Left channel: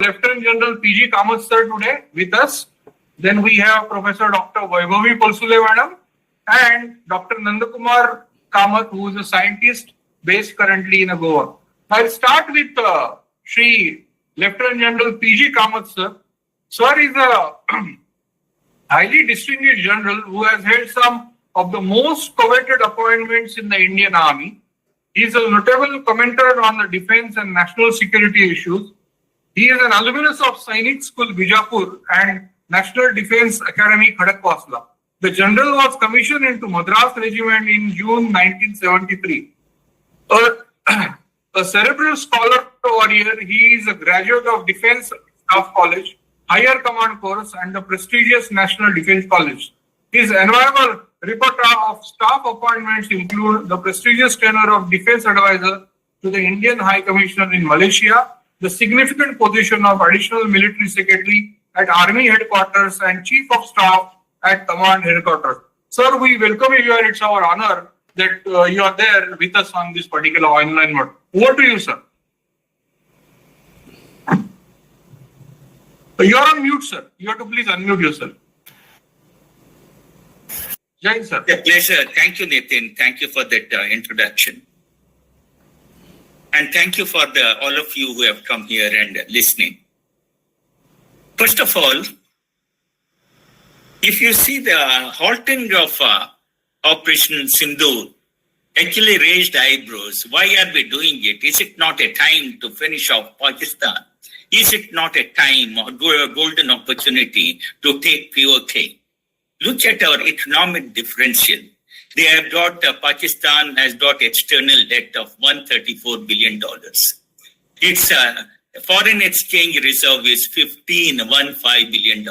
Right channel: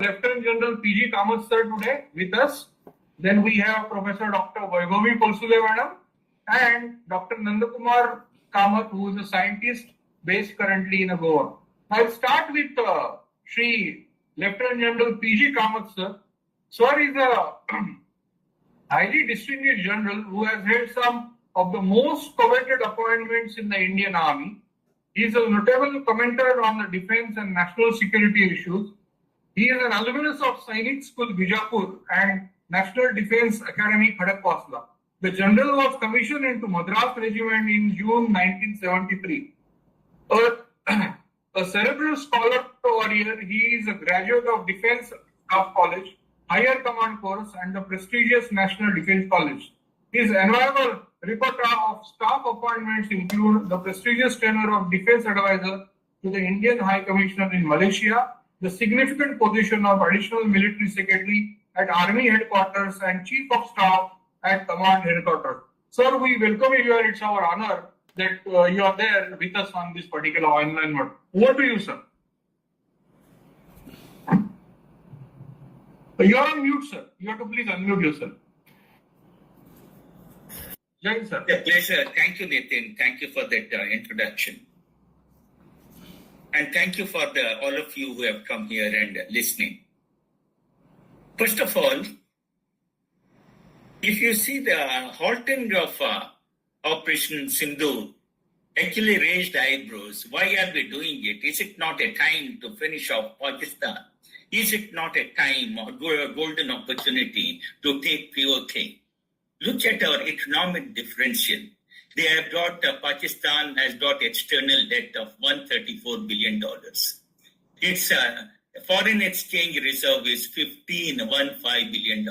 Lieutenant General P.G. Kamath sir today with us. Then we have Professor Dr. Vaibhavi Polsule madam and Dr. Nandkumar Kamath, who is a scientist based currently in Goa. I'll start with Shri Lieutenant General P.G. Kamath sir. Sir is a highly distinguished general who has held some of the most coveted appointments in the Indian Army. He is a notable commentator on the defense and national security issues. He is an alumnus of Sainik School, Bijapur and National Defense Academy, Khadakwasla. The general was commissioned into Madras Regiment in June 1973. A cerebral scholar warrior, he is a graduate of Defense Staff College, Higher Command Course and the prestigious National Defense College. His enviable repertoire of staff appointments include the prestigious tenure of Defense Advisor to the Indian High Commissioner in Malaysia, the significant position of Additional Military Secretary at Army Headquarters and Chief of Staff at Command Headquarters. Sir, we welcome you and it's our honor that you are there with us on this particular online mode. Over to you, sir. You are on mute, sir. You have to please unmute yourself. Jai, sir. A pleasure. Thank you, Nitin. Thank you for that introduction. And thank you for all of you who have come here and listening. First of all, if you see the halting of Operation Sindoor, actually raised eyebrows. Why are we doing it? Is it not a time to finish off Pakistan? Is it not a time or a golden opportunity to take POK? Look at our economic differential. They have got, Pakistan has got external debt of $134 billion. Its foreign exchange reserve is $15 billion.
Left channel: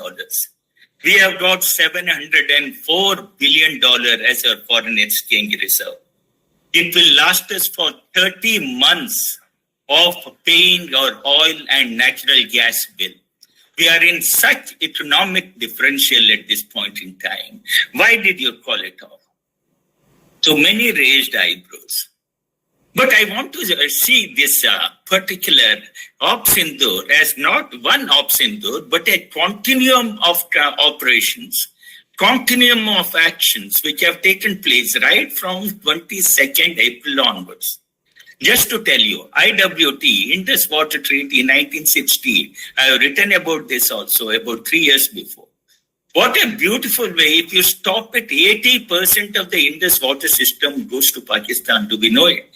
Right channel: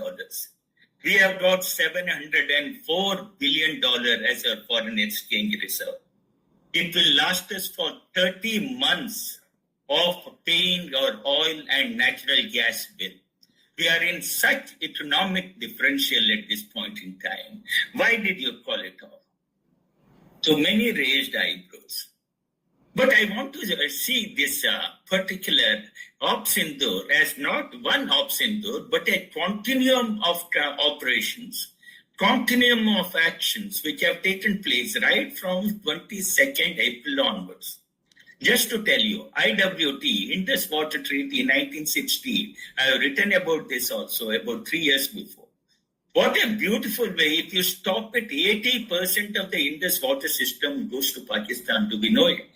We have got $704 billion as our foreign exchange reserve. It will last us for 30 months of paying our oil and natural gas bill. We are in such economic differential at this point in time. Why did you call it off? So many raised eyebrows. But I want to see this particular Op Sindoor as not one Op Sindoor, but a continuum of operations, continuum of actions which have taken place right from 22nd April onwards. Just to tell you, IWT, Indus Water Treaty 1960, I have written about this also about 3 years before. What a beautiful way, if you stop it, 80% of the Indus water system goes to Pakistan, do we know it?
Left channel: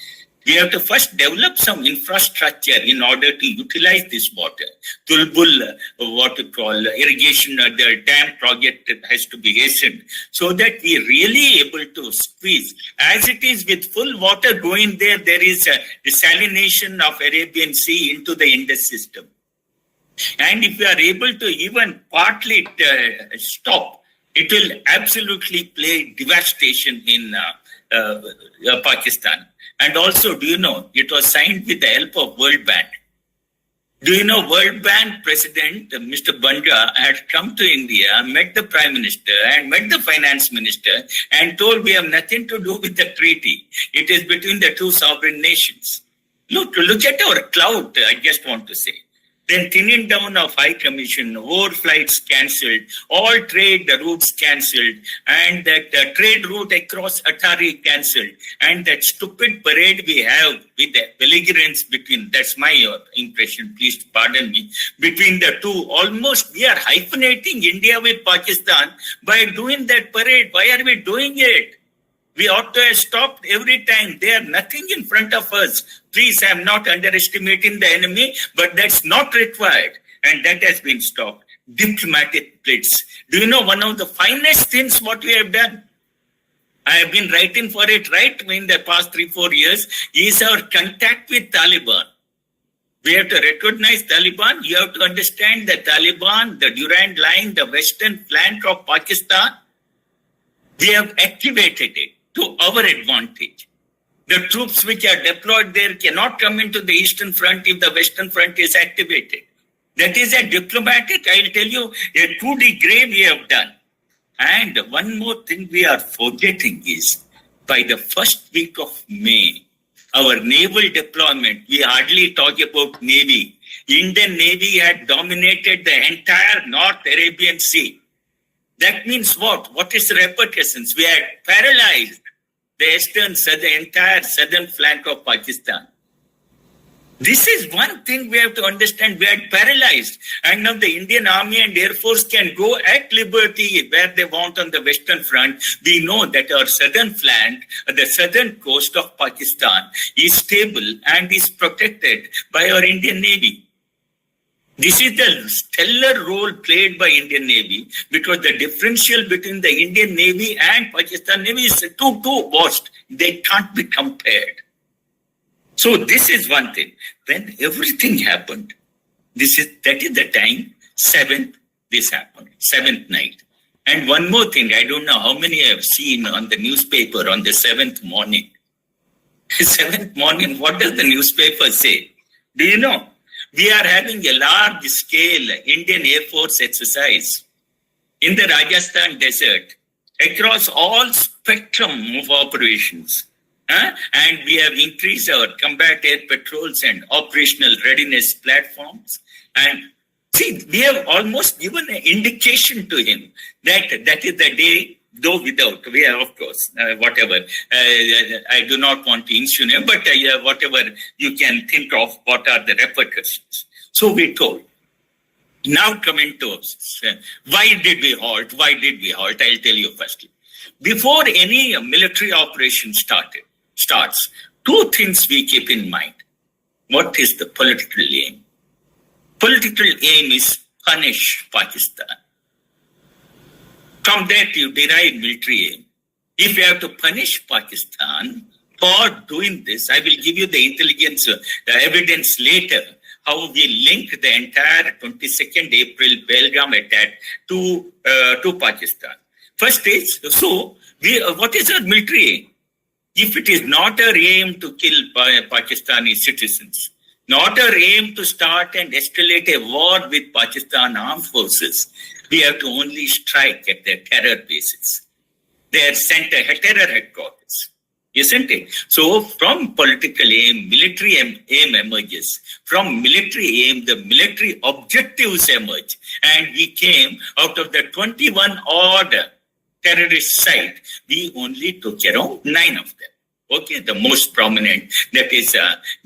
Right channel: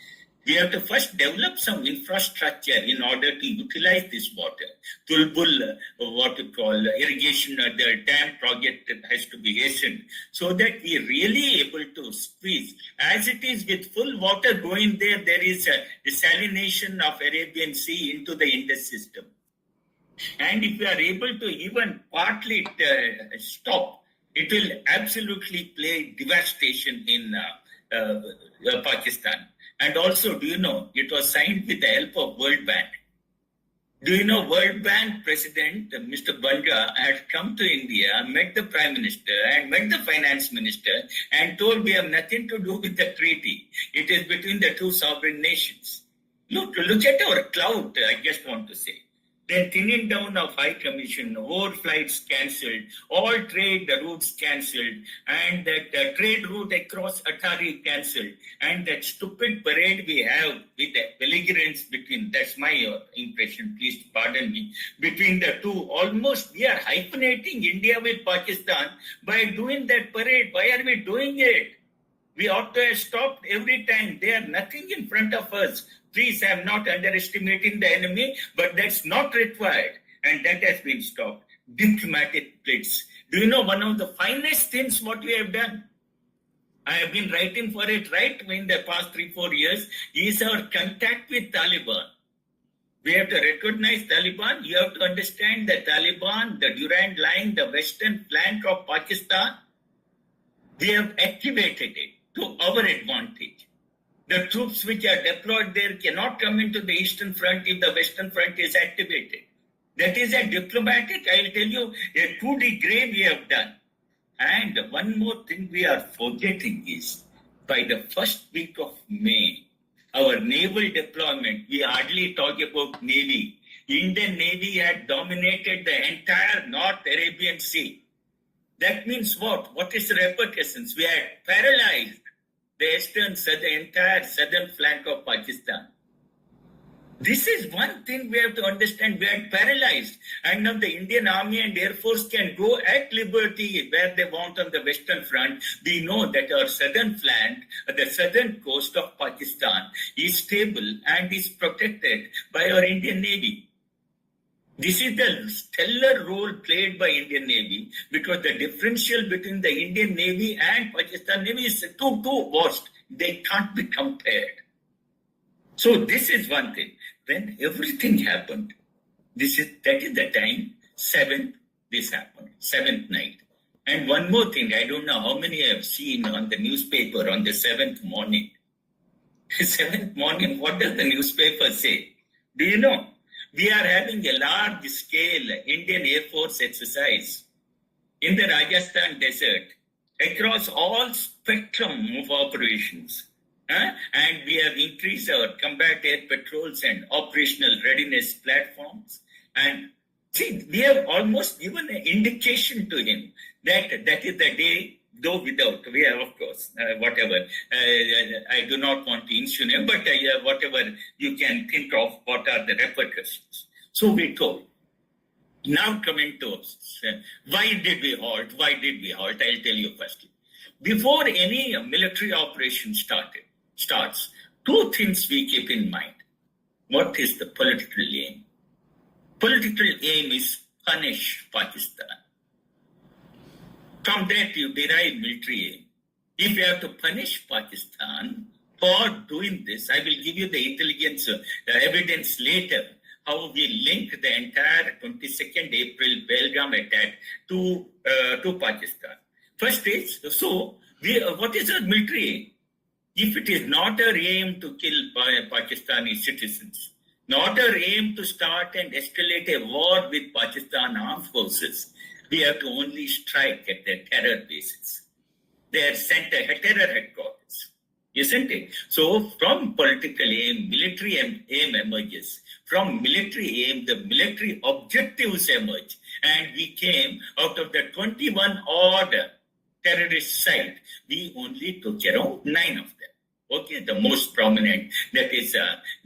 We have to first develop some infrastructure in order to utilize this water. Tulbul, what you call irrigation, the dam project has to be hastened so that we are really able to squeeze. As it is with full water going there, there is a desalination of Arabian Sea into the Indus system. And if we are able to even partly stop, it will absolutely play devastation in Pakistan. And also, do you know, it was signed with the help of World Bank. Do you know World Bank President, Mr. Banja, had come to India, met the Prime Minister and met the Finance Minister and told we have nothing to do with the treaty. It is between the two sovereign nations. Look at our clout, I just want to say. Then thinning down of High Commission, overflights cancelled, all trade routes cancelled, and that trade route across Atari cancelled, and that stupid parade we have with the belligerence between, that's my impression, please pardon me, between the two, almost we are hyphenating India with Pakistan by doing that parade. Why are we doing it? We ought to have stopped every time. They are nothing in front of us. Please, I am not underestimating the enemy, but that's not required. And that has been stopped. Diplomatic blitz. Do you know one of the finest things what we have done? I have been writing for it right in the past 3-4 years is our contact with Taliban. We have to recognize Taliban. You have to understand the Taliban, the Durand Line, the western flank of Pakistan. We have activated it to our advantage. The troops which are deployed there cannot come into the Eastern Front if the Western Front is activated. That is a diplomatic, I'll tell you, a 2-degree we have done. And one more thing we are forgetting is, by the first week of May, our naval deployment, we hardly talk about Navy. Indian Navy had dominated the entire North Arabian Sea. That means what? What is the repercussions? We had paralyzed the entire southern flank of Pakistan. This is one thing we have to understand. We are paralyzed. And now the Indian Army and Air Force can go at liberty where they want on the Western Front. We know that our southern flank, the southern coast of Pakistan, is stable and is protected by our Indian Navy. This is the stellar role played by Indian Navy, because the differential between the Indian Navy and Pakistan Navy is too vast. They can't be compared. So this is one thing. When everything happened, that is the time, this happened, 7th night. And one more thing, I don't know how many have seen on the newspaper on the 7th morning. 7th morning, what does the newspaper say? Do you know? We are having a large-scale Indian Air Force exercise in the Rajasthan desert across all spectrum of operations. And we have increased our combat air patrols and operational readiness platforms. And see, we have almost given an indication to him that that is the day, though without, we have, of course, whatever. I do not want to insinuate, but whatever you can think of, what are the repercussions. So we told. Now coming to why did we halt? Why did we halt? I'll tell you firstly. Before any military operation starts, two things we keep in mind. What is the political aim? Political aim is punish Pakistan. From that you derive military aim. If you have to punish Pakistan for doing this, I will give you the intelligence, the evidence later, how we link the entire 22nd April Belgaum attack to Pakistan. First is, what is our military aim? If it is not our aim to kill Pakistani citizens, not our aim to start and escalate a war with Pakistan armed forces, we have to only strike at their terror bases, their terror headquarters, isn't it? So from political aim, military aim emerges. From military aim, the military objectives emerge. And we came out of the 21 odd terrorist site, we only took around 9 of them. Okay, the most prominent, that is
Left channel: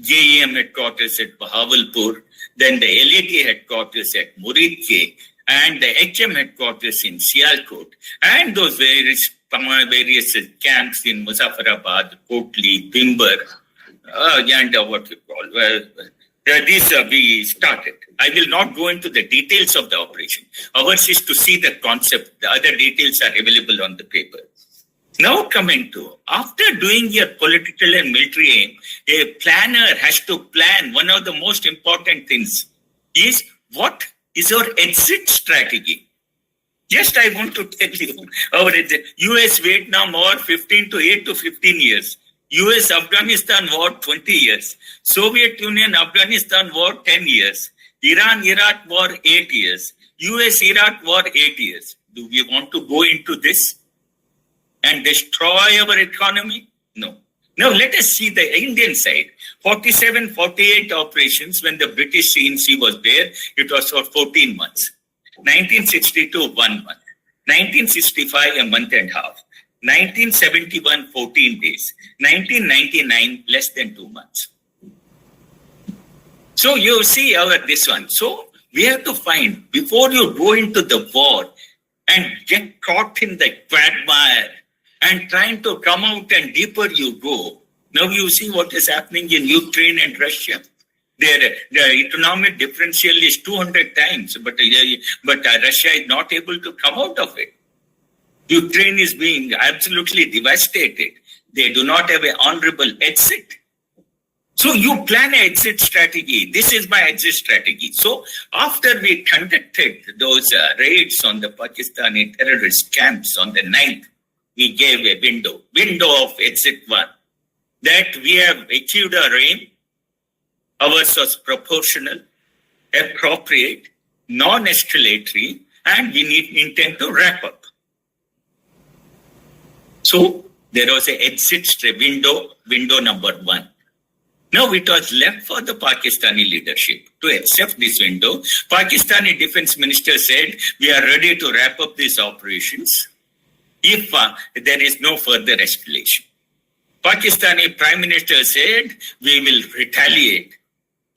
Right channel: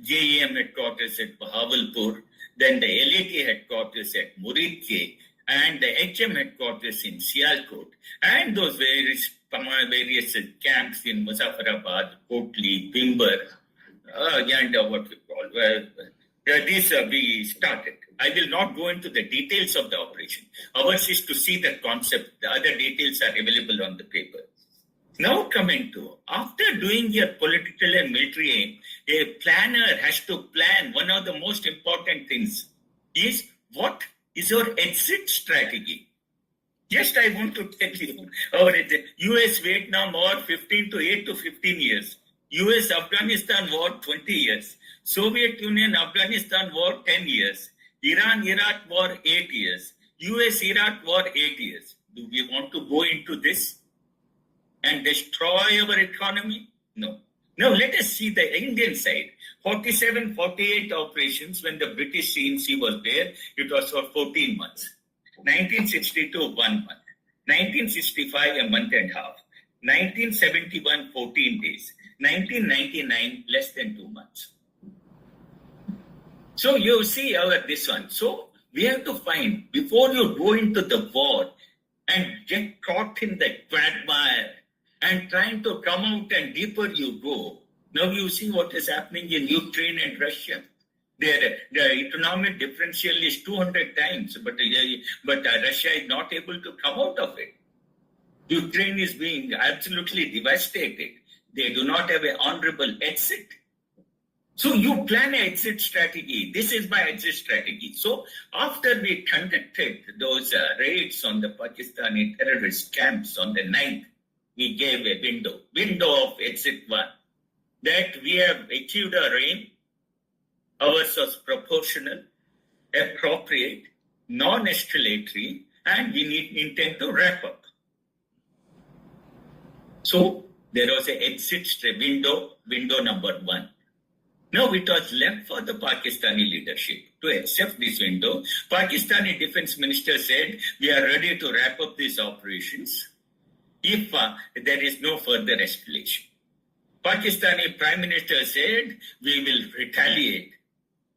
JEM headquarters at Bahawalpur, then the LAT headquarters at Muridke, and the HM headquarters in Sialkot, and those various camps in Muzaffarabad, Kotli, Bimber, and what you call, these we started. I will not go into the details of the operation. Ours is to see the concept. The other details are available on the paper. Now coming to, after doing your political and military aim, a planner has to plan. One of the most important things is what is our exit strategy. Just I want to tell you, our US-Vietnam War 8 to 15 years. US-Afghanistan War 20 years. Soviet Union-Afghanistan War 10 years. Iran-Iraq War 8 years. US-Iraq War 8 years. Do we want to go into this and destroy our economy? No. Now let us see the Indian side. 47-48 operations when the British CNC was there, it was for 14 months. 1962, 1 month. 1965, a month and a half. 1971, 14 days. 1999, less than 2 months. So you see this one. So we have to find, before you go into the war and get caught in the quagmire and trying to come out and deeper you go. Now you see what is happening in Ukraine and Russia. The economic differential is 200 times, but Russia is not able to come out of it. Ukraine is being absolutely devastated. They do not have an honorable exit. So you plan an exit strategy. This is my exit strategy. So after we conducted those raids on the Pakistani terrorist camps on the 9th, we gave a window of exit 1, that we have achieved our aim. Ours was proportional, appropriate, non-escalatory, and we intend to wrap up. So there was an exit window number 1. Now it was left for the Pakistani leadership to accept this window. Pakistani defense minister said, we are ready to wrap up these operations if there is no further escalation. Pakistani prime minister said, we will retaliate.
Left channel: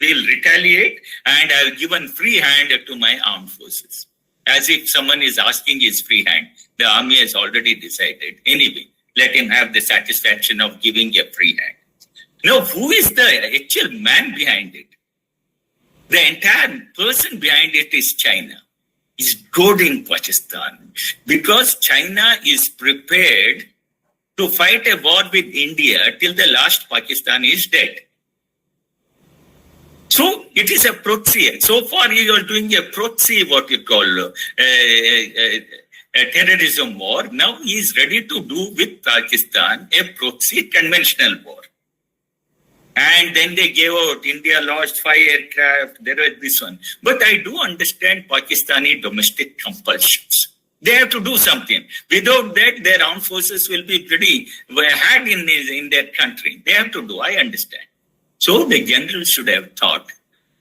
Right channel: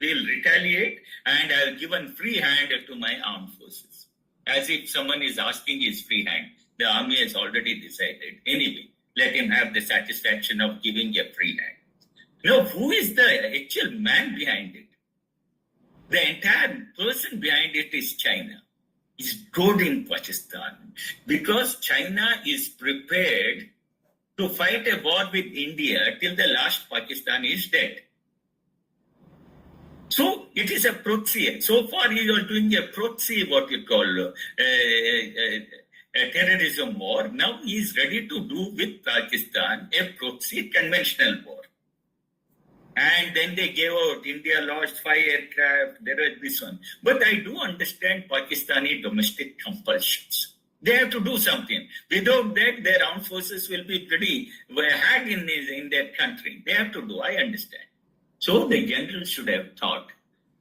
We will retaliate, and I have given free hand to my armed forces. As if someone is asking his free hand. The army has already decided. Anyway, let him have the satisfaction of giving a free hand. Now, who is the actual man behind it? The entire person behind it is China. Is goading Pakistan because China is prepared to fight a war with India till the last Pakistan is dead. So it is a proxy. So far, you are doing a proxy, what you call a terrorism war. Now he is ready to do with Pakistan a proxy conventional war. And then they gave out, India lost 5 aircraft, there was this one. But I do understand Pakistani domestic compulsions. They have to do something. Without that, their armed forces will be pretty had in their country. They have to do, I understand. So the general should have thought,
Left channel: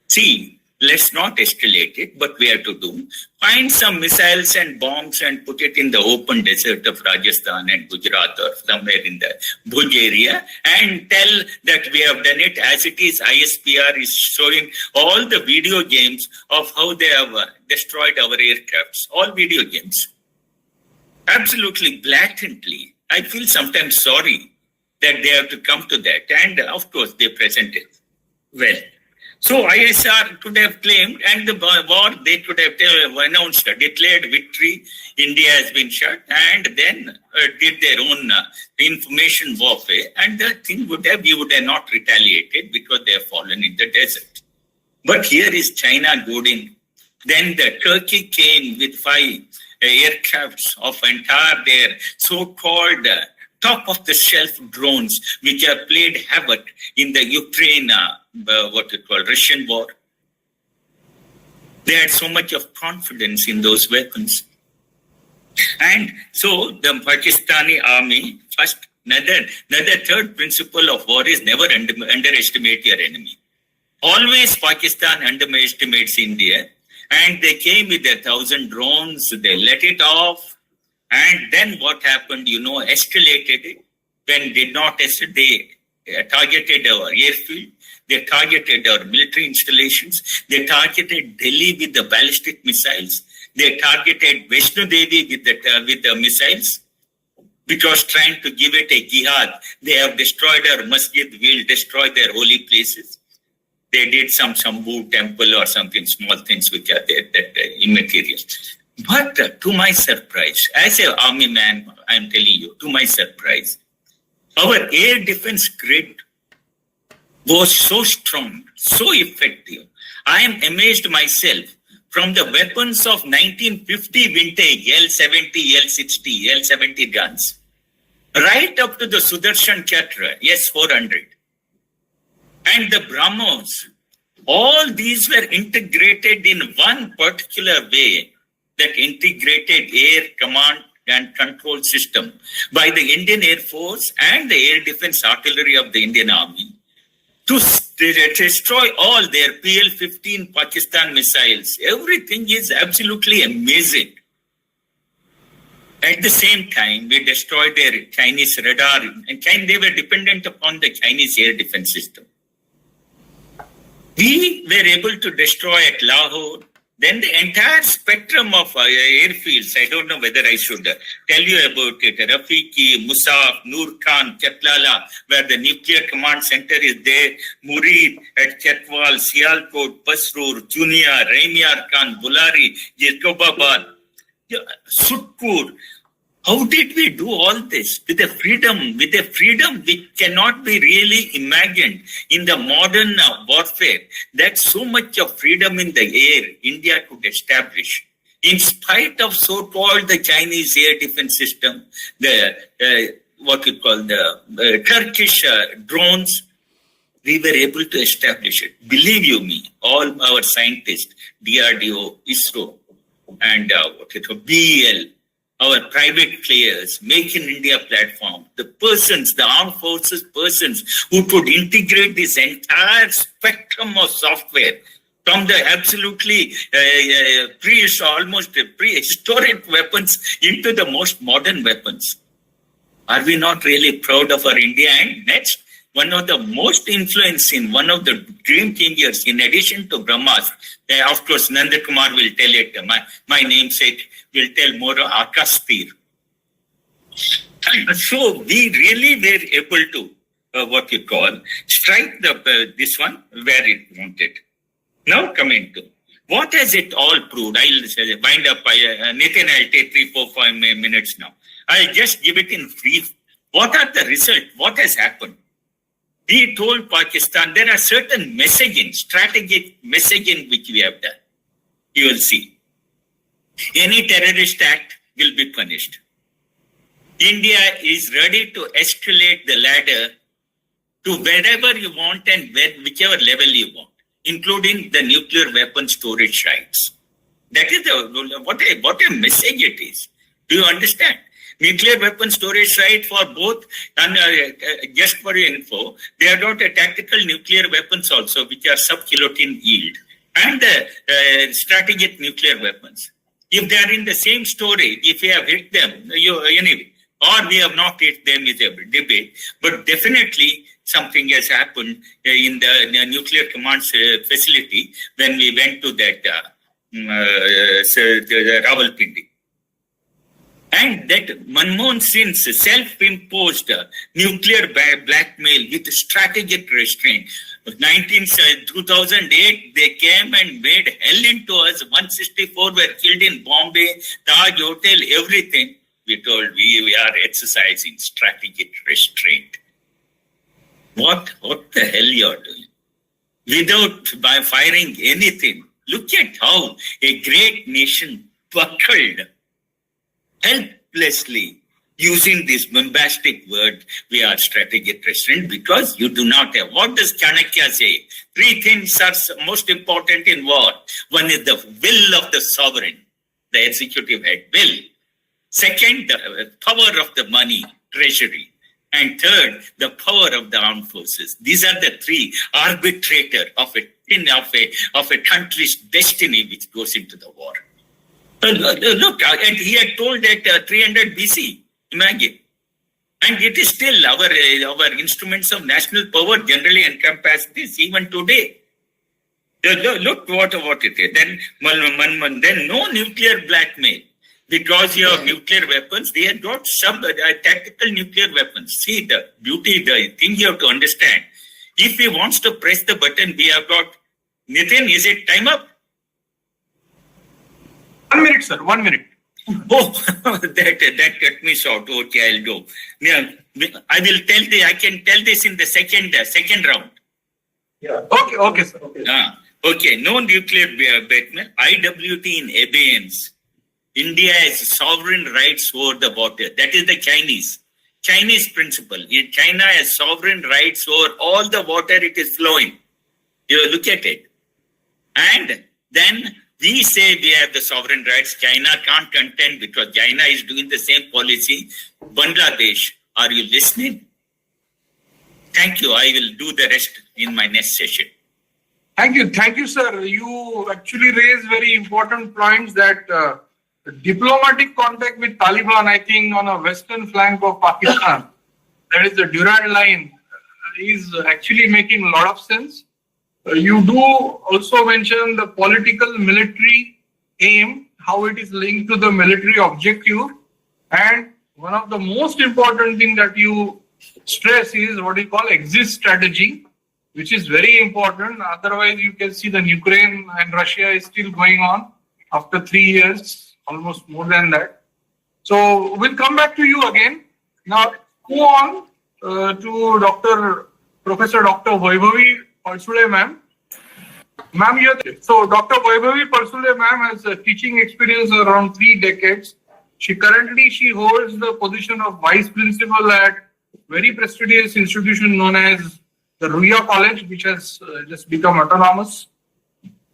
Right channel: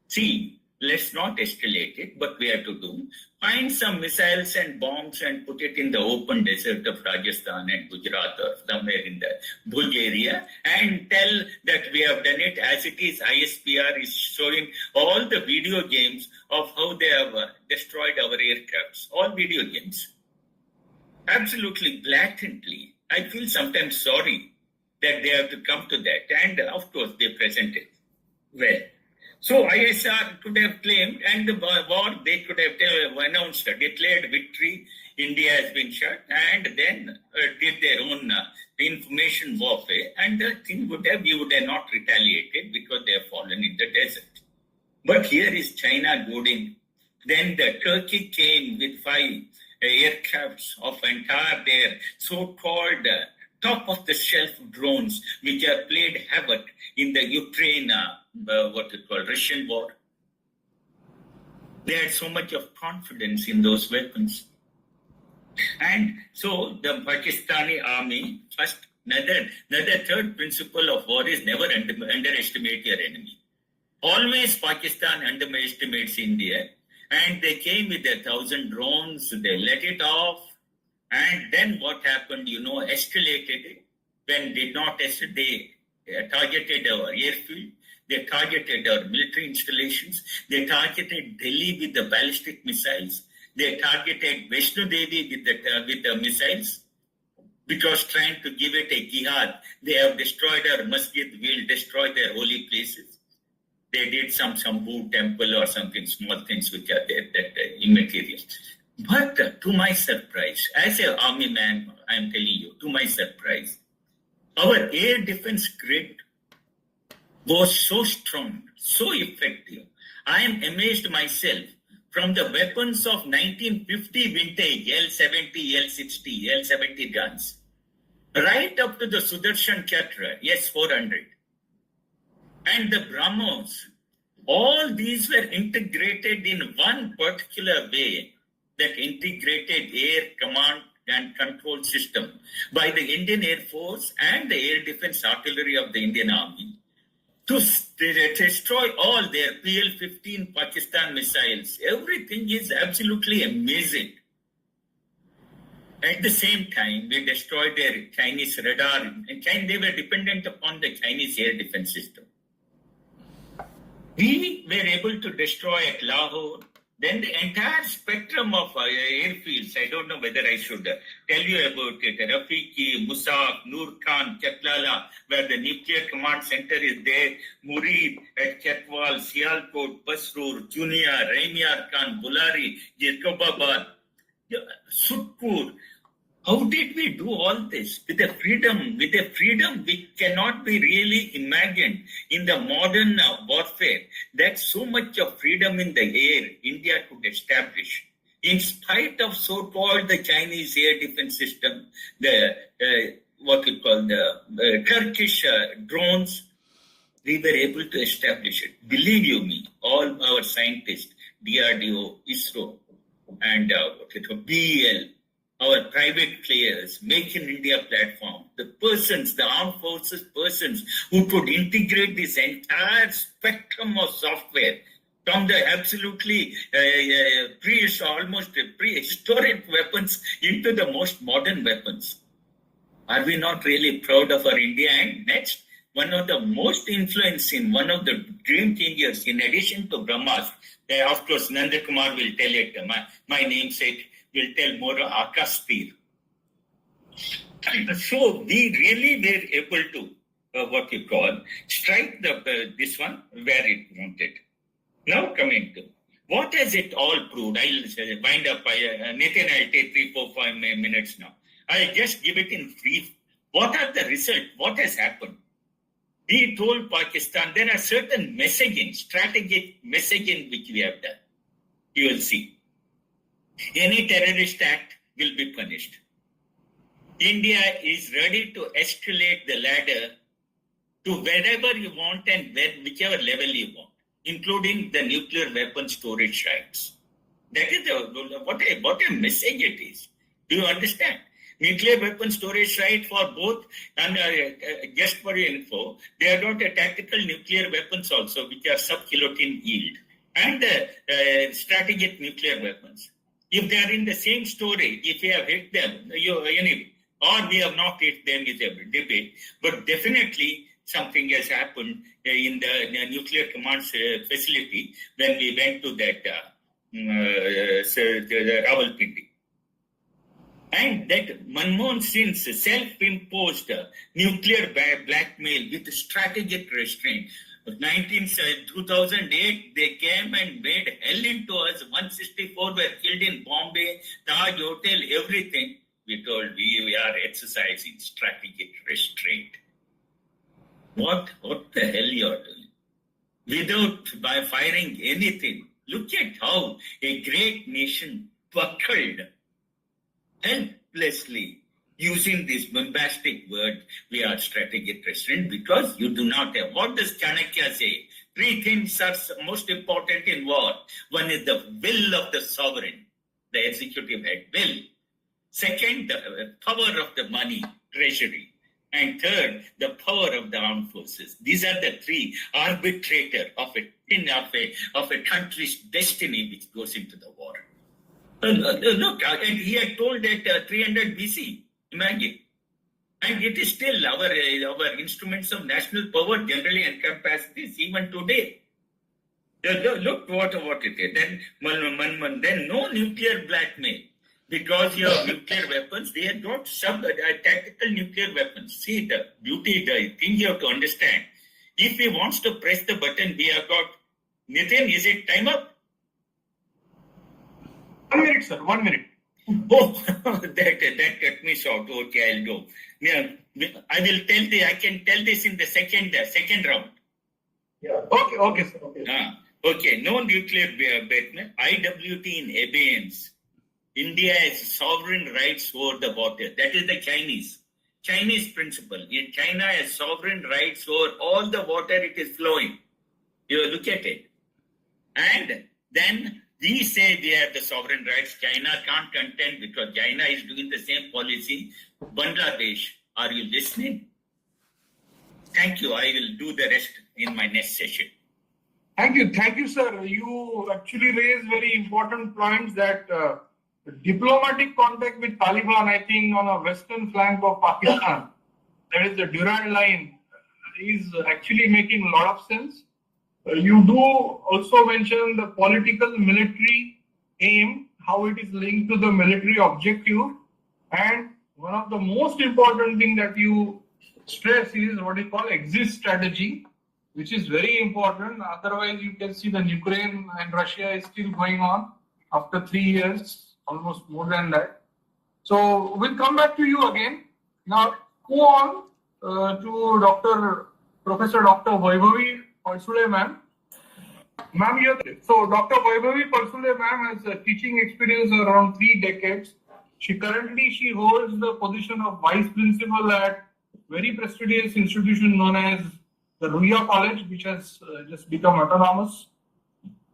see, let's not escalate it, but we have to do. Find some missiles and bombs and put it in the open desert of Rajasthan and Gujarat or somewhere in the Bhuj area and tell that we have done it as it is. ISPR is showing all the video games of how they have destroyed our aircrafts, all video games. Absolutely blatantly. I feel sometimes sorry that they have to come to that. And of course, they present it well. So ISR could have claimed, and the war, they could have announced, declared victory, India has been shut, and then did their own information warfare, and the thing would have, you would have not retaliated because they have fallen in the desert. But here is China goading. Then the Turkey came with 5 aircrafts of entire their so-called top-of-the-shelf drones, which have played havoc in the Ukraine, Russian war. They had so much of confidence in those weapons. And so the Pakistani army, first, another third principle of war is never underestimate your enemy. Always Pakistan underestimates India. And they came with 1,000 drones, they let it off. And then what happened, escalated it. When did not they targeted our airfield, they targeted our military installations, they targeted Delhi with the ballistic missiles, they targeted Vaishno Devi with the missiles, because trying to give it a jihad. They have destroyed our masjid, will destroy their holy places. They did some Shambhu temple or something, small things which are there, that immaterial. But to my surprise, as an army man, I am telling you, to my surprise, our air defense grid was so strong, so effective. I am amazed myself from the weapons of 1950 vintage L-70, L-60, L-70 guns, right up to the Sudarshan Chakra, S-400, and the BrahMos. All these were integrated in one particular way, that integrated air command and control system by the Indian Air Force and the air defense artillery of the Indian Army to destroy all their PL-15 Pakistan missiles. Everything is absolutely amazing. At the same time, we destroyed their Chinese radar, and they were dependent upon the Chinese air defense system. We were able to destroy at Lahore. Then the entire spectrum of airfields, I don't know whether I should tell you about it, Rafiki, Musaf, Noor Khan, Chatlala, where the nuclear command center is there, Murid at Chetwal, Sialkot, Pasrur, Junia, Raimiar Khan, Bulari, Jacobabad, Sutkur. How did we do all this with a freedom which cannot be really imagined in the modern warfare? That's so much of freedom in the air India could establish. In spite of so-called the Chinese air defense system, the Turkish drones, we were able to establish it. Believe you me, all our scientists, DRDO, ISRO, and BEL, our private players, Make in India platform, the persons, the armed forces persons who could integrate this entire spectrum of software from the absolutely almost prehistoric weapons into the most modern weapons. Are we not really proud of our India? And next, one of the most influencing, one of the dream changers, in addition to Brahmas, of course, Nandkumar will tell it, my namesake will tell more, Akastir. So we really were able to, strike this one where it wanted. Now coming to, what has it all proved? I'll wind up, Nitin, I'll take 3, 4, 5 minutes now. I'll just give it in brief. What are the results? What has happened? We told Pakistan there are certain messaging, strategic messaging which we have done. You will see. Any terrorist act will be punished. India is ready to escalate the ladder to wherever you want and whichever level you want, including the nuclear weapon storage rights. That is what a message it is. Do you understand? Nuclear weapon storage right for both, and just for your info, they are not a tactical nuclear weapons also, which are sub-kiloton yield, and strategic nuclear weapons. If they are in the same storage, if we have hit them, anyway, or we have not hit them is a debate, but definitely something has happened in the nuclear command facility when we went to that the Rawalpindi. And that Manmohan Singh's self-imposed nuclear blackmail with strategic restraint. 2008, they came and made hell into us. 164 were killed in Bombay, Taj Hotel, everything. We told we are exercising strategic restraint. What the hell you are doing? By firing anything. Look at how a great nation buckled helplessly using this bombastic word, we are strategic restraint, because you do not have. What does Chanakya say? 3 things are most important in war. One is the will of the sovereign, the executive head will. Second, the power of the money, treasury. And third, the power of the armed forces. These are the 3 arbitrator of a country's destiny which goes into the war. Look, and he had told that 300 BC, imagine. And it is still our instruments of national power generally encompass this even today. Look what it is. Then no nuclear blackmail. Because you have nuclear weapons, they have got some tactical nuclear weapons. See the beauty, the thing you have to understand. If he wants to press the button, we have got, Nitin, is it time up? 1 minute, sir. 1 minute. Oh, that cut me short. Okay, I'll go. Yeah, I can tell this in the second round. Yeah. Okay, sir. Okay. No nuclear blackmail. IWT in abeyance. India has sovereign rights over the water. That is the Chinese principle. China has sovereign rights over all the water it is flowing. You look at it. And then we say we have the sovereign rights. China can't contend because China is doing the same policy. Bangladesh, are you listening? Thank you. I will do the rest in my next session. Thank you, sir. You actually raised very important points that diplomatic contact with Taliban, I think, on a western flank of Pakistan, that is the Durand line, is actually making a lot of sense. You do also mention the political military aim, how it is linked to the military objective. And one of the most important thing that you stress is what you call exit strategy, which is very important. Otherwise, you can see the Ukraine and Russia is still going on after 3 years. Almost more than that. So we'll come back to you again. Now go on to Professor Dr. Vaibhavi Palsule ma'am. Ma'am, so Dr. Vaibhavi Palsule ma'am has a teaching experience around 3 decades. She holds the position of vice principal at very prestigious institution known as the Ruya College, which has just become autonomous.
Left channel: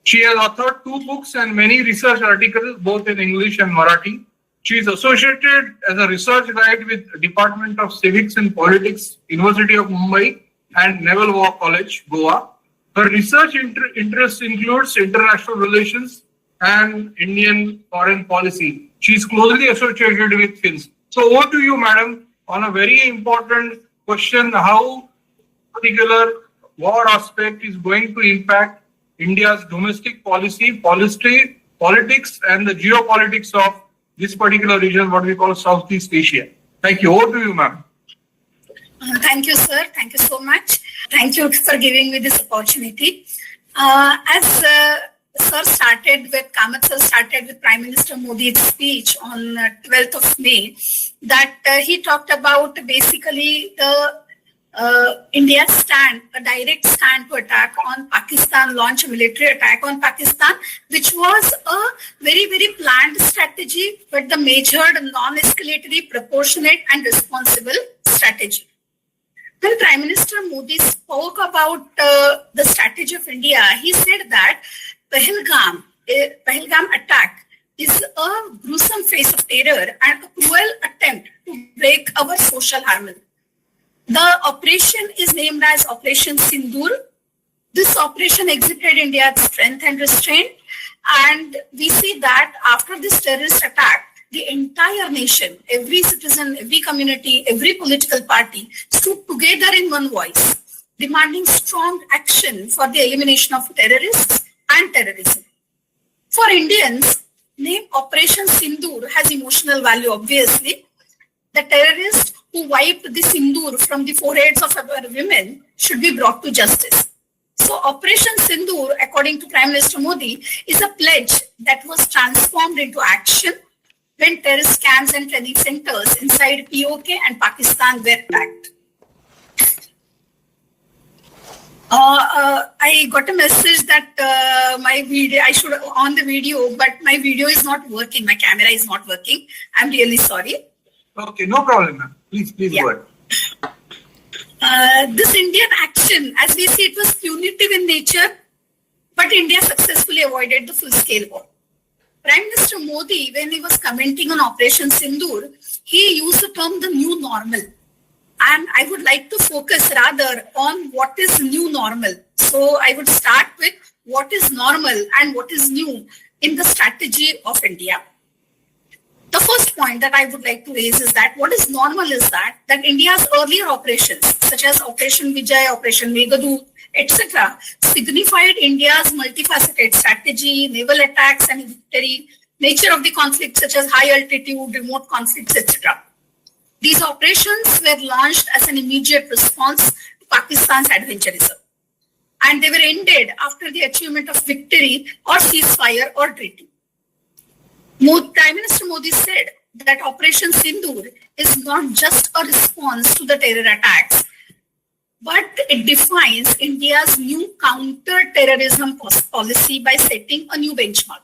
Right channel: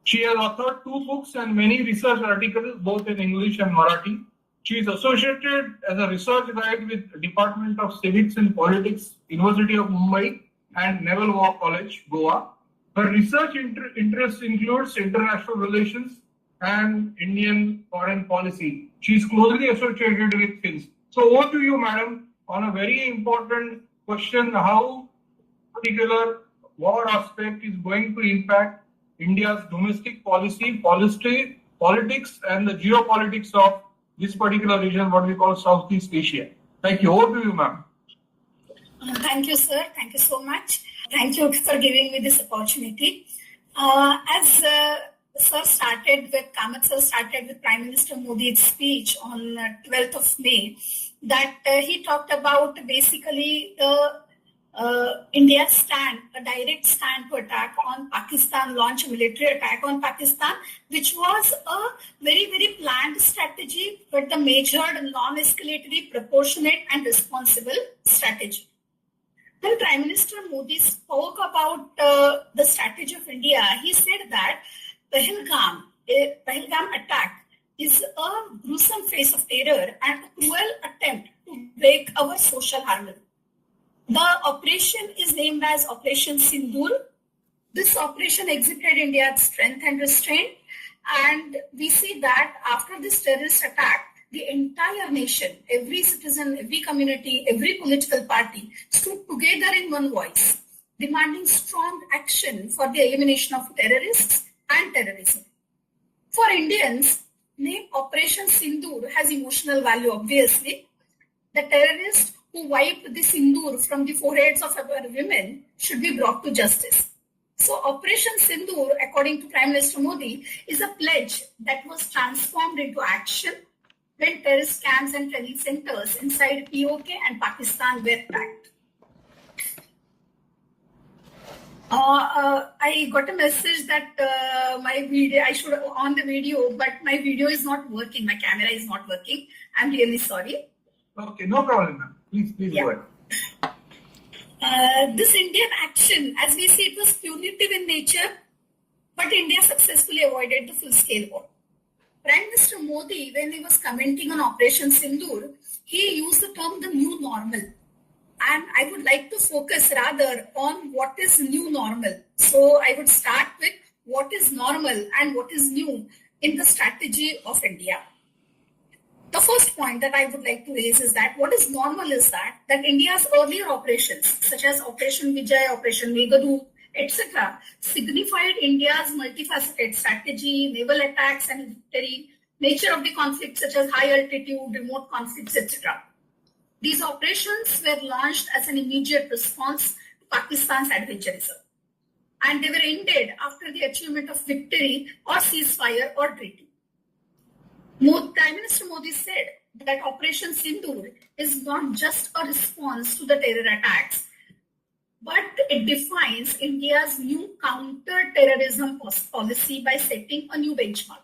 She has authored 2 books and many research articles, both in English and Marathi. She is associated as a research guide with Department of Civics and Politics, University of Mumbai and Naval War College, Goa. Her research interests includes international relations and Indian foreign policy. She is closely associated with Finns. So over to you, madam, on a very important question, how particular war aspect is going to impact India's domestic policy, politics, and the geopolitics of this particular region, what we call Southeast Asia. Thank you. Over to you, ma'am. Thank you, sir. Thank you so much. Thank you for giving me this opportunity. As sir started with, Kamath sir started with Prime Minister Modi's speech on 12th of May, that he talked about basically the India's stand, a direct stand to attack on Pakistan, launch a military attack on Pakistan, which was a very, very planned strategy, but the measured, non-escalatory, proportionate and responsible strategy. When Prime Minister Modi spoke about the strategy of India, he said that Pahalgam attack is a gruesome phase of terror and a cruel attempt to break our social harmony. The operation is named as Operation Sindoor. This operation exhibited India's strength and restraint. And we see that after this terrorist attack, the entire nation, every citizen, every community, every political party stood together in one voice, demanding strong action for the elimination of terrorists and terrorism. For Indians, name Operation Sindoor has emotional value, obviously. The terrorists who wiped the Sindoor from the foreheads of our women should be brought to justice. So Operation Sindoor, according to Prime Minister Modi, is a pledge that was transformed into action when terrorist camps and training centers inside POK and Pakistan were attacked. I got a message that my video, I should on the video, but my video is not working. My camera is not working. I'm really sorry. Okay, no problem, ma'am. Please go ahead. This Indian action, as we see, it was punitive in nature, but India successfully avoided the full-scale war. Prime Minister Modi, when he was commenting on Operation Sindoor, he used the term the new normal. And I would like to focus rather on what is new normal. So I would start with what is normal and what is new in the strategy of India. The first point that I would like to raise is that what is normal is that India's earlier operations, such as Operation Vijay, Operation Meghadoot, etc., signified India's multifaceted strategy, naval attacks and military nature of the conflict, such as high altitude, remote conflicts, etc. These operations were launched as an immediate response to Pakistan's adventurism, and they were ended after the achievement of victory or ceasefire or treaty. Prime Minister Modi said that Operation Sindoor is not just a response to the terror attacks, but it defines India's new counter-terrorism policy by setting a new benchmark.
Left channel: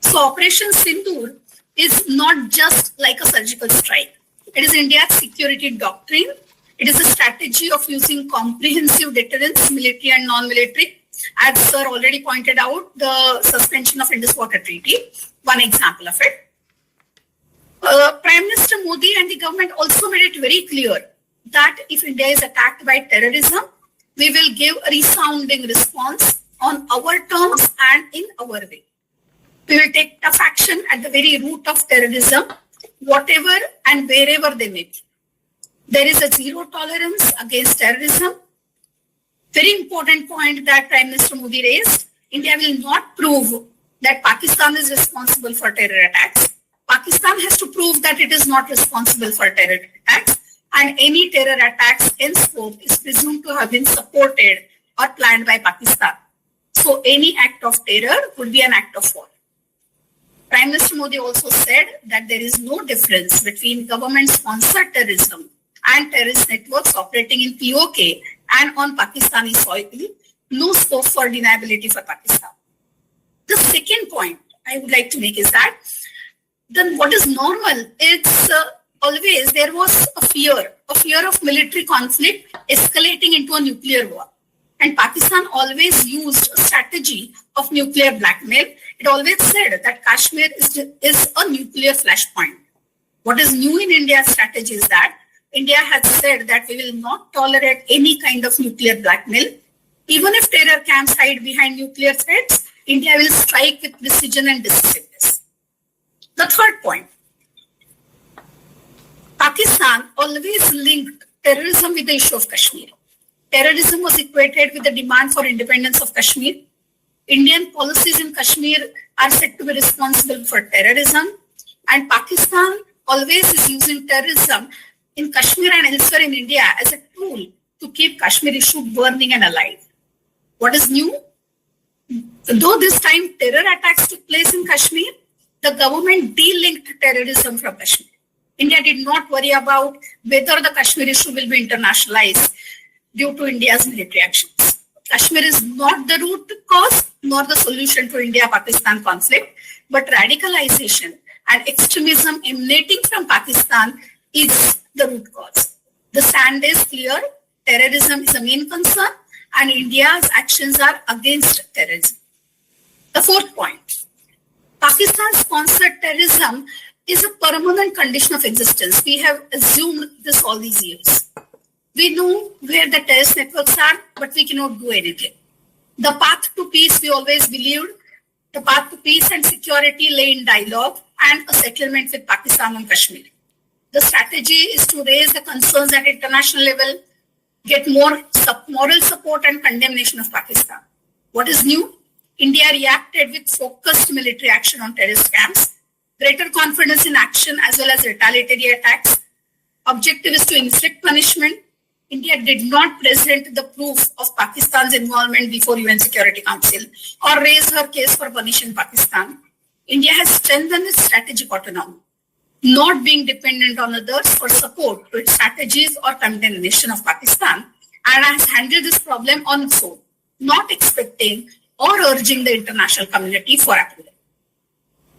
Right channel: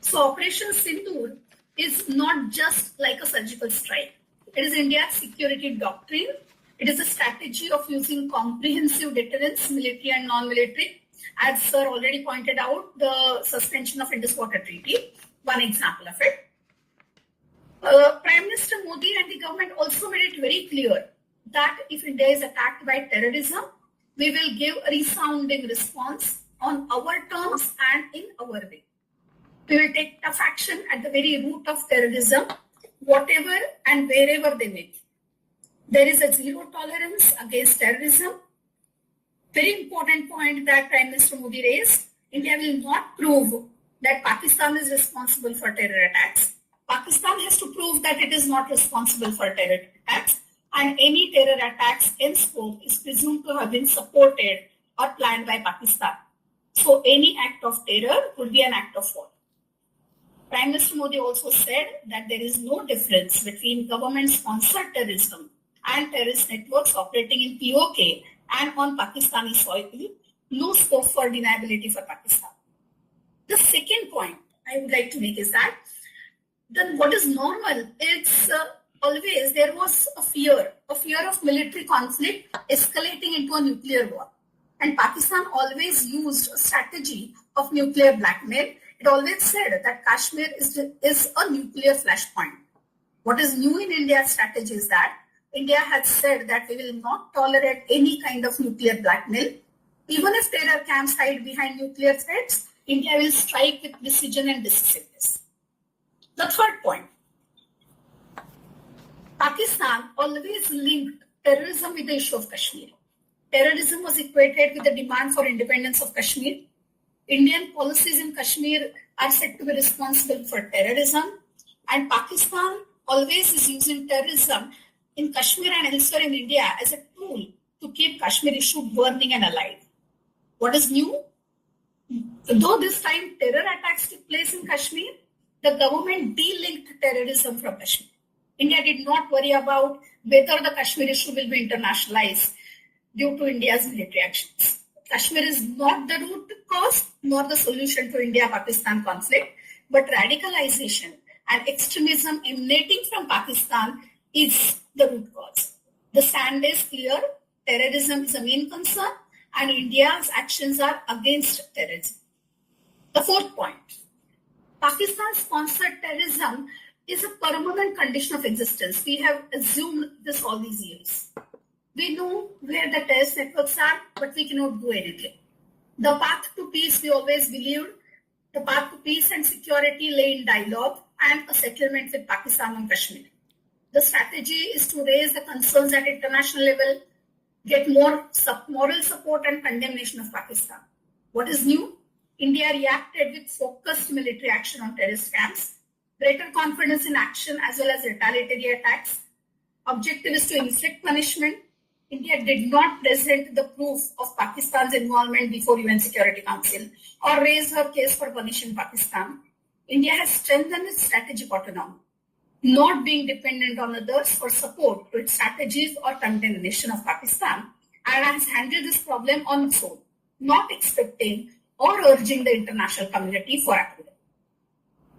So Operation Sindoor is not just like a surgical strike. It is India's security doctrine. It is a strategy of using comprehensive deterrence, military and non-military. As sir already pointed out, the suspension of Indus Water Treaty, one example of it. Prime Minister Modi and the government also made it very clear that if India is attacked by terrorism, we will give a resounding response on our terms and in our way. We will take tough action at the very root of terrorism, whatever and wherever they may be. There is a zero tolerance against terrorism. Very important point that Prime Minister Modi raised. India will not prove that Pakistan is responsible for terror attacks. Pakistan has to prove that it is not responsible for terror attacks, and any terror attacks in scope is presumed to have been supported or planned by Pakistan. So any act of terror would be an act of war. Prime Minister Modi also said that there is no difference between government-sponsored terrorism and terrorist networks operating in POK and on Pakistani soil. No scope for deniability for Pakistan. The second point I would like to make is that then what is normal? It's always there was a fear of military conflict escalating into a nuclear war. And Pakistan always used a strategy of nuclear blackmail. It always said that Kashmir is a nuclear flashpoint. What is new in India's strategy is that India has said that we will not tolerate any kind of nuclear blackmail. Even if terror camps hide behind nuclear threats, India will strike with precision and decisiveness. The third point, Pakistan always linked terrorism with the issue of Kashmir. Terrorism was equated with the demand for independence of Kashmir. Indian policies in Kashmir are said to be responsible for terrorism, and Pakistan always is using terrorism in Kashmir and elsewhere in India as a tool to keep Kashmir issue burning and alive. What is new? Though this time terror attacks took place in Kashmir, the government de-linked terrorism from Kashmir. India did not worry about whether the Kashmir issue will be internationalized due to India's military actions. Kashmir is not the root cause nor the solution to India-Pakistan conflict, but radicalization and extremism emanating from Pakistan is the root cause. The stand is clear. Terrorism is a main concern, and India's actions are against terrorism. The fourth point, Pakistan-sponsored terrorism is a permanent condition of existence. We have assumed this all these years. We know where the terrorist networks are, but we cannot do anything. The path to peace, we always believed, the path to peace and security lay in dialogue and a settlement with Pakistan on Kashmir. The strategy is to raise the concerns at international level, get more moral support and condemnation of Pakistan. What is new? India reacted with focused military action on terrorist camps, greater confidence in action as well as retaliatory attacks. Objective is to inflict punishment. India did not present the proof of Pakistan's involvement before UN Security Council or raise her case for punishing Pakistan. India has strengthened its strategic autonomy, not being dependent on others for support to its strategies or condemnation of Pakistan, and has handled this problem on its own, not expecting or urging the international community for approval.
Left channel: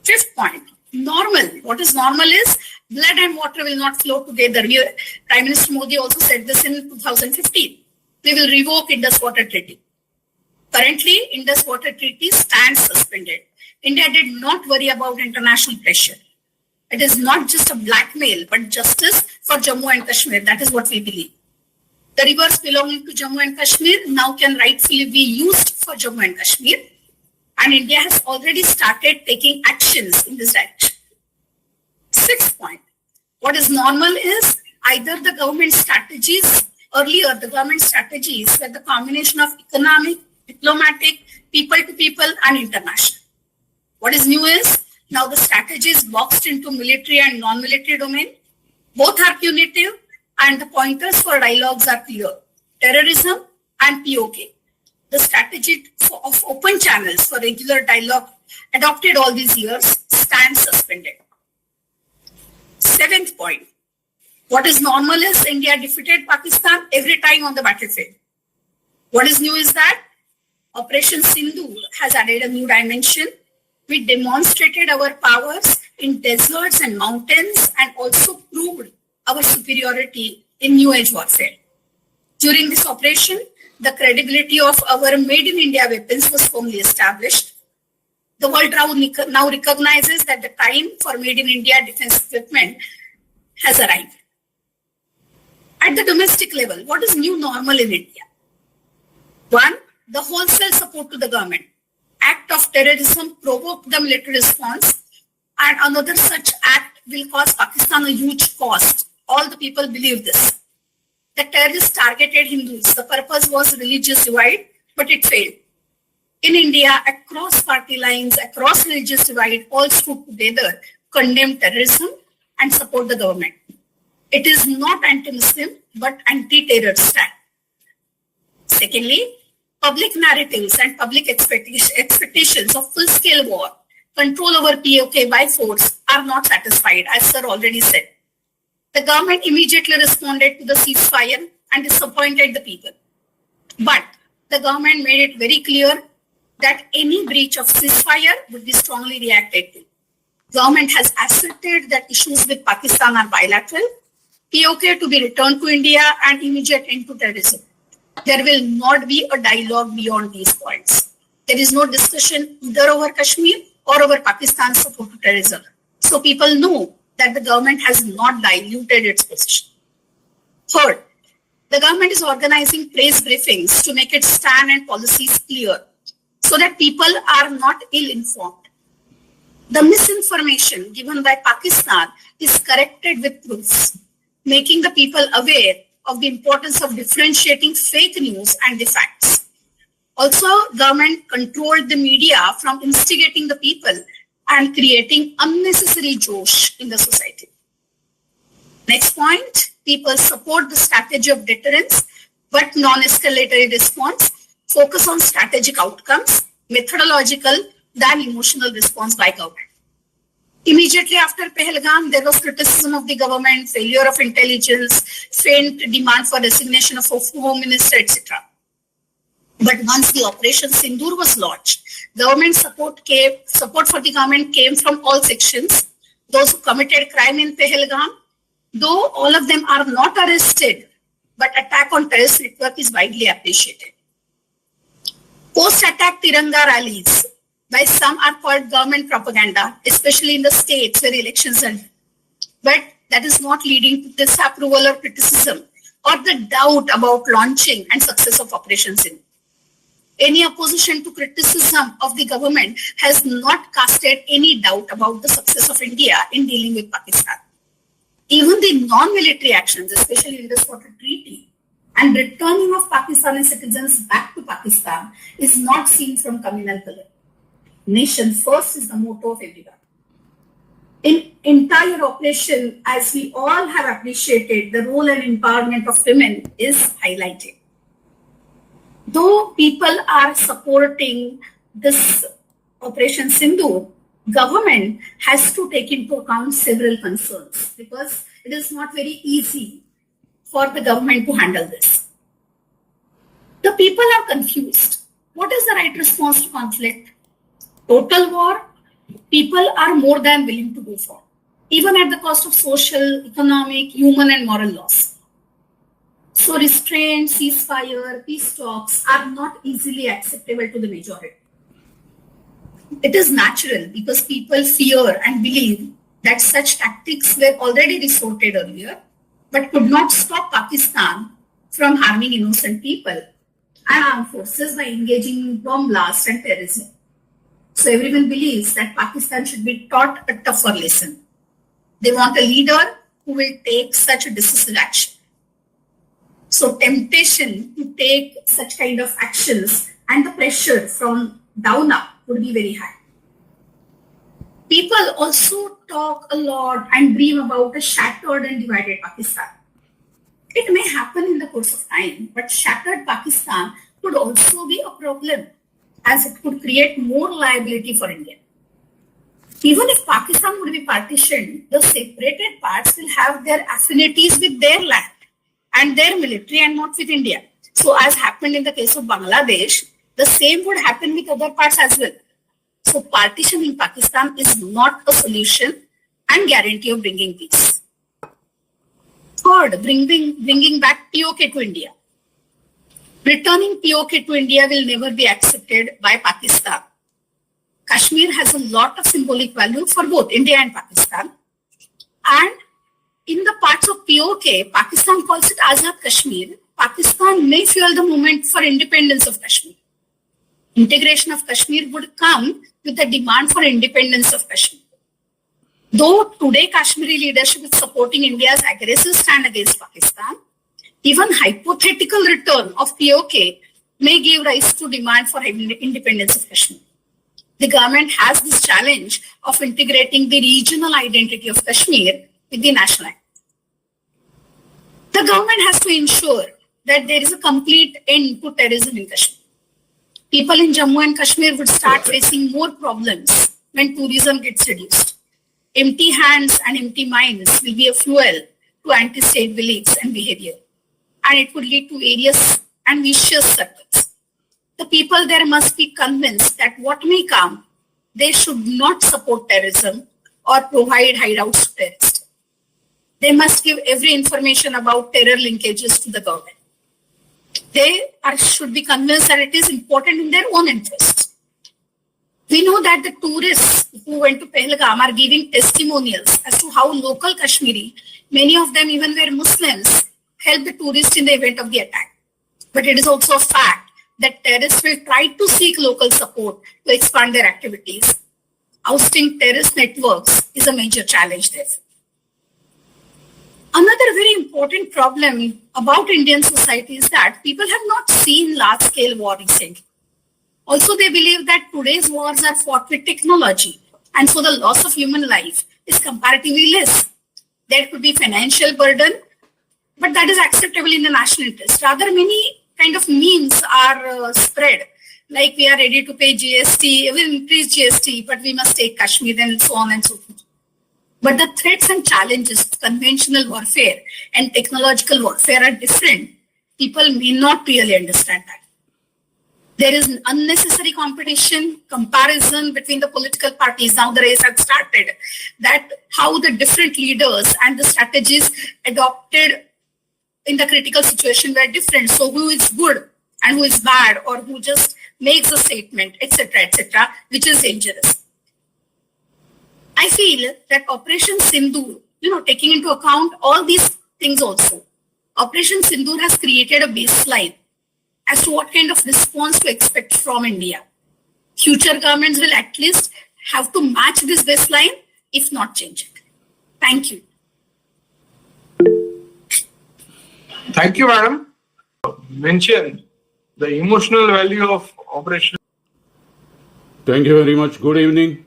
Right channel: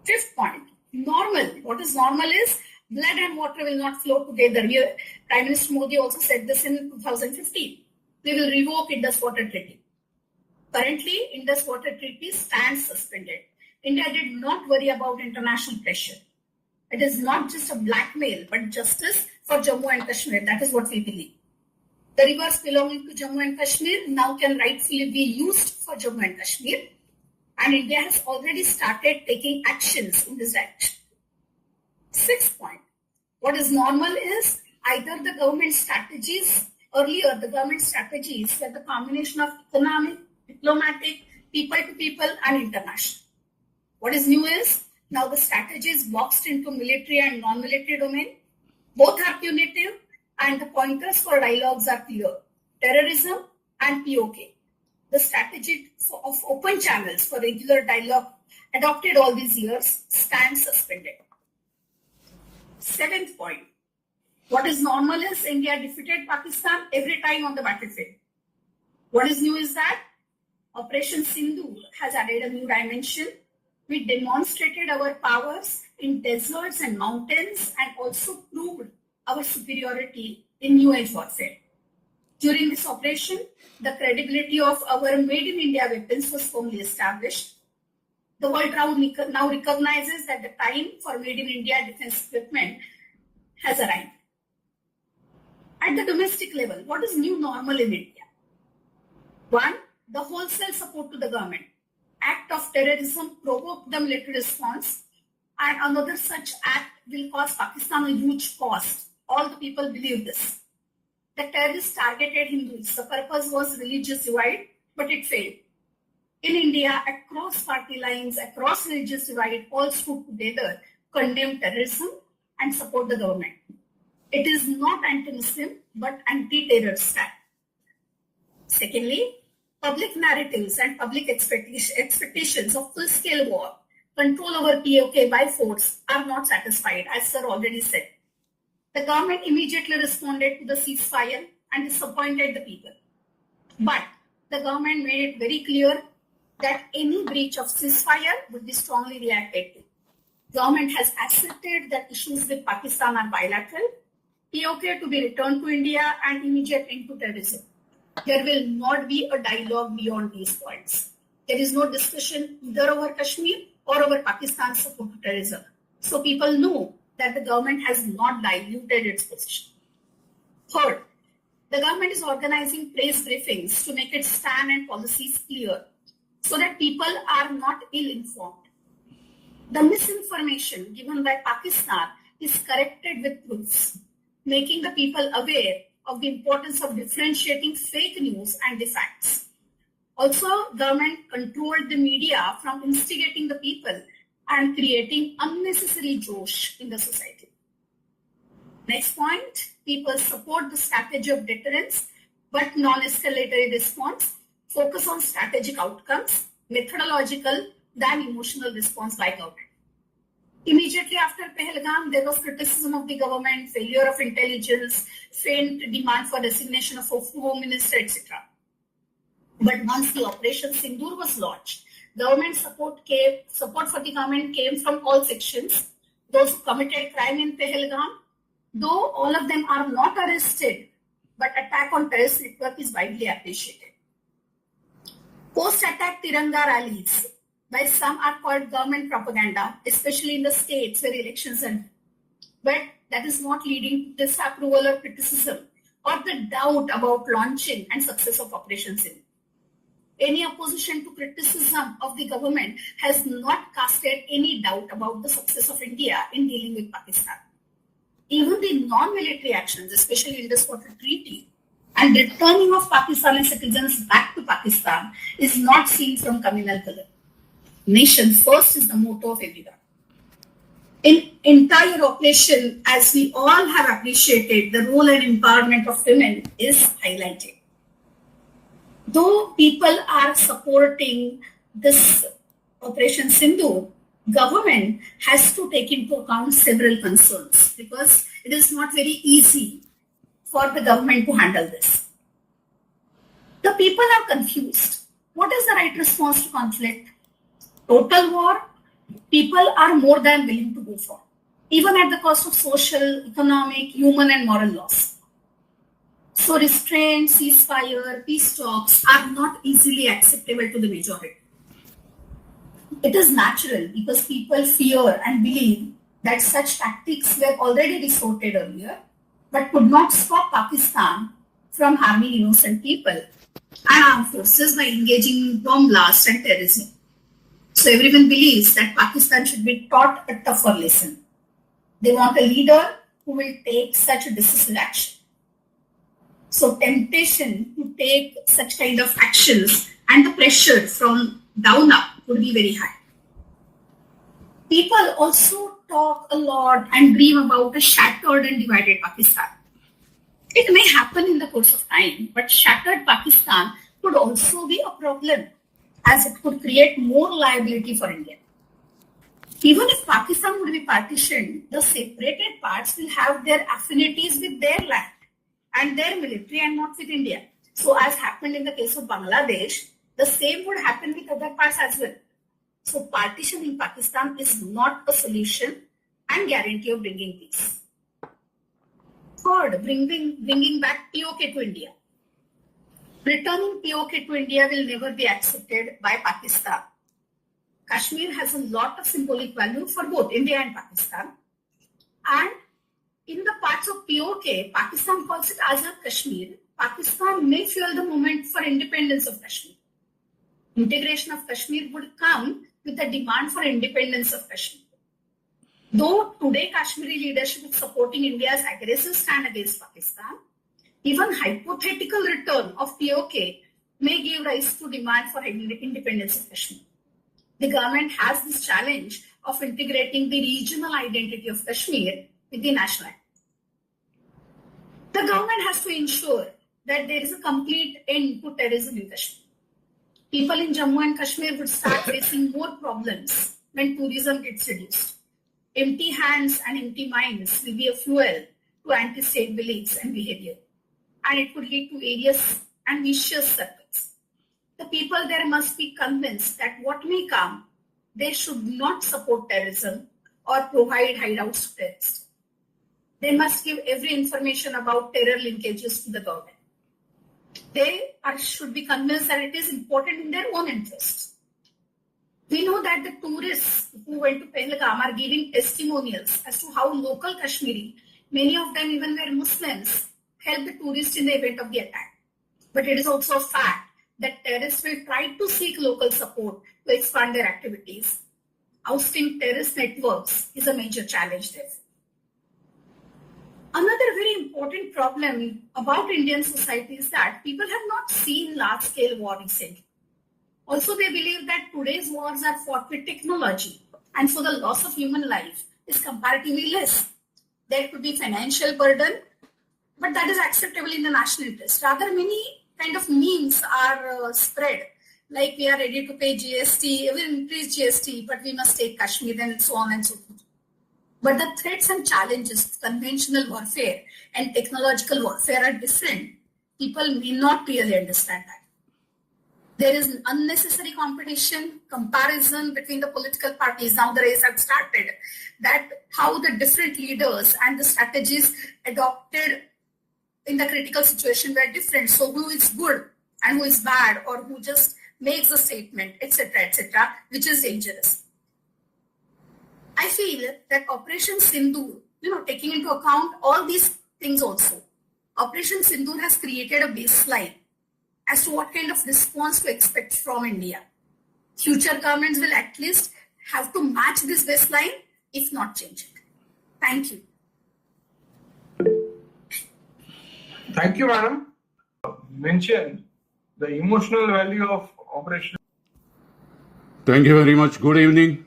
Fifth point, normal. What is normal is blood and water will not flow together. Prime Minister Modi also said this in 2015. We will revoke Indus Water Treaty. Currently, Indus Water Treaty stands suspended. India did not worry about international pressure. It is not just a blackmail, but justice for Jammu and Kashmir. That is what we believe. The rivers belonging to Jammu and Kashmir now can rightfully be used for Jammu and Kashmir. And India has already started taking actions in this direction. Sixth point, what is normal is either the government strategies, earlier the government strategies were the combination of economic, diplomatic, people to people and international. What is new is now the strategy is boxed into military and non-military domain. Both are punitive and the pointers for dialogues are clear. Terrorism and POK. The strategy of open channels for regular dialogue adopted all these years stands suspended. Seventh point, what is normal is India defeated Pakistan every time on the battlefield. What is new is that Operation Sindoor has added a new dimension. We demonstrated our powers in deserts and mountains and also proved our superiority in new age warfare. During this operation, the credibility of our made in India weapons was firmly established. The world now recognizes that the time for made in India defense equipment has arrived. At the domestic level, what is new normal in India? One, the wholesale support to the government. Act of terrorism provoked the military response, and another such act will cause Pakistan a huge cost. All the people believe this. The terrorists targeted Hindus. The purpose was religious divide, but it failed. In India, across party lines, across religious divide, all stood together, condemn terrorism and support the government. It is not anti-Muslim, but anti-terror stand. Secondly, public narratives and public expectations of full-scale war, control over POK by force are not satisfied, as sir already said. The government immediately responded to the ceasefire and disappointed the people. But the government made it very clear that any breach of ceasefire would be strongly reacted to. Government has asserted that issues with Pakistan are bilateral, POK to be returned to India and immediate end to terrorism. There will not be a dialogue beyond these points. There is no discussion either over Kashmir or over Pakistan's support to terrorism. So people know that the government has not diluted its position. Third, the government is organizing press briefings to make its stand and policies clear so that people are not ill-informed. The misinformation given by Pakistan is corrected with proofs, making the people aware of the importance of differentiating fake news and the facts. Also, government controlled the media from instigating the people and creating unnecessary josh in the society. Next point, people support the strategy of deterrence, but non-escalatory response, focus on strategic outcomes, methodological than emotional response by government. Immediately after Pahalgam, there was criticism of the government, failure of intelligence, faint demand for resignation of home minister, etc. But once the Operation Sindoor was launched, government support for the government came from all sections. Those who committed crime in Pahalgam, though all of them are not arrested, but attack on terrorist network is widely appreciated. Post-attack Tiranga rallies by some are called government propaganda, especially in the states where elections are. But that is not leading to disapproval or criticism or the doubt about launching and success of Operation Sindoor. Any opposition to criticism of the government has not casted any doubt about the success of India in dealing with Pakistan. Even the non-military actions, especially in the Squatter Treaty, and returning of Pakistani citizens back to Pakistan is not seen from communal color. Nation first is the motto of everyone. In entire operation, as we all have appreciated, the role and empowerment of women is highlighted. Though people are supporting this Operation Sindoor, government has to take into account several concerns because it is not very easy for the government to handle this. The people are confused. What is the right response to conflict? Total war, people are more than willing to go for, even at the cost of social, economic, human, and moral loss. So restraint, ceasefire, peace talks are not easily acceptable to the majority. It is natural because people fear and believe that such tactics were already resorted earlier, but could not stop Pakistan from harming innocent people and armed forces by engaging in bomb blasts and terrorism. So everyone believes that Pakistan should be taught a tougher lesson. They want a leader who will take such a decisive action. So temptation to take such kind of actions and the pressure from down up would be very high. People also talk a lot and dream about a shattered and divided Pakistan. It may happen in the course of time, but shattered Pakistan could also be a problem as it could create more liability for India. Even if Pakistan would be partitioned, the separated parts will have their affinities with their land and their military and not with India. So as happened in the case of Bangladesh, the same would happen with other parts as well. So partitioning Pakistan is not a solution and guarantee of bringing peace. Third, bringing back POK to India. Returning POK to India will never be accepted by Pakistan. Kashmir has a lot of symbolic value for both India and Pakistan. And in the parts of POK, Pakistan calls it Azad Kashmir. Pakistan may fuel the movement for independence of Kashmir. Integration of Kashmir would come with the demand for independence of Kashmir. Though today Kashmiri leadership is supporting India's aggressive stand against Pakistan, even hypothetical return of POK may give rise to demand for independence of Kashmir. The government has this challenge of integrating the regional identity of Kashmir with the national identity. The government has to ensure that there is a complete end to terrorism in Kashmir. People in Jammu and Kashmir would start facing more problems when tourism gets reduced. Empty hands and empty minds will be a fuel to anti-state beliefs and behavior, and it would lead to various and vicious circles. The people there must be convinced that what may come, they should not support terrorism or provide hideouts to terrorists. They must give every information about terror linkages to the government. They should be convinced that it is important in their own interests. We know that the tourists who went to Pahalgam are giving testimonials as to how local Kashmiri, many of them even were Muslims, helped the tourists in the event of the attack. But it is also a fact that terrorists will try to seek local support to expand their activities. Ousting terrorist networks is a major challenge there. Another very important problem about Indian society is that people have not seen large-scale war recently. Also, they believe that today's wars are fought with technology, and so the loss of human life is comparatively less. There could be financial burden, but that is acceptable in the national interest. Rather, many kind of memes are spread, like we are ready to pay GST, we will increase GST, but we must take Kashmir and so on and so forth. But the threats and challenges of conventional warfare and technological warfare are different. People may not really understand that. There is an unnecessary competition, comparison between the political parties. Now the race has started. That how the different leaders and the strategies adopted in the critical situation were different. So who is good and who is bad, or who just makes a statement, etc., which is dangerous. I feel that Operation Sindoor, taking into account all these things also, Operation Sindoor has created a baseline as to what kind of response to expect from India. Future governments will at least have to match this baseline, if not change it. Thank you. Thank you, madam. Mention the emotional value of Operation. Thank you very much. Good evening.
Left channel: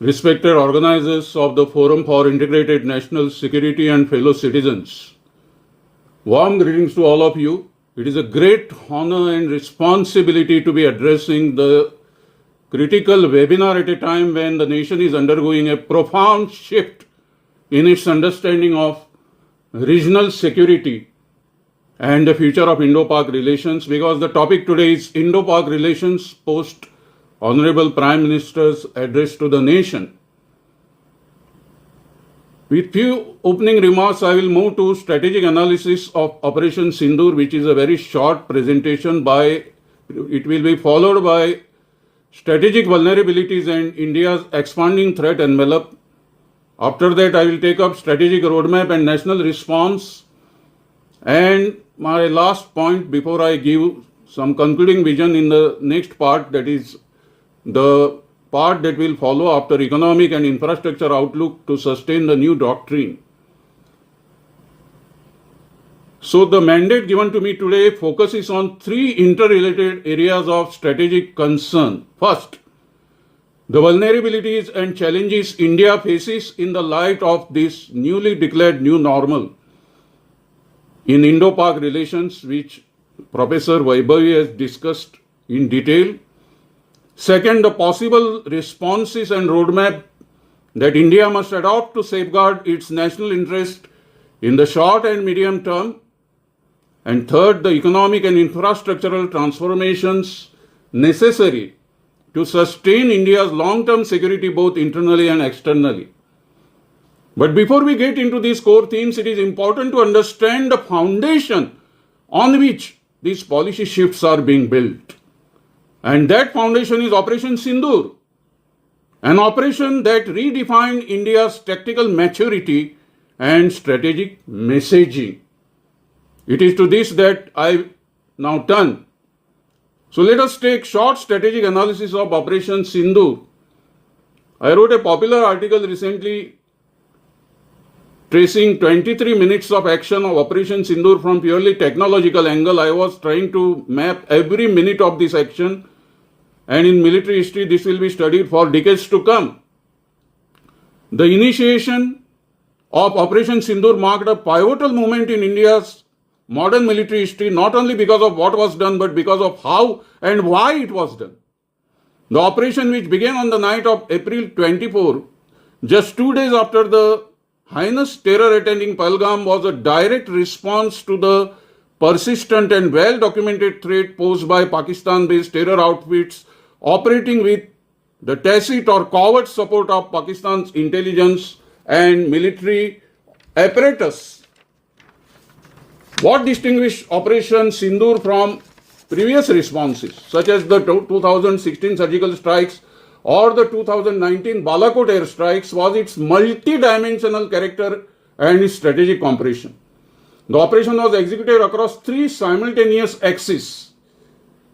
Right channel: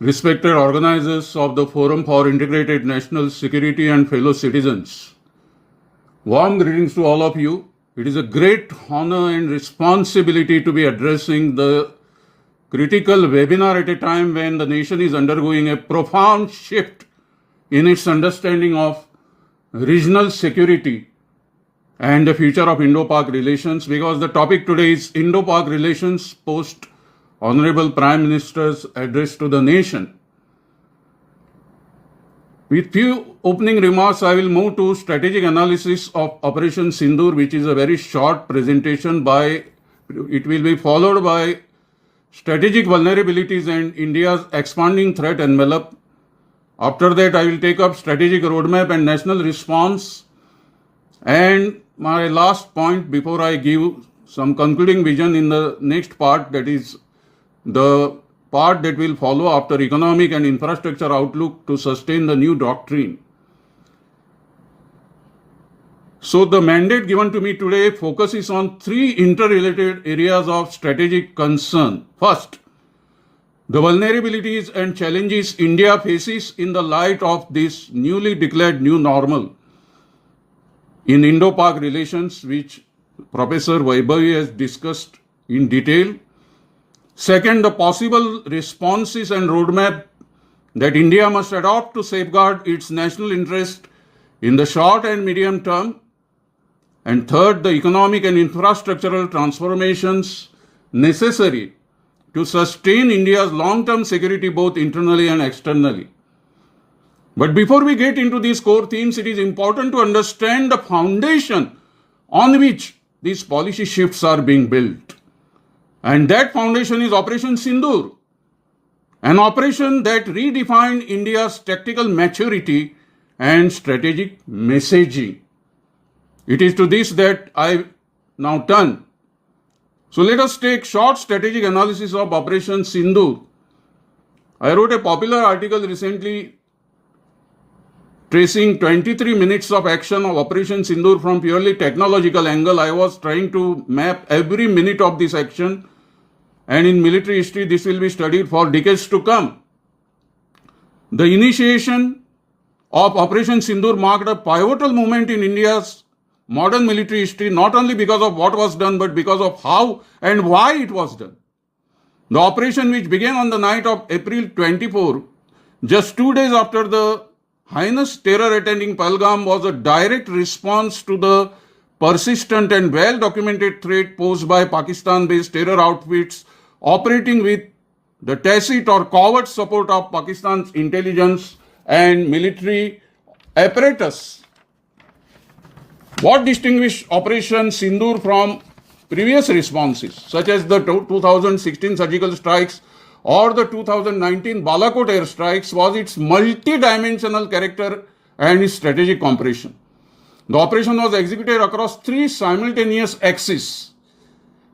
Respected organizers of the Forum for Integrated National Security and fellow citizens. Warm greetings to all of you. It is a great honor and responsibility to be addressing the critical webinar at a time when the nation is undergoing a profound shift in its understanding of regional security and the future of Indo-Pak relations, because the topic today is Indo-Pak relations post Honorable Prime Minister's address to the nation. With few opening remarks, I will move to strategic analysis of Operation Sindoor, which is a very short presentation. It will be followed by strategic vulnerabilities and India's expanding threat envelope. After that, I will take up strategic roadmap and national response. And my last point before I give some concluding vision in the next part, that is the part that will follow after economic and infrastructure outlook to sustain the new doctrine. So the mandate given to me today focuses on three interrelated areas of strategic concern. First, the vulnerabilities and challenges India faces in the light of this newly declared new normal in Indo-Pak relations, which Professor Vaibhavi has discussed in detail. Second, the possible responses and roadmap that India must adopt to safeguard its national interest in the short and medium term. And third, the economic and infrastructural transformations necessary to sustain India's long-term security both internally and externally. But before we get into these core themes, it is important to understand the foundation on which these policy shifts are being built. And that foundation is Operation Sindoor, an operation that redefined India's tactical maturity and strategic messaging. It is to this that I now turn. So let us take short strategic analysis of Operation Sindoor. I wrote a popular article recently tracing 23 minutes of action of Operation Sindoor from purely technological angle. I was trying to map every minute of this action, and in military history this will be studied for decades to come. The initiation of Operation Sindoor marked a pivotal moment in India's modern military history, not only because of what was done, but because of how and why it was done. The operation, which began on the night of April 24, just 2 days after the heinous terror attending Pahalgam, was a direct response to the persistent and well-documented threat posed by Pakistan-based terror outfits operating with the tacit or covert support of Pakistan's intelligence and military apparatus. What distinguished Operation Sindoor from previous responses, such as the 2016 surgical strikes or the 2019 Balakot airstrikes was its multi-dimensional character and its strategic compression. The operation was executed across three simultaneous axes:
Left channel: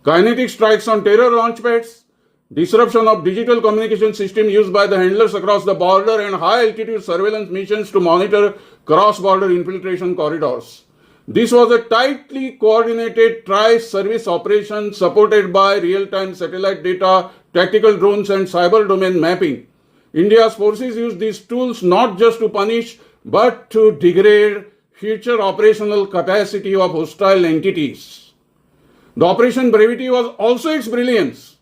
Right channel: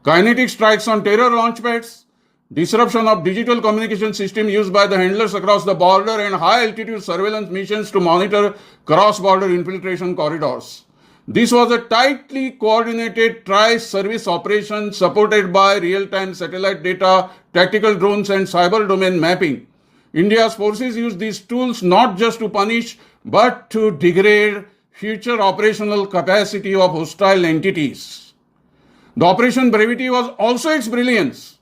kinetic strikes on terror launchpads, disruption of digital communication system used by the handlers across the border, and high-altitude surveillance missions to monitor cross-border infiltration corridors. This was a tightly coordinated tri-service operation supported by real-time satellite data, tactical drones, and cyber domain mapping. India's forces used these tools not just to punish, but to degrade future operational capacity of hostile entities. The Operation Brevity was also its brilliance.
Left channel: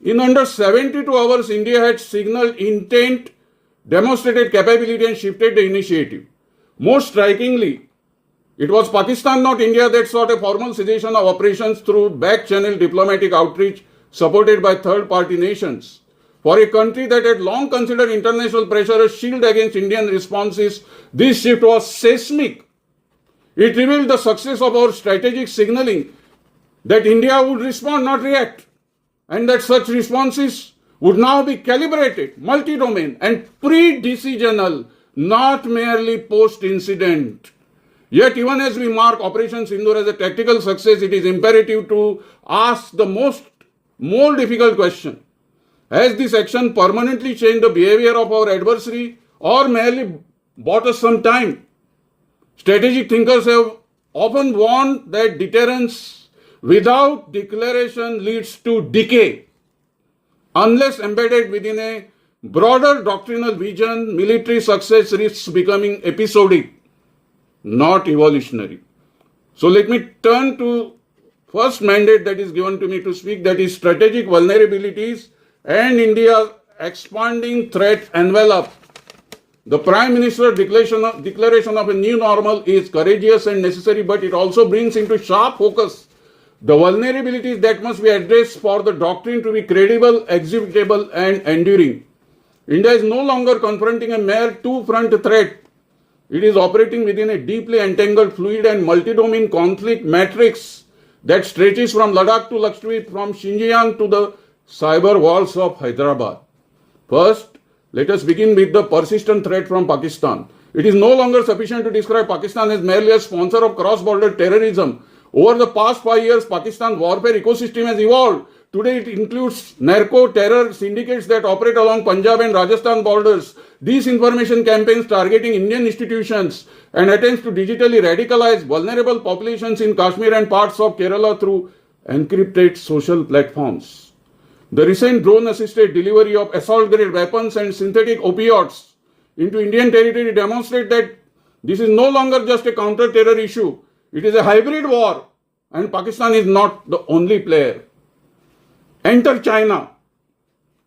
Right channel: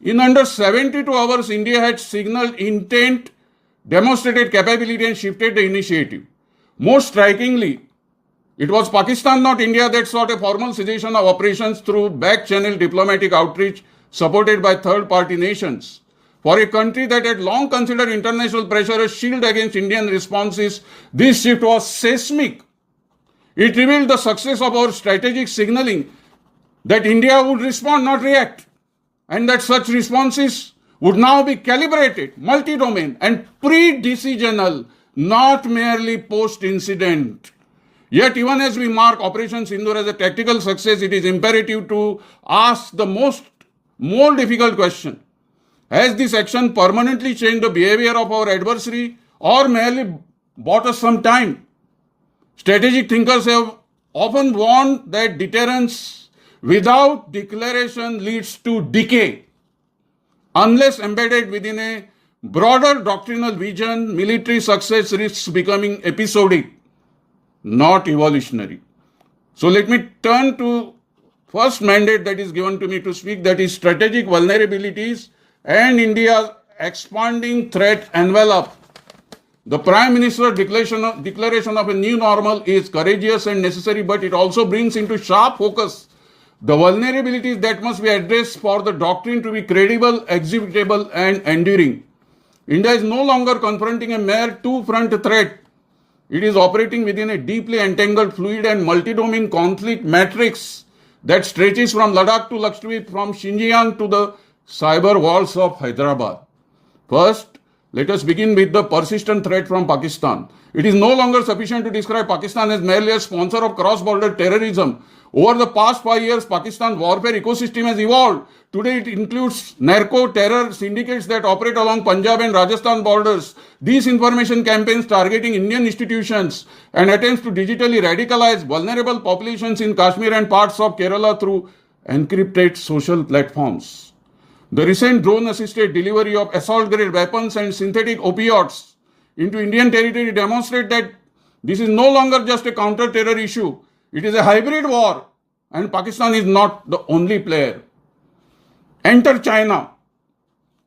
In under 72 hours, India had signaled intent, demonstrated capability, and shifted the initiative. Most strikingly, it was Pakistan, not India, that sought a formal cessation of operations through back-channel diplomatic outreach supported by third-party nations. For a country that had long considered international pressure a shield against Indian responses, this shift was seismic. It revealed the success of our strategic signaling that India would respond, not react, and that such responses would now be calibrated, multi-domain, and pre-decisional, not merely post-incident. Yet, even as we mark Operation Sindoor as a tactical success, it is imperative to ask the more difficult question: has this action permanently changed the behavior of our adversary, or merely bought us some time? Strategic thinkers have often warned that deterrence without declaration leads to decay. Unless embedded within a broader doctrinal vision, military success risks becoming episodic, not evolutionary. So let me turn to first mandate that is given to me to speak, that is strategic vulnerabilities and India's expanding threat envelope. The Prime Minister's declaration of a new normal is courageous and necessary, but it also brings into sharp focus the vulnerabilities that must be addressed for the doctrine to be credible, executable, and enduring. India is no longer confronting a mere two-front threat. It is operating within a deeply entangled, fluid, and multi-domain conflict matrix that stretches from Ladakh to Lakshadweep, from Xinjiang to the cyber walls of Hyderabad. First, let us begin with the persistent threat from Pakistan. It is no longer sufficient to describe Pakistan as merely a sponsor of cross-border terrorism. Over the past 5 years, Pakistan's warfare ecosystem has evolved. Today, it includes narco-terror syndicates that operate along Punjab and Rajasthan borders, disinformation campaigns targeting Indian institutions, and attempts to digitally radicalize vulnerable populations in Kashmir and parts of Kerala through encrypted social platforms. The recent drone-assisted delivery of assault-grade weapons and synthetic opioids into Indian territory demonstrate that this is no longer just a counter-terror issue. It is a hybrid war, and Pakistan is not the only player. Enter China.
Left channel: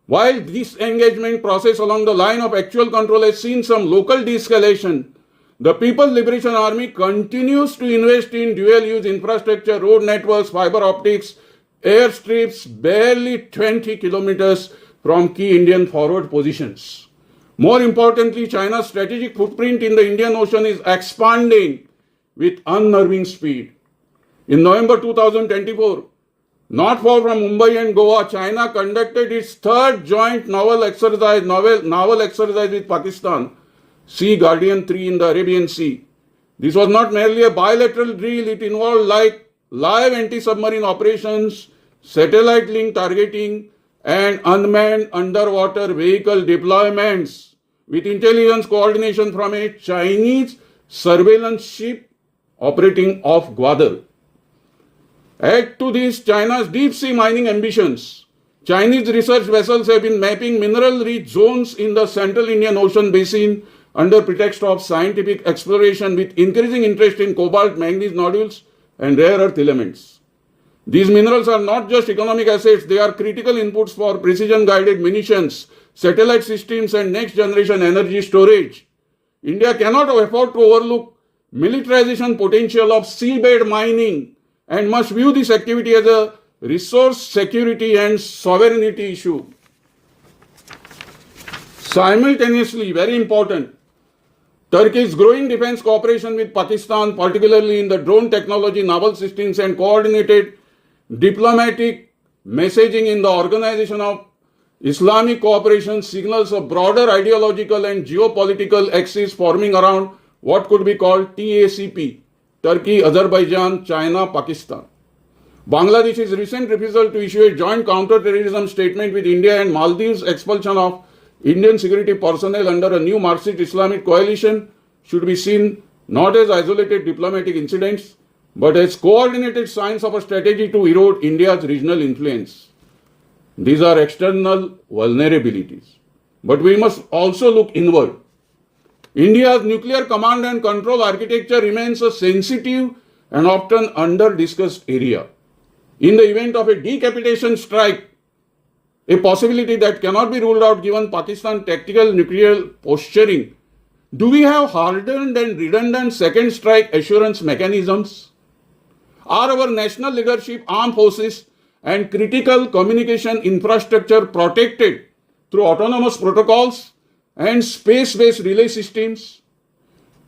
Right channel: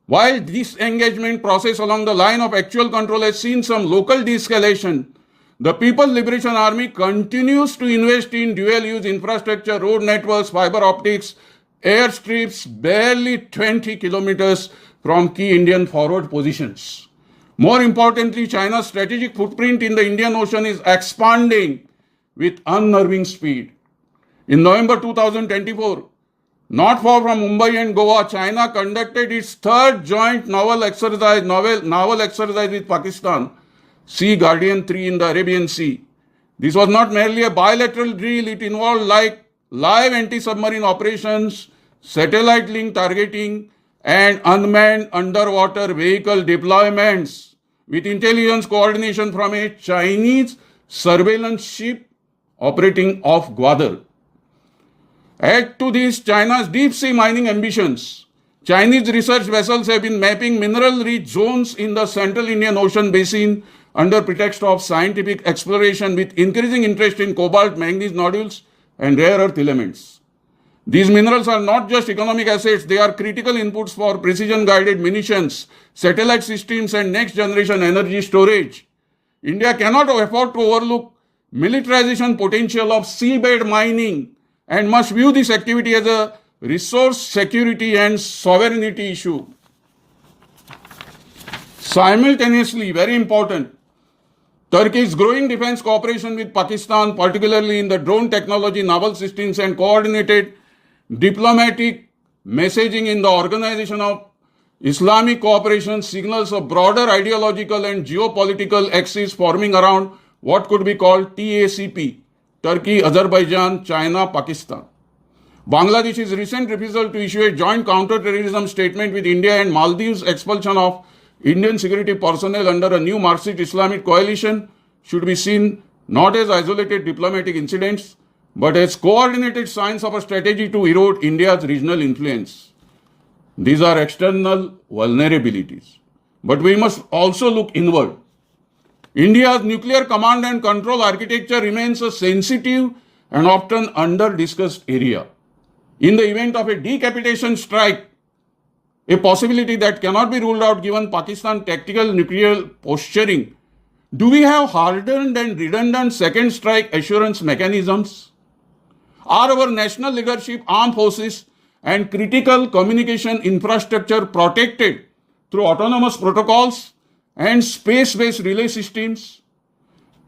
While this engagement process along the line of actual control has seen some local de-escalation, the People's Liberation Army continues to invest in dual-use infrastructure, road networks, fiber optics, airstrips barely 20 kilometers from key Indian forward positions. More importantly, China's strategic footprint in the Indian Ocean is expanding with unnerving speed. In November 2024, not far from Mumbai and Goa, China conducted its third joint naval exercise with Pakistan, Sea Guardian 3 in the Arabian Sea. This was not merely a bilateral drill, it involved live anti-submarine operations, satellite link targeting, and unmanned underwater vehicle deployments with intelligence coordination from a Chinese surveillance ship operating off Gwadar. Add to this China's deep sea mining ambitions. Chinese research vessels have been mapping mineral-rich zones in the central Indian Ocean basin under pretext of scientific exploration, with increasing interest in cobalt, manganese nodules, and rare earth elements. These minerals are not just economic assets, they are critical inputs for precision-guided munitions, satellite systems, and next-generation energy storage. India cannot afford to overlook militarization potential of seabed mining and must view this activity as a resource security and sovereignty issue. Simultaneously, very important, Turkey's growing defense cooperation with Pakistan, particularly in the drone technology, naval systems, and coordinated diplomatic messaging in the organization of Islamic cooperation signals a broader ideological and geopolitical axis forming around what could be called TACP, Turkey, Azerbaijan, China, Pakistan. Bangladesh's recent refusal to issue a joint counter-terrorism statement with India and Maldives' expulsion of Indian security personnel under a new Marxist Islamic coalition should be seen not as isolated diplomatic incidents, but as coordinated signs of a strategy to erode India's regional influence. These are external vulnerabilities. But we must also look inward. India's nuclear command and control architecture remains a sensitive and often under-discussed area. In the event of a decapitation strike, a possibility that cannot be ruled out given Pakistan's tactical nuclear posturing, do we have hardened and redundant second strike assurance mechanisms? Are our national leadership, armed forces, and critical communication infrastructure protected through autonomous protocols and space-based relay systems?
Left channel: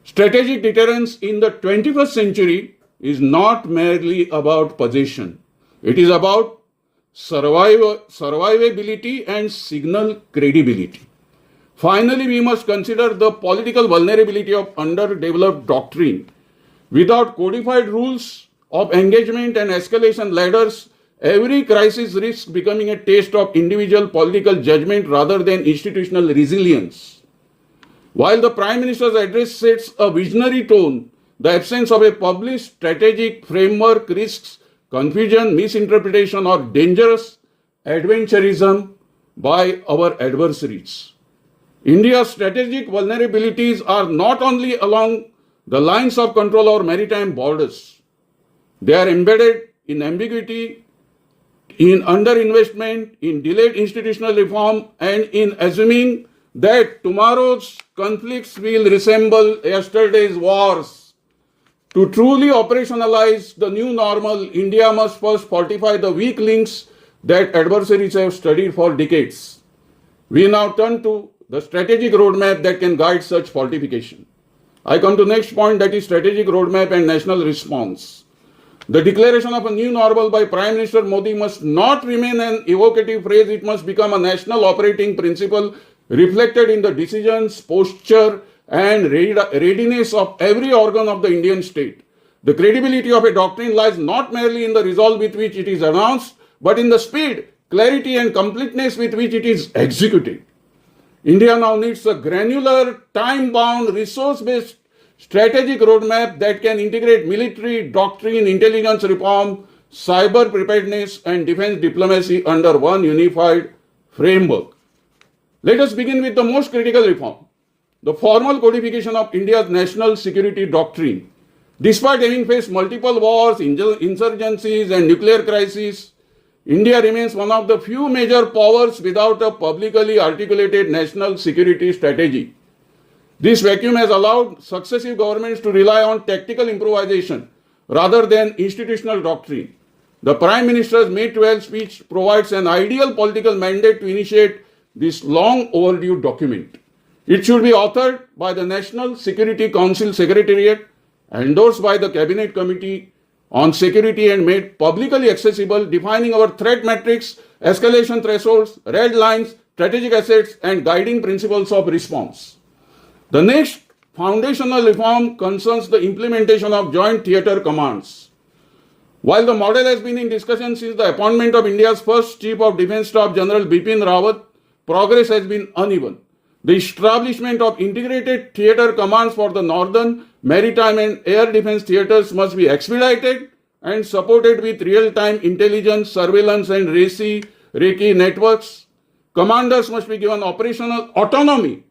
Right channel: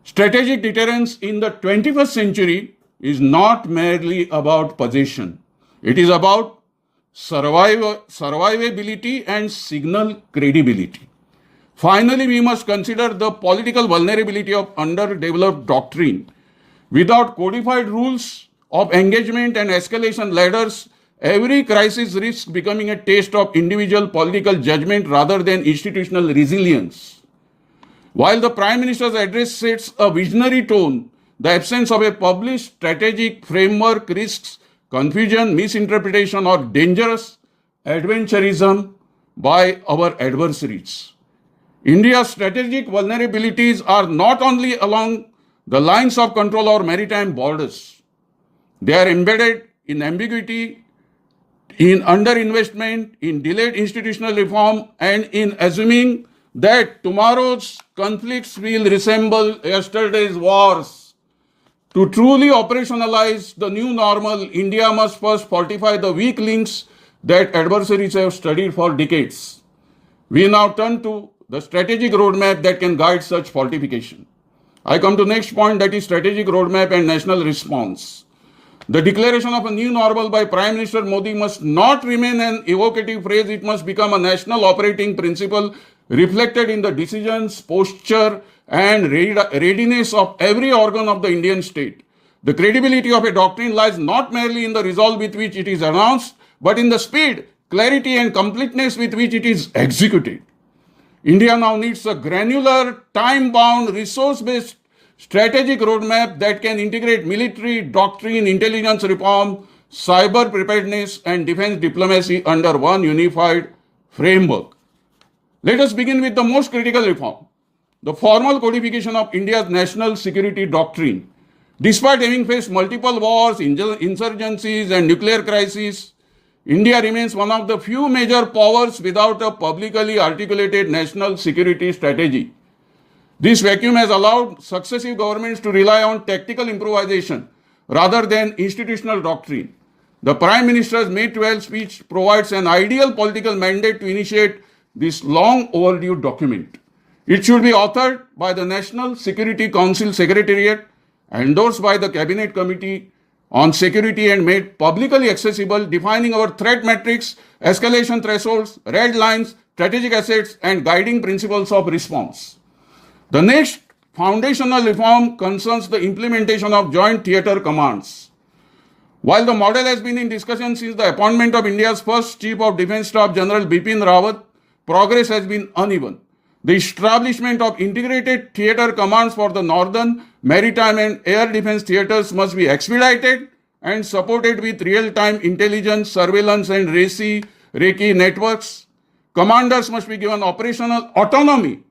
Strategic deterrence in the 21st century is not merely about possession. It is about survivability and signal credibility. Finally, we must consider the political vulnerability of underdeveloped doctrine. Without codified rules of engagement and escalation ladders, every crisis risks becoming a test of individual political judgment rather than institutional resilience. While the Prime Minister's address sets a visionary tone, the absence of a published strategic framework risks confusion, misinterpretation, or dangerous adventurism by our adversaries. India's strategic vulnerabilities are not only along the lines of control or maritime borders. They are embedded in ambiguity, in underinvestment, in delayed institutional reform, and in assuming that tomorrow's conflicts will resemble yesterday's wars. To truly operationalize the new normal, India must first fortify the weak links that adversaries have studied for decades. We now turn to the strategic roadmap that can guide such fortification. I come to the next point, that is strategic roadmap and national response. The declaration of a new normal by Prime Minister Modi must not remain an evocative phrase. It must become a national operating principle reflected in the decisions, posture, and readiness of every organ of the Indian state. The credibility of a doctrine lies not merely in the resolve with which it is announced, but in the speed, clarity, and completeness with which it is executed. India now needs a granular, time-bound, resource-based strategic roadmap that can integrate military, doctrine, intelligence reform, cyber preparedness, and defense diplomacy under one unified framework. Let us begin with the most critical reform, the formal codification of India's national security doctrine. Despite having faced multiple wars, insurgencies, and nuclear crises, India remains one of the few major powers without a publicly articulated national security strategy. This vacuum has allowed successive governments to rely on tactical improvisation rather than institutional doctrine. The Prime Minister's May 12 speech provides an ideal political mandate to initiate this long overdue document. It should be authored by the National Security Council Secretariat, endorsed by the Cabinet Committee on Security, and made publicly accessible, defining our threat matrix, escalation thresholds, red lines, strategic assets, and guiding principles of response. The next foundational reform concerns the implementation of joint theatre commands. While the model has been in discussion since the appointment of India's first Chief of Defence Staff General Bipin Rawat, progress has been uneven. The establishment of integrated theatre commands for the northern, maritime, and air defense theatres must be expedited and supported with real-time intelligence, surveillance, and RECI networks. Commanders must be given operational autonomy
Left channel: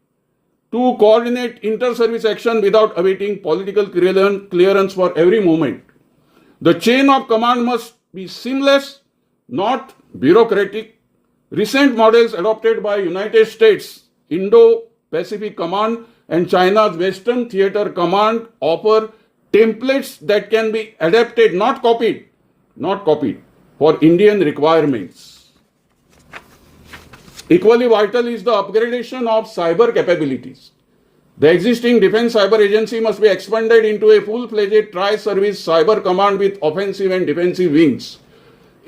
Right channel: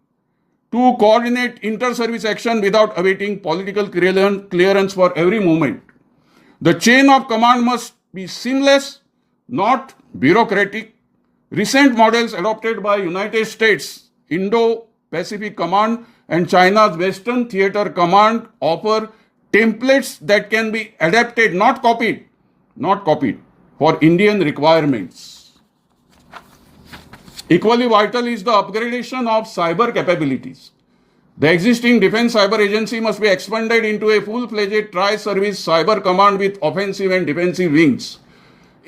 to coordinate inter-service action without awaiting political clearance for every movement. The chain of command must be seamless, not bureaucratic. Recent models adopted by United States Indo Pacific Command and China's Western Theater Command offer templates that can be adapted, not copied, for Indian requirements. Equally vital is the upgradation of cyber capabilities. The existing Defense Cyber Agency must be expanded into a full-fledged tri-service cyber command with offensive and defensive wings.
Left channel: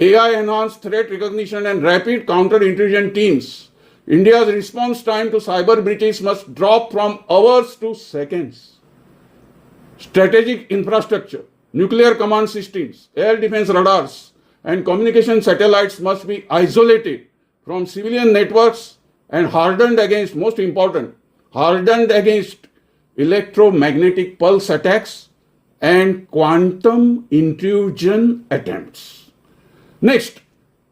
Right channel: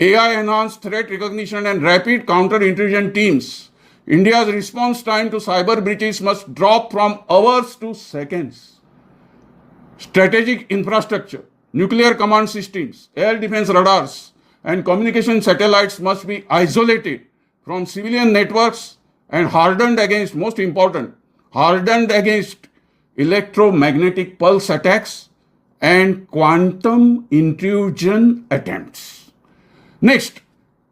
AI-enhanced threat recognition and rapid counter-intrusion teams, India's response time to cyber breaches must drop from hours to seconds. Strategic infrastructure, nuclear command systems, air defense radars, and communication satellites must be isolated from civilian networks and hardened against electromagnetic pulse attacks and quantum intrusion attempts. Next,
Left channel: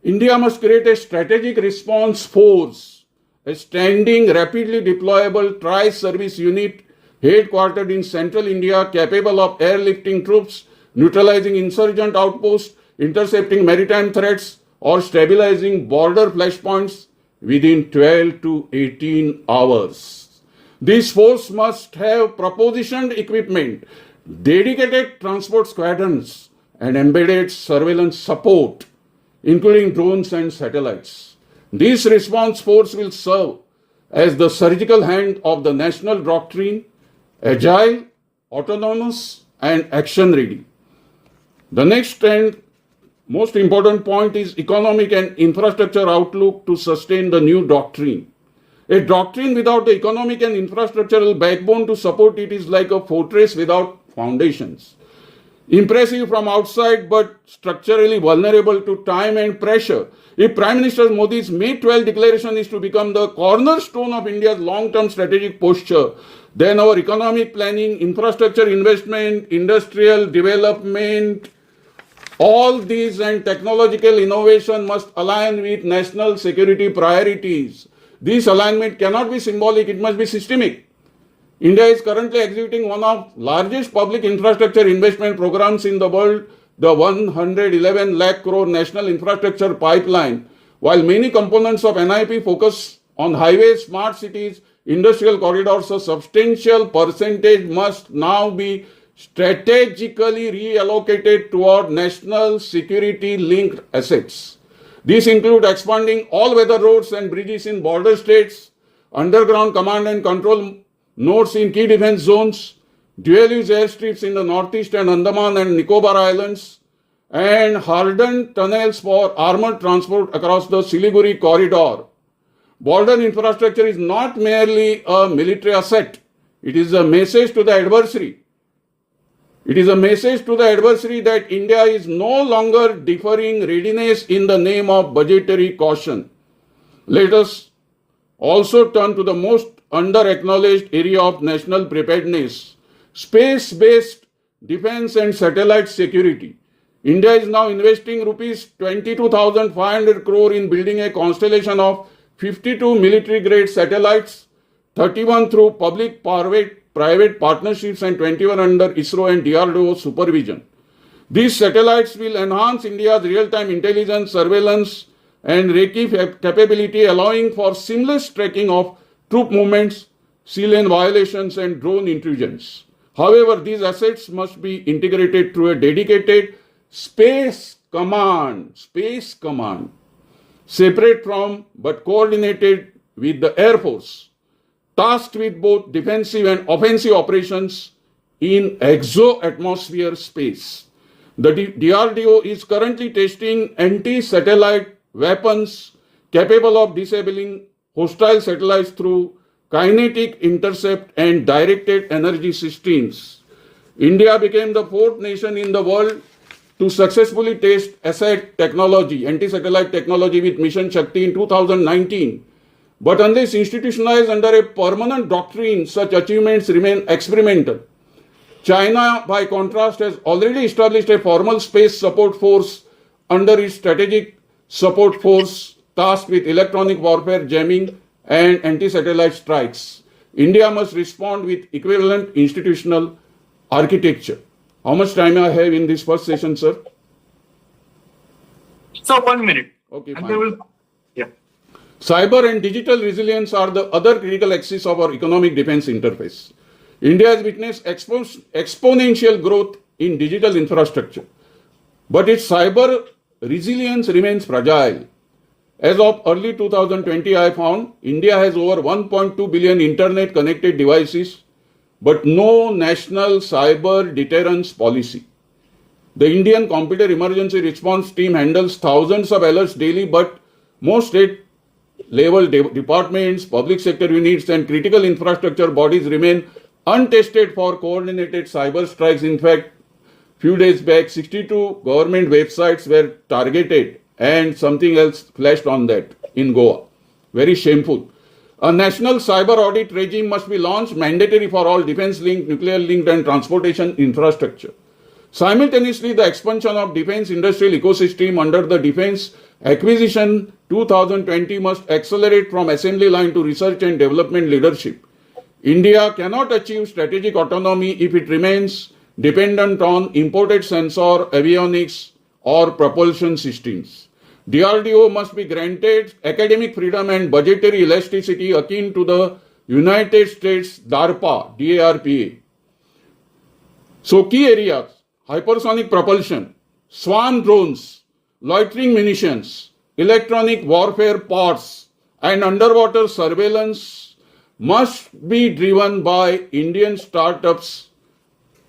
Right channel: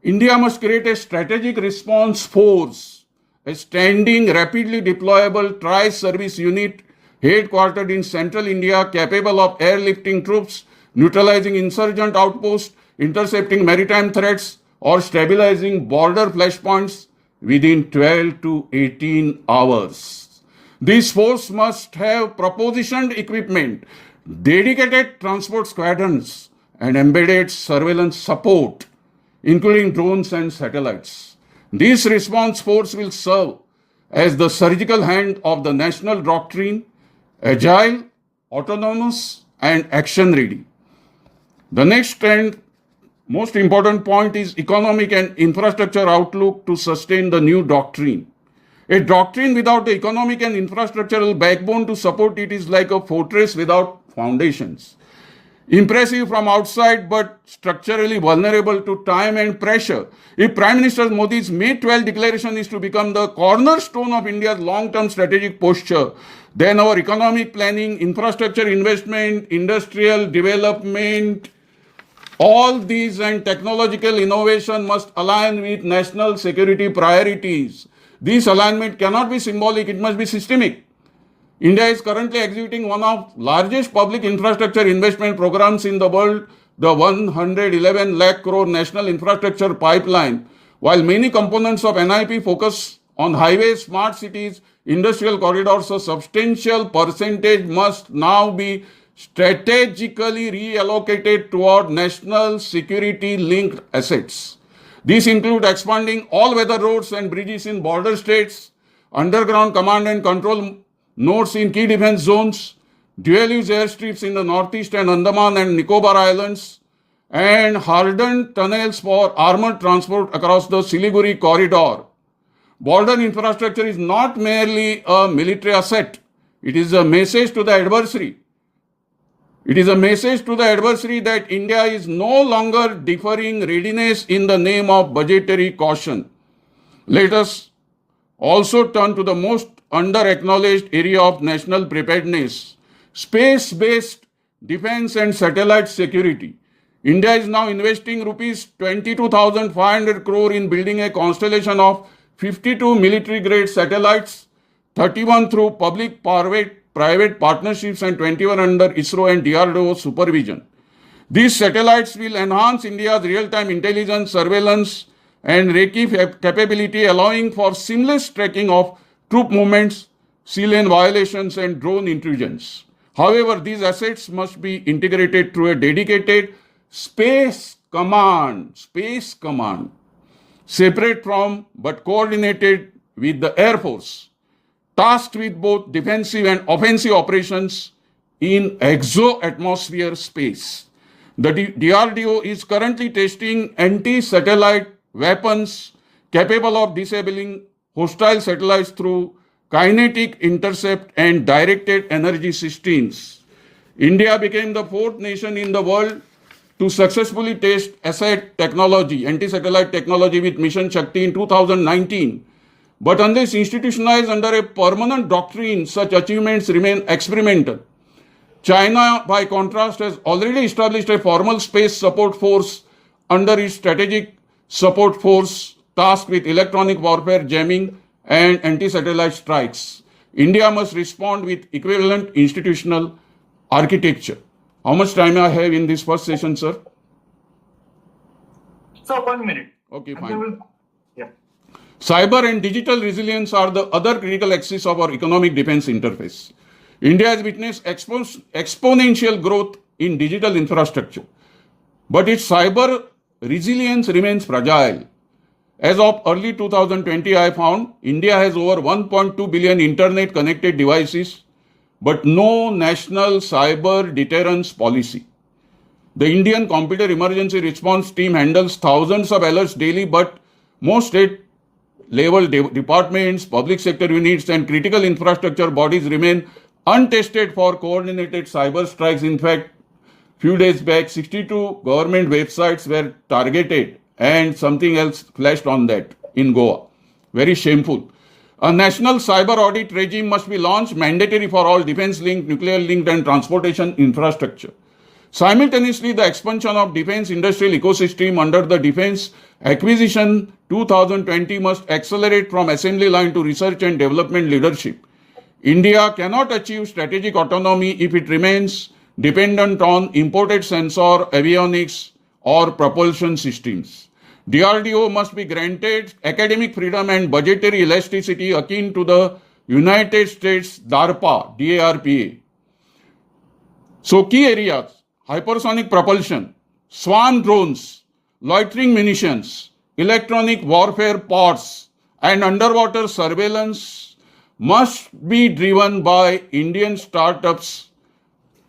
India must create a strategic response force, a standing, rapidly deployable tri-service unit headquartered in central India, capable of airlifting troops, neutralizing insurgent outposts, intercepting maritime threats, or stabilizing border flashpoints within 12 to 18 hours. This force must have propositioned equipment, dedicated transport squadrons, and embedded surveillance support, including drones and satellites. This response force will serve as the surgical hand of the national doctrine, agile, autonomous, and action-ready. The next and most important point is economic and infrastructure outlook to sustain the new doctrine. A doctrine without the economic and infrastructural backbone to support it is like a fortress without foundations. Impressive from outside but structurally vulnerable to time and pressure. If Prime Minister Modi's May 12 declaration is to become the cornerstone of India's long-term strategic posture, then our economic planning, infrastructure investment, industrial development, all these and technological innovation must align with national security priorities. This alignment cannot be symbolic, it must be systemic. India is currently executing one of largest public infrastructure investment programs in the world, the 111 lakh crore national infrastructure pipeline. While many components of NIP focus on highways, smart cities, industrial corridors, a substantial percentage must now be strategically reallocated toward national security linked assets. These include expanding all-weather roads and bridges in border states, underground command and control nodes in key defense zones, dual-use airstrips in the Northeast and Andaman and Nicobar Islands, and hardened tunnels for armored transport across the Siliguri corridor. Border infrastructure is not merely a military asset. It is a message to the adversary. It is a message to the adversary that India is no longer deferring readiness in the name of budgetary caution. Let us also turn to the most under-acknowledged area of national preparedness, space-based defense and satellite security. India is now investing rupees 22,500 crore in building a constellation of 52 military-grade satellites, 31 through public-private partnerships and 21 under ISRO and DRDO supervision. These satellites will enhance India's real-time intelligence, surveillance, and recce capability, allowing for seamless tracking of troop movements, sea lane violations, and drone intrusions. However, these assets must be integrated through a dedicated space command, separate from but coordinated with the Air Force, tasked with both defensive and offensive operations in exo-atmosphere space. The DRDO is currently testing anti-satellite weapons capable of disabling hostile satellites through kinetic intercept and directed energy systems. India became the fourth nation in the world to successfully test ASAT technology, anti-satellite technology with Mission Shakti in 2019. But unless institutionalized under a permanent doctrine, such achievements remain experimental. China, by contrast, has already established a formal space support force under its strategic support force tasked with electronic warfare, jamming, and anti-satellite strikes. India must respond with equivalent institutional architecture. How much time I have in this first session, sir? So 1 minute. Okay, And fine. they will, yeah. Cyber and digital resilience are the other critical axis of our economic defense interface. India has witnessed exponential growth in digital infrastructure, but its cyber resilience remains fragile. As of early 2020, I found India has over 1.2 billion internet connected devices, but no national cyber deterrence policy. The Indian Computer Emergency Response Team handles thousands of alerts daily, but most state-level departments, public sector units, and critical infrastructure bodies remain untested for coordinated cyber strikes. In fact, few days back, 62 government websites were targeted and something else flashed on that in Goa. Very shameful. A national cyber audit regime must be launched, mandatory for all defense-linked, nuclear-linked and transportation infrastructure. Simultaneously, the expansion of defense industrial ecosystem under the Defense Acquisition 2020 must accelerate from assembly line to research and development leadership. India cannot achieve strategic autonomy if it remains dependent on imported sensor, avionics or propulsion systems. DRDO must be granted academic freedom and budgetary elasticity akin to the United States DARPA, DARPA. So key areas: hypersonic propulsion, swarm drones, loitering munitions, electronic warfare pods, and underwater surveillance must be driven by Indian startups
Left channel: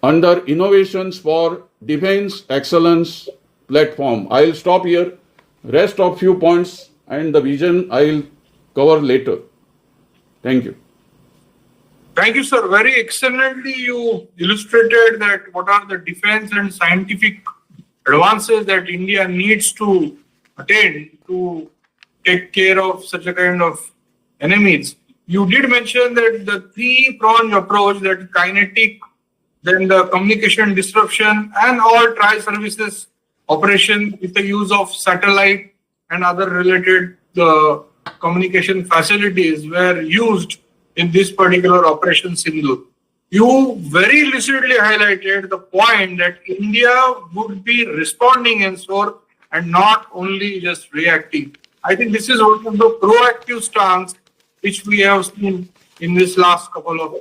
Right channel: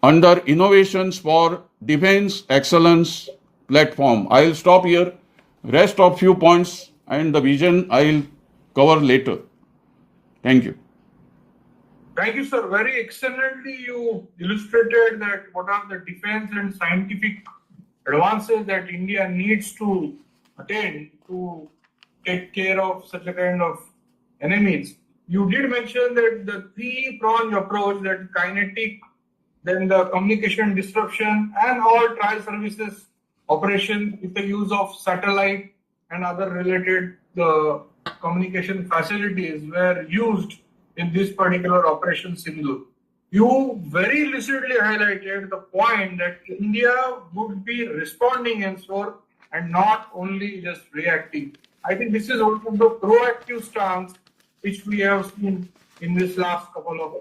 under Innovations for Defense Excellence platform. I'll stop here. Rest of few points and the vision I'll cover later. Thank you. Thank you, sir. Very excellently you illustrated that what are the defense and scientific advances that India needs to attain to take care of such a kind of enemies. You did mention that the three-pronged approach, that kinetic, then the communication disruption, and all tri-services operation with the use of satellite and other related communication facilities were used in this particular Operation Sindoor. You very lucidly highlighted the point that India would be responding in sort and not only just reacting. I think this is one of the proactive stance which we have seen in this last couple of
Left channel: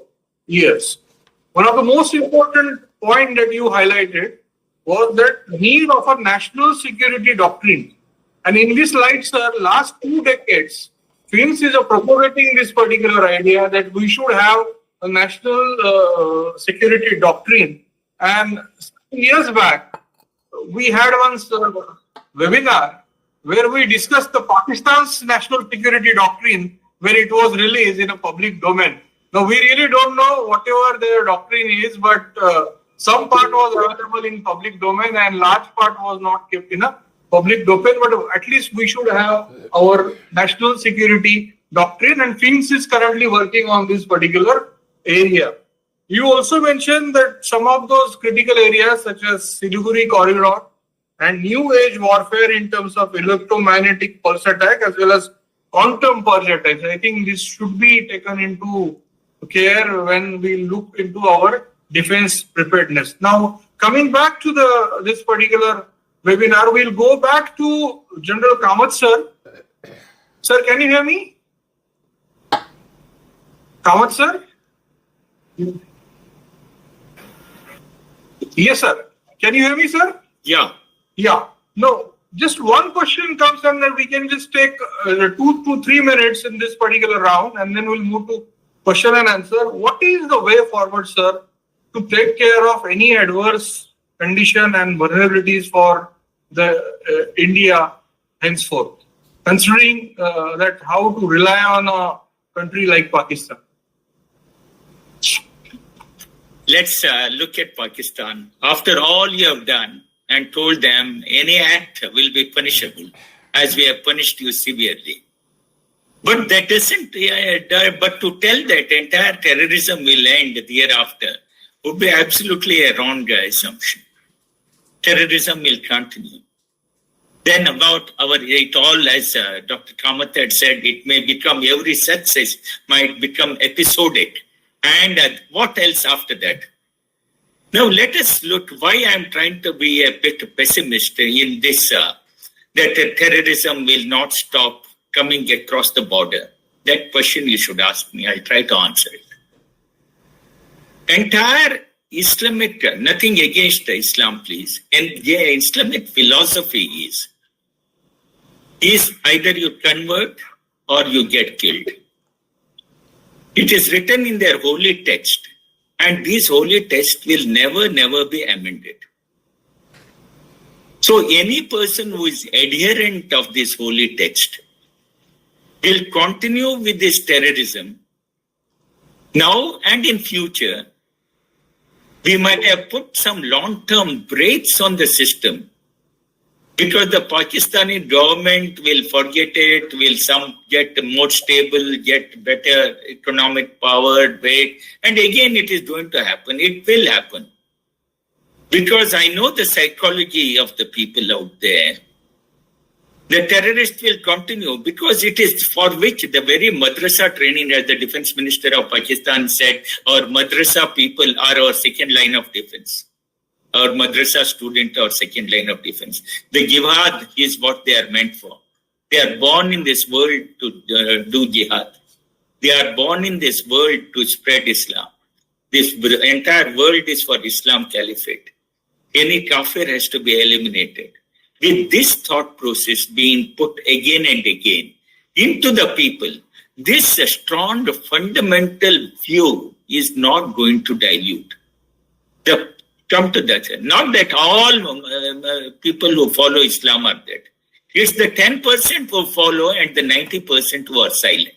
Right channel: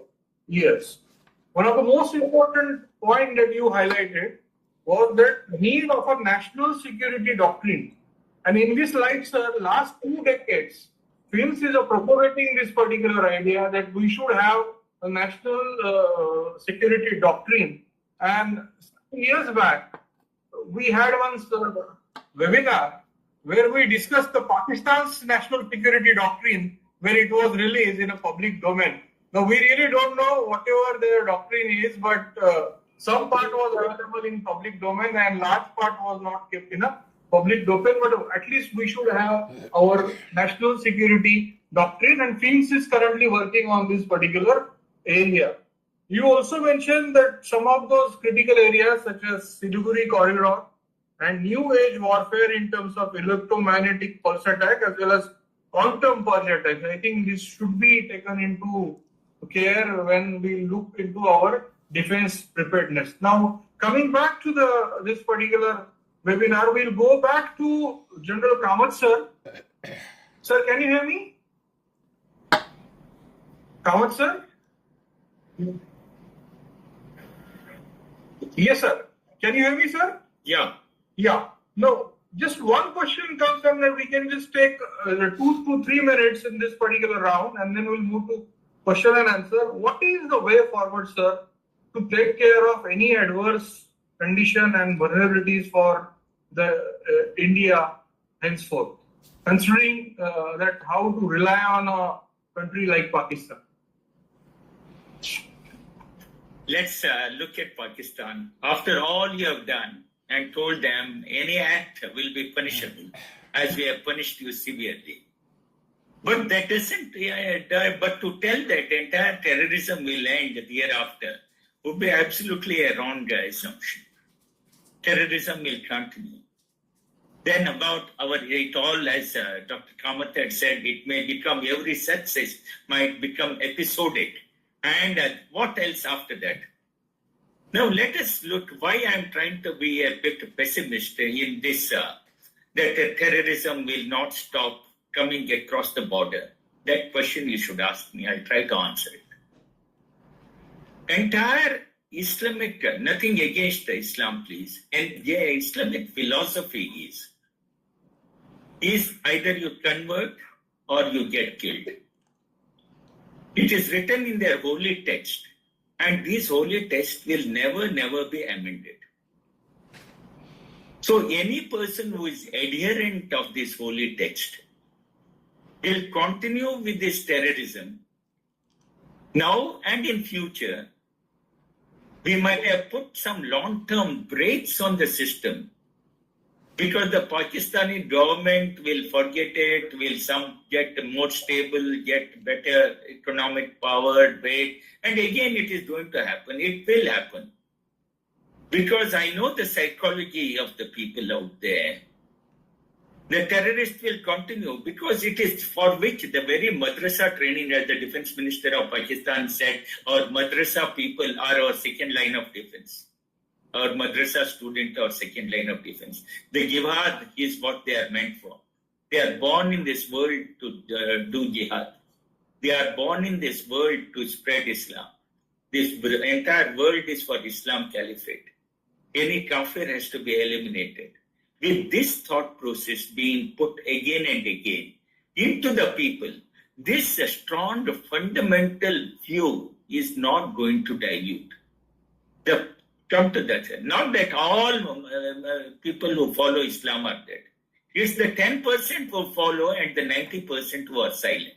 years. One of the most important point that you highlighted was that need of a national security doctrine. And in this light, sir, last 2 decades, FINS is propagating this particular idea that we should have a national security doctrine. And years back, we had one webinar where we discussed the Pakistan's national security doctrine, where it was released in a public domain. Now, we really don't know whatever their doctrine is, but some part was available in public domain and large part was not kept in a public domain. But at least we should have our national security doctrine, and FINS is currently working on this particular area. You also mentioned that some of those critical areas such as Siliguri corridor and new age warfare in terms of electromagnetic pulse attack as well as quantum pulse attacks, I think this should be taken into care when we look into our defense preparedness. Now, coming back to this particular webinar, we'll go back to General Kamath, sir. Sir, can you hear me? Kamath, sir? Yes, sir. Can you hear me, sir? Yeah. Yeah. No, just one question comes and then we can just take 2 to 3 minutes in this particular round and then we'll move to question and answer. What is the way forward, sir, to take care of any adverse condition and vulnerabilities for the India henceforth, considering that how to rely on a country like Pakistan? Let's look at Pakistan. After all you have done and told them any act will be punishable, as we have punished you severely. But that doesn't, but to tell that entire terrorism will end hereafter would be absolutely a wrong assumption. Terrorism will continue. Then about it all, as Dr. Kamath had said, it may become, every success might become episodic. And what else after that? Now let us look why I'm trying to be a bit pessimist in this, that terrorism will not stop coming across the border. That question you should ask me. I'll try to answer it. Entire Islamic, nothing against Islam, please. And Islamic philosophy is either you convert or you get killed. It is written in their holy text, and these holy texts will never be amended. So any person who is adherent of this holy text will continue with this terrorism now and in future. We might have put some long-term brakes on the system because the Pakistani government will forget it, will some get more stable, get better economic power, weight, and again it is going to happen. It will happen. Because I know the psychology of the people out there. The terrorists will continue because it is for which the very madrasa training, as the defense minister of Pakistan said, our madrasa people are our second line of defense. Our madrasa student, our second line of defense. The jihad is what they are meant for. They are born in this world to do jihad. They are born in this world to spread Islam. This entire world is for Islam Caliphate. Any kafir has to be eliminated. With this thought process being put again and again into the people, this strong fundamental view is not going to dilute. Come to that. Not that all people who follow Islam are dead. It's the 10% who follow and the 90% who are silent.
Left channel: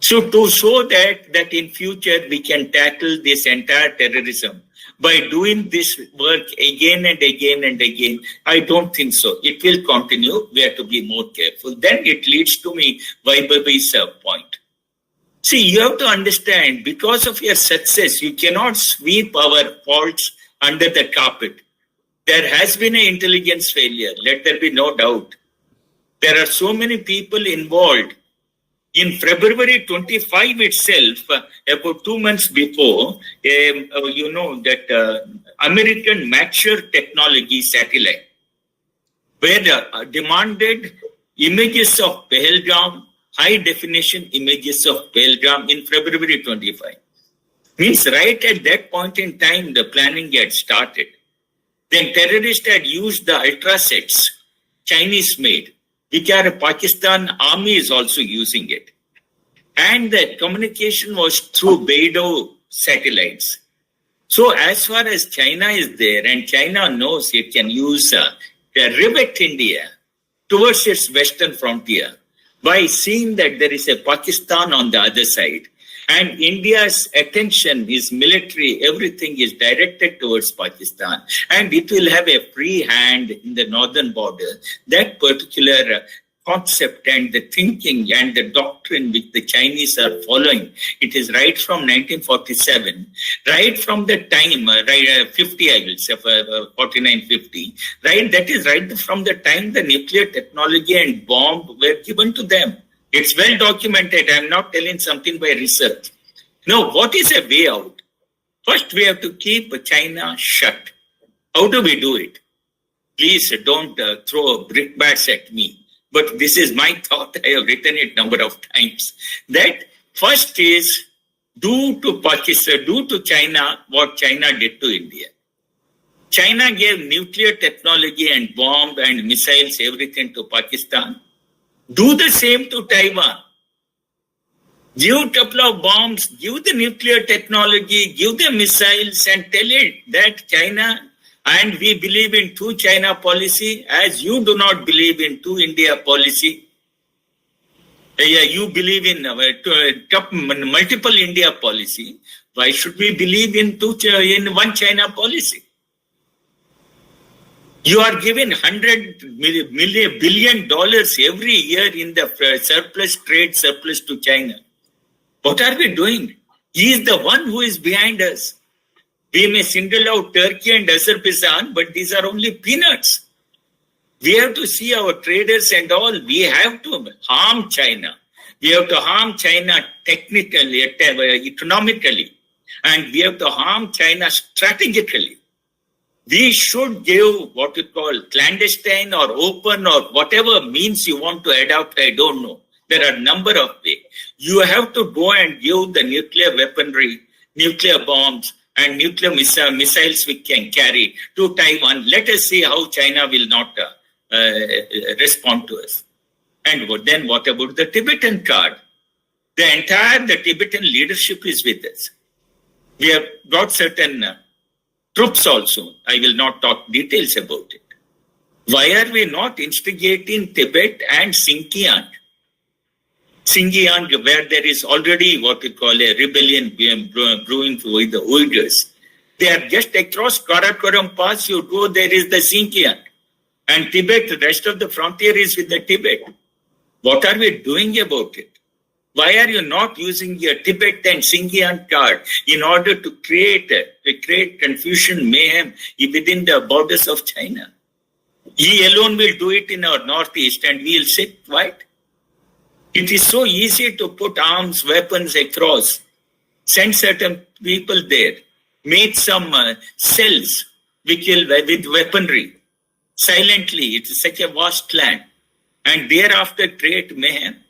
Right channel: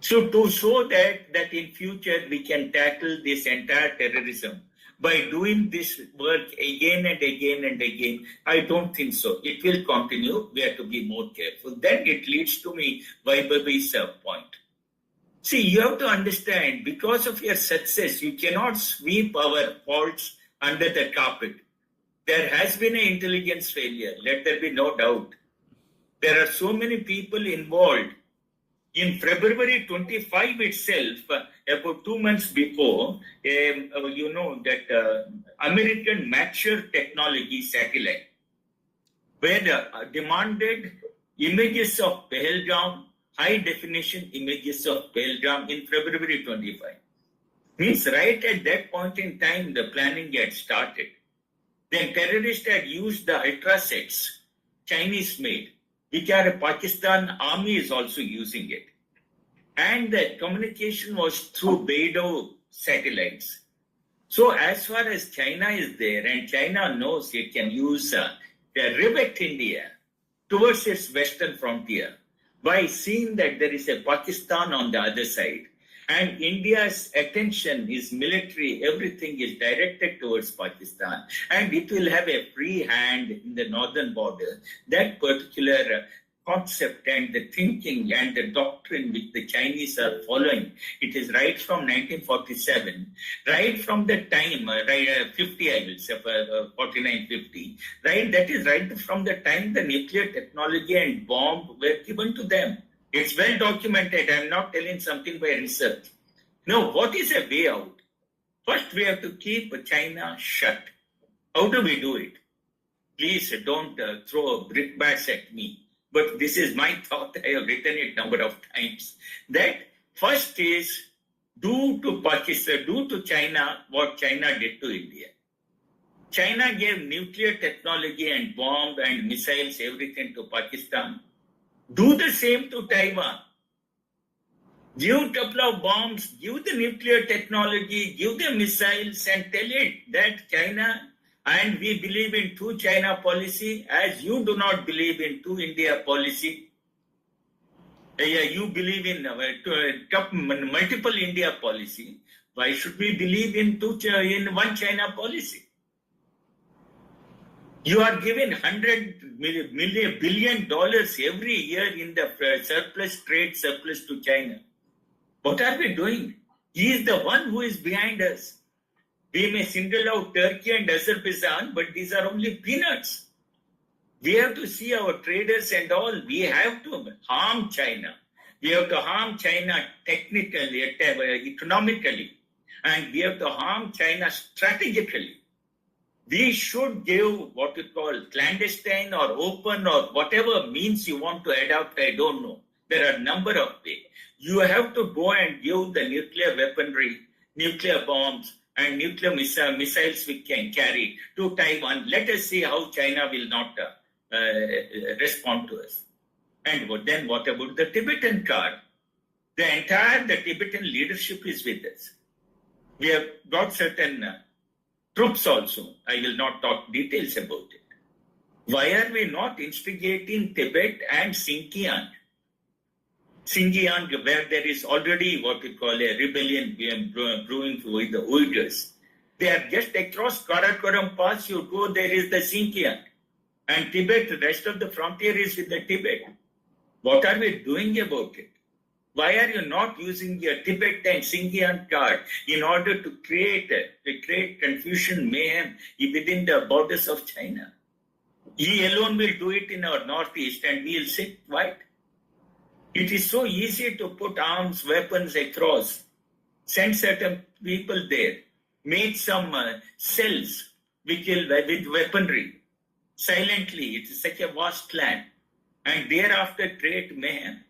So to show that in future we can tackle this entire terrorism by doing this work again and again and again, I don't think so. It will continue. We have to be more careful. Then it leads to me Vaibhavi's point. See, you have to understand, because of your success, you cannot sweep our faults under the carpet. There has been an intelligence failure. Let there be no doubt. There are so many people involved. In February 25 itself, about 2 months before, that American mature technology satellite, where demanded images of Pahalgam, high definition images of Pahalgam in February 25. Means right at that point in time, the planning had started. Then terrorists had used the ultrasets, Chinese made, which are Pakistan army is also using it. And the communication was through Beidou satellites. So as far as China is there, and China knows it can use rivet India towards its western frontier by seeing that there is a Pakistan on the other side. And India's attention is military, everything is directed towards Pakistan. And it will have a free hand in the northern border. That particular concept and the thinking and the doctrine which the Chinese are following, it is right from 1947, right from the time, 50, I will say, 49, 50, right? That is right from the time the nuclear technology and bomb were given to them. It's well documented. I'm not telling something by research. No, what is a way out? First, we have to keep China shut. How do we do it? Please don't throw brickbats at me. But this is my thought. I have written it a number of times. That first is do to Pakistan, do to China what China did to India. China gave nuclear technology and bomb and missiles, everything to Pakistan. Do the same to Taiwan. Give a couple of bombs, give the nuclear technology, give the missiles, and tell it that China, and we believe in two China policy, as you do not believe in two India policy. You believe in multiple India policy. Why should we believe in one China policy? You are given $100 billion every year in the trade surplus to China. What are we doing? He is the one who is behind us. We may single out Turkey and Azerbaijan, but these are only peanuts. We have to see our traders and all. We have to harm China. We have to harm China technically, economically, and we have to harm China strategically. We should give what you call clandestine or open or whatever means you want to adopt. I don't know. There are a number of ways. You have to go and give the nuclear weaponry, nuclear bombs, and nuclear missiles we can carry to Taiwan. Let us see how China will not respond to us. And then what about the Tibetan card? The Tibetan leadership is with us. We have got certain troops also. I will not talk details about it. Why are we not instigating Tibet and Xinjiang? Xinjiang, where there is already what we call a rebellion brewing with the Uyghurs. They are just across Karakoram Pass, you go, there is the Xinjiang. And Tibet, the rest of the frontier is with the Tibet. What are we doing about it? Why are you not using your Tibet and Xinjiang card in order to create confusion, mayhem within the borders of China? He alone will do it in our northeast and we'll sit quiet. It is so easy to put arms, weapons across, send certain people there, make some cells with weaponry. Silently, it is such a vast land. And thereafter create mayhem.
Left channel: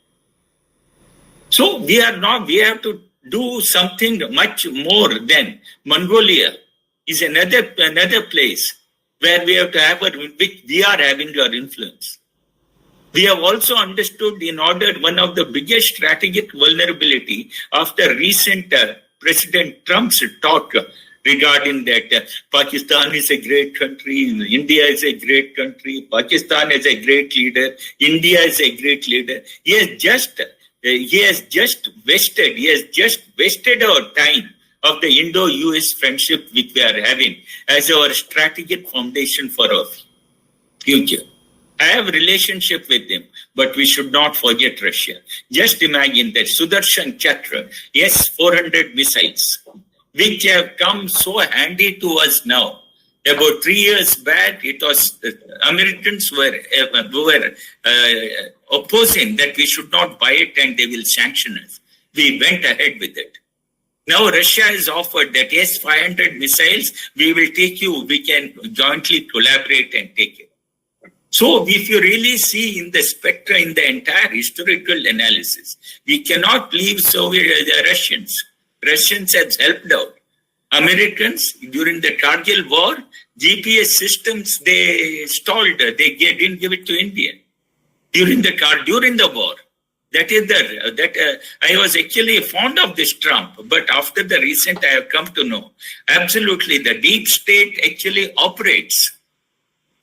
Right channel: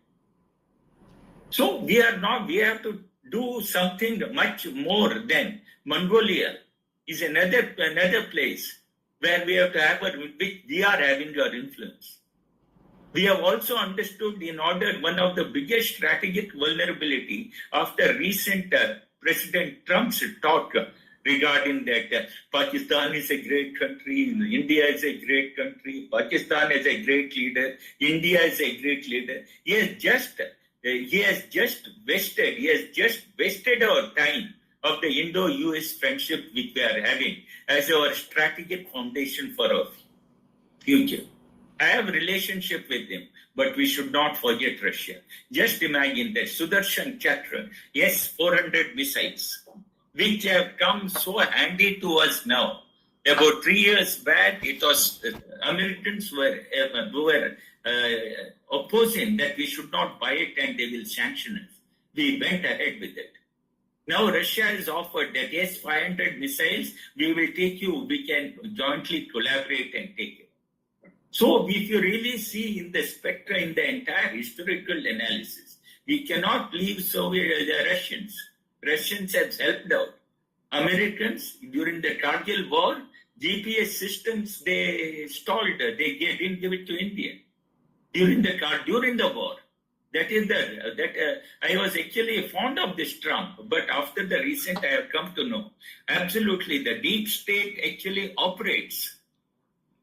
So we have to do something much more than Mongolia is another place where we have to have which we are having our influence. We have also understood one of the biggest strategic vulnerability after recent President Trump's talk regarding that Pakistan is a great country, India is a great country, Pakistan is a great leader, India is a great leader. He has just wasted our time of the Indo-US friendship which we are having as our strategic foundation for our future. I have a relationship with him, but we should not forget Russia. Just imagine that Sudarshan Chakra, S-400 missiles, which have come so handy to us now. About 3 years back, it was Americans were opposing that we should not buy it and they will sanction us. We went ahead with it. Now Russia has offered that yes, 500 missiles, we will take you, we can jointly collaborate and take it. So if you really see in the spectra, in the entire historical analysis, we cannot leave the Russians. Russians have helped out. Americans, during the Kargil war, GPS systems, they stalled, they didn't give it to India. During the war. I was actually fond of this Trump, but after the recent I have come to know, absolutely the deep state actually operates.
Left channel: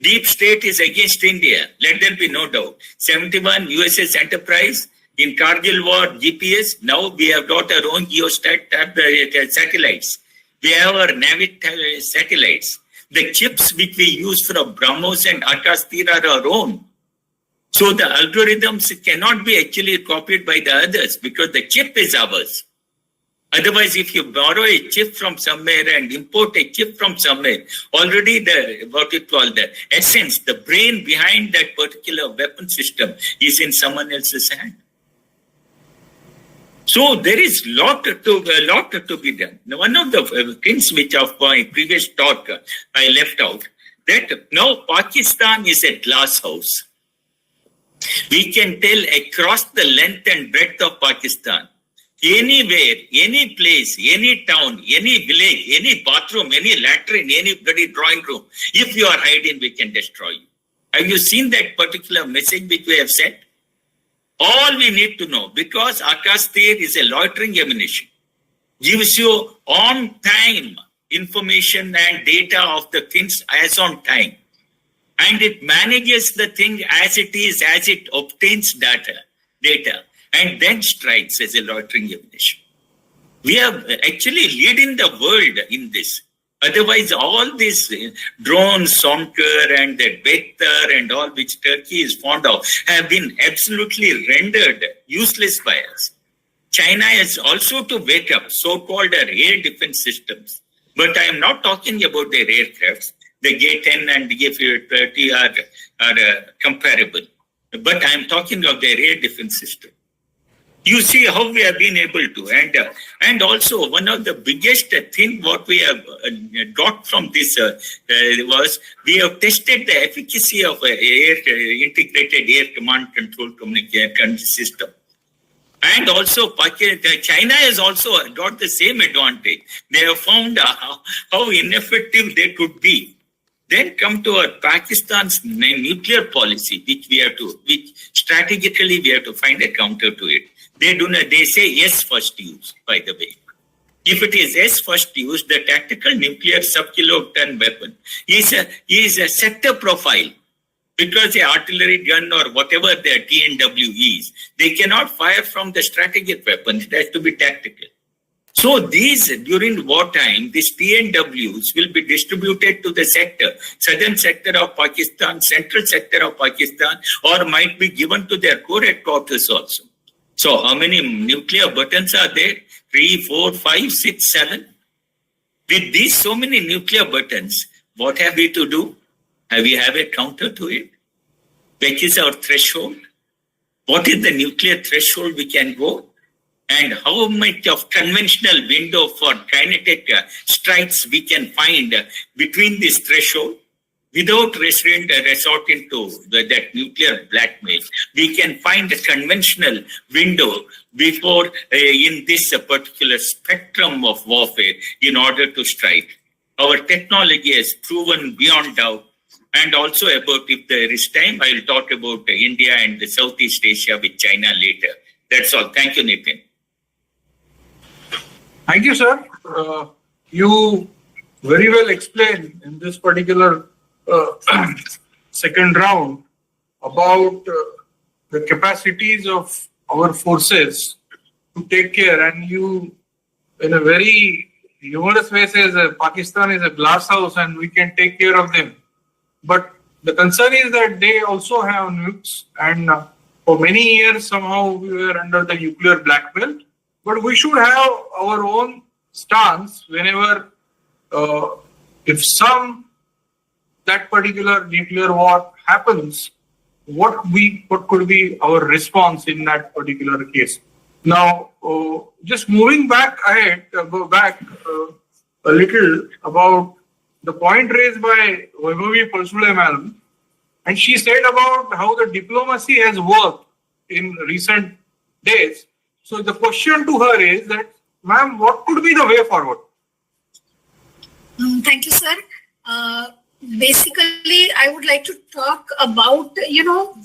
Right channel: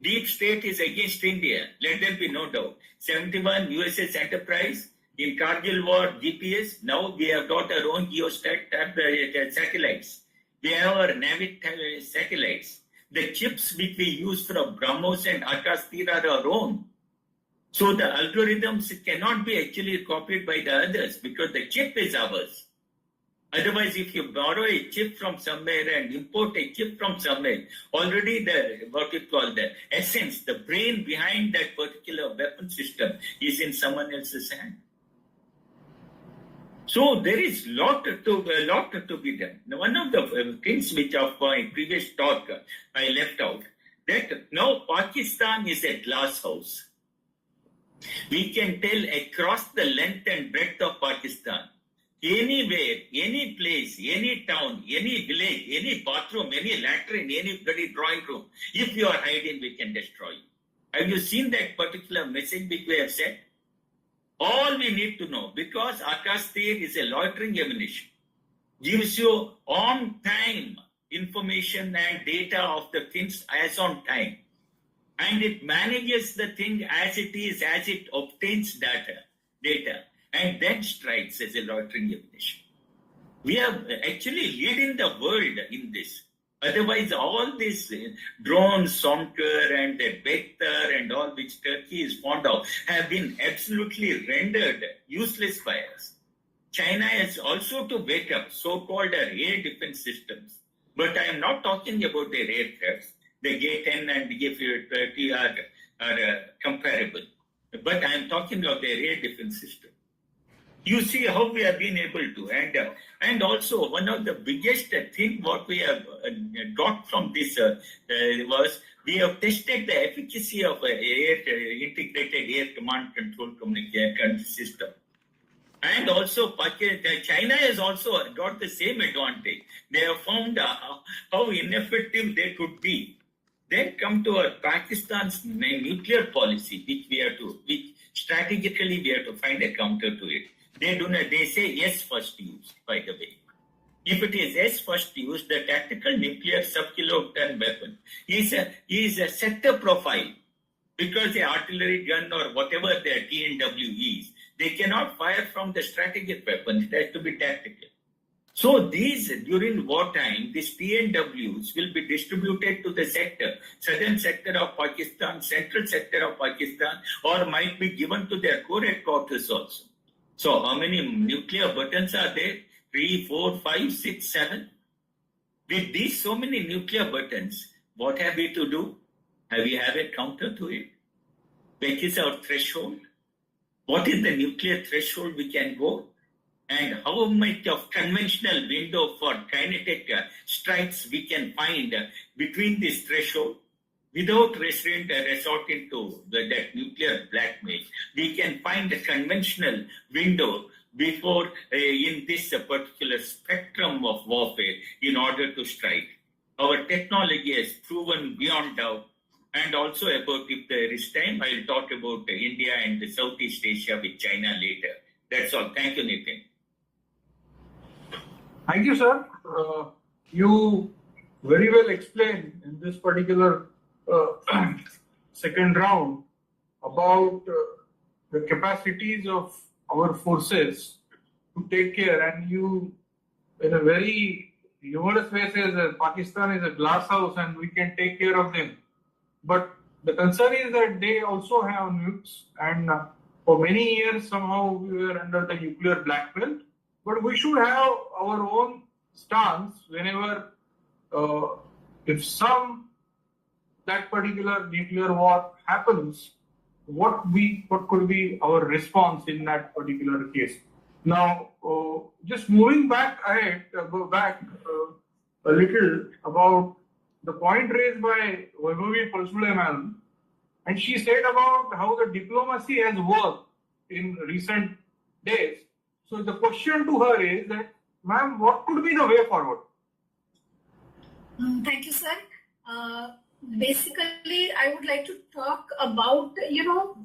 Deep state is against India, let there be no doubt. 71 USS Enterprise, in Kargil war, GPS, now we have got our own satellites. We have our Navy satellites. The chips which we use from BrahMos and Akastir are our own. So the algorithms cannot be actually copied by the others because the chip is ours. Otherwise, if you borrow a chip from somewhere and import a chip from somewhere, already the essence, the brain behind that particular weapon system is in someone else's hand. So there is a lot to be done. Now, one of the things which of my previous talk I left out, that now Pakistan is a glass house. We can tell across the length and breadth of Pakistan, anywhere, any place, any town, any village, any bathroom, any latrine, any bloody drawing room, if you are hiding, we can destroy you. Have you seen that particular message which we have sent? All we need to know, because Akastir is a loitering ammunition, gives you on time information and data of the things as on time. And it manages the thing as it is, as it obtains data, and then strikes as a loitering ammunition. We are actually leading the world in this. Otherwise, all these drones, Somker and the Bekhtar and all which Turkey is fond of have been absolutely rendered useless by us. China has also to wake up, so-called air defense systems. But I am not talking about their aircrafts. The J-10 and the J-30 are comparable. But I am talking of their air defense system. You see how we have been able to. And also one of the biggest thing what we have got from this was we have tested the efficacy of integrated air command control communication system. And also China has also got the same advantage. They have found how ineffective they could be. Then come to our Pakistan's nuclear policy, which strategically we have to find a counter to it. They say yes first use, by the way. If it is yes first use, the tactical nuclear sub-kiloton weapon is a sector profile. because the artillery gun or whatever their TNW is, they cannot fire from the strategic weapons. It has to be tactical. So these, during wartime, these TNWs will be distributed to the sector, southern sector of Pakistan, central sector of Pakistan, or might be given to their core headquarters also. So how many nuclear buttons are there? 3, 4, 5, 6, 7. With these so many nuclear buttons, what have we to do? We have a counter to it. Which is our threshold? What is the nuclear threshold we can go? And how much of conventional window for kinetic strikes we can find between this threshold without resorting to that nuclear blackmail. We can find a conventional window before in this particular spectrum of warfare in order to strike. Our technology has proven beyond doubt. And also about, if there is time, I will talk about India and Southeast Asia with China later. That's all. Thank you, Nitin. Thank you, sir. You very well explained in this particular second round about the capacities of our forces to take care. And you, in a very humorous way, says Pakistan is a glass house and we can take care of them. But the concern is that they also have nukes, and for many years somehow we were under the nuclear black belt. But we should have our own stance whenever, if that particular nuclear war happens, what could be our response in that particular case. Now, just moving back ahead, go back a little about the point raised by Vaibhavi Palsule madam, and she said about how the diplomacy has worked in recent days. So the question to her is that, ma'am, what could be the way forward? Thank you, sir. Basically, I would like to talk about,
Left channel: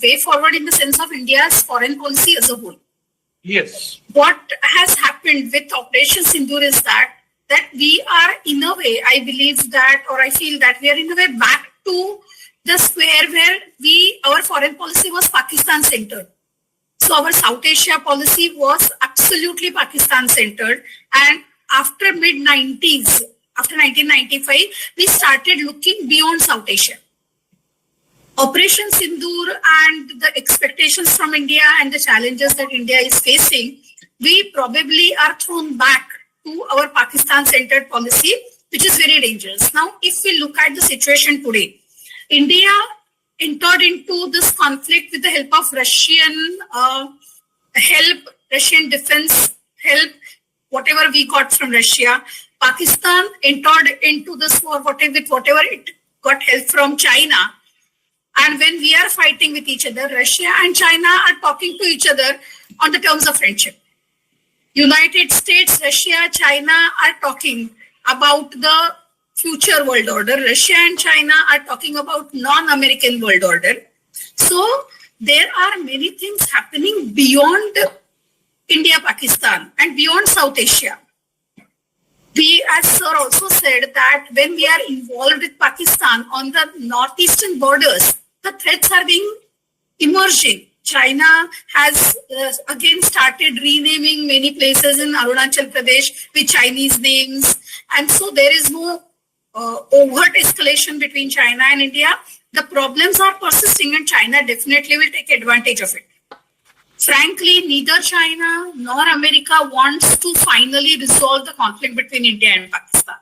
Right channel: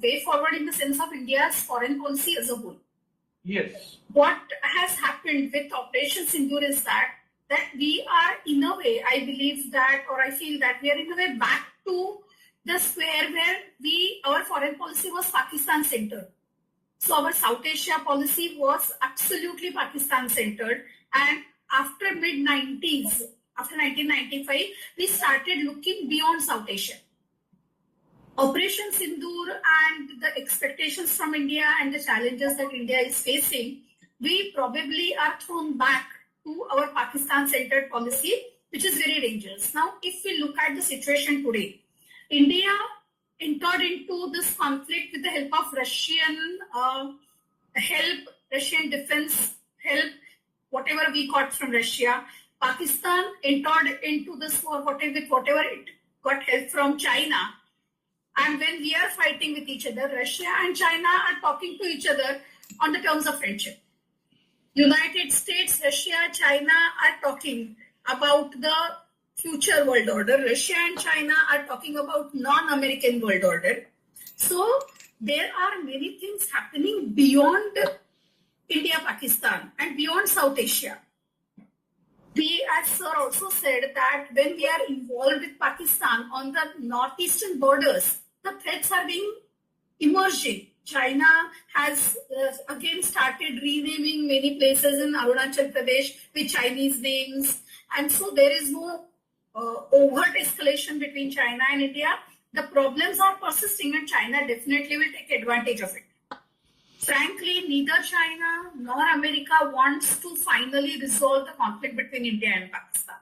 way forward in the sense of India's foreign policy as a whole. Yes. What has happened with Operation Sindoor is that we are in a way, I believe that, or I feel that we are in a way back to the square where our foreign policy was Pakistan centered. So our South Asia policy was absolutely Pakistan centered. And after mid-90s, after 1995, we started looking beyond South Asia. Operation Sindoor and the expectations from India and the challenges that India is facing, we probably are thrown back to our Pakistan-centered policy, which is very dangerous. Now, if we look at the situation today, India entered into this conflict with the help of Russian help, Russian defense help, whatever we got from Russia. Pakistan entered into this war with whatever it got help from China. And when we are fighting with each other, Russia and China are talking to each other on the terms of friendship. United States, Russia, China are talking about the future world order. Russia and China are talking about non-American world order. So there are many things happening beyond India, Pakistan, and beyond South Asia. We, as sir also said, that when we are involved with Pakistan on the northeastern borders, the threats are being emerging. China has again started renaming many places in Arunachal Pradesh with Chinese names. And so there is no overt escalation between China and India. The problems are persisting and China definitely will take advantage of it. Frankly, neither China nor America wants to finally resolve the conflict between India and Pakistan.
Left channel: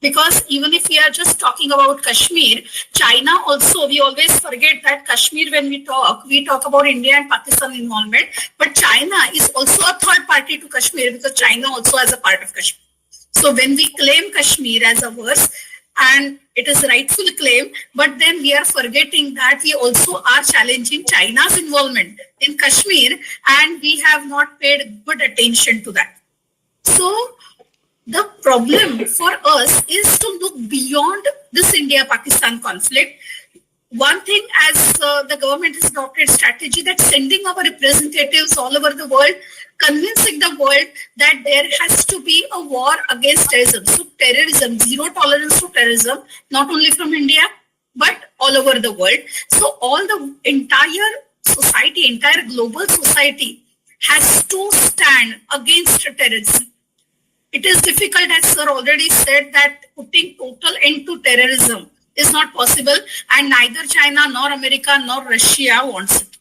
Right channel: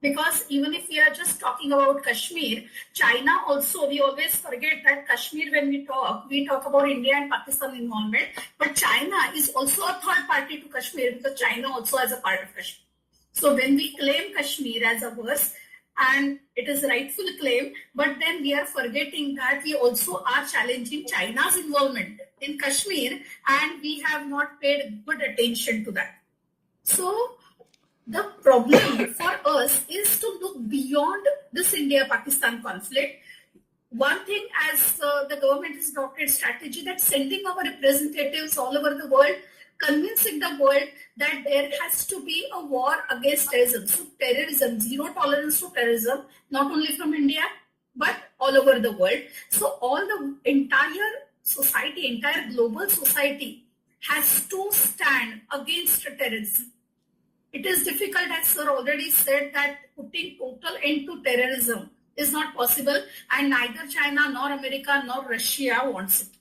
Because even if we are just talking about Kashmir, China also, we always forget that Kashmir, when we talk about India and Pakistan involvement, but China is also a third party to Kashmir because China also has a part of Kashmir. So when we claim Kashmir as ours, and it is a rightful claim, but then we are forgetting that we also are challenging China's involvement in Kashmir, and we have not paid good attention to that. So the problem for us is to look beyond this India-Pakistan conflict. One thing, as the government has adopted strategy, that sending our representatives all over the world, convincing the world that there has to be a war against terrorism. So terrorism, zero tolerance to terrorism, not only from India, but all over the world. So all the entire society, entire global society has to stand against terrorism. It is difficult, as sir already said, that putting total end to terrorism is not possible, and neither China nor America nor Russia wants it.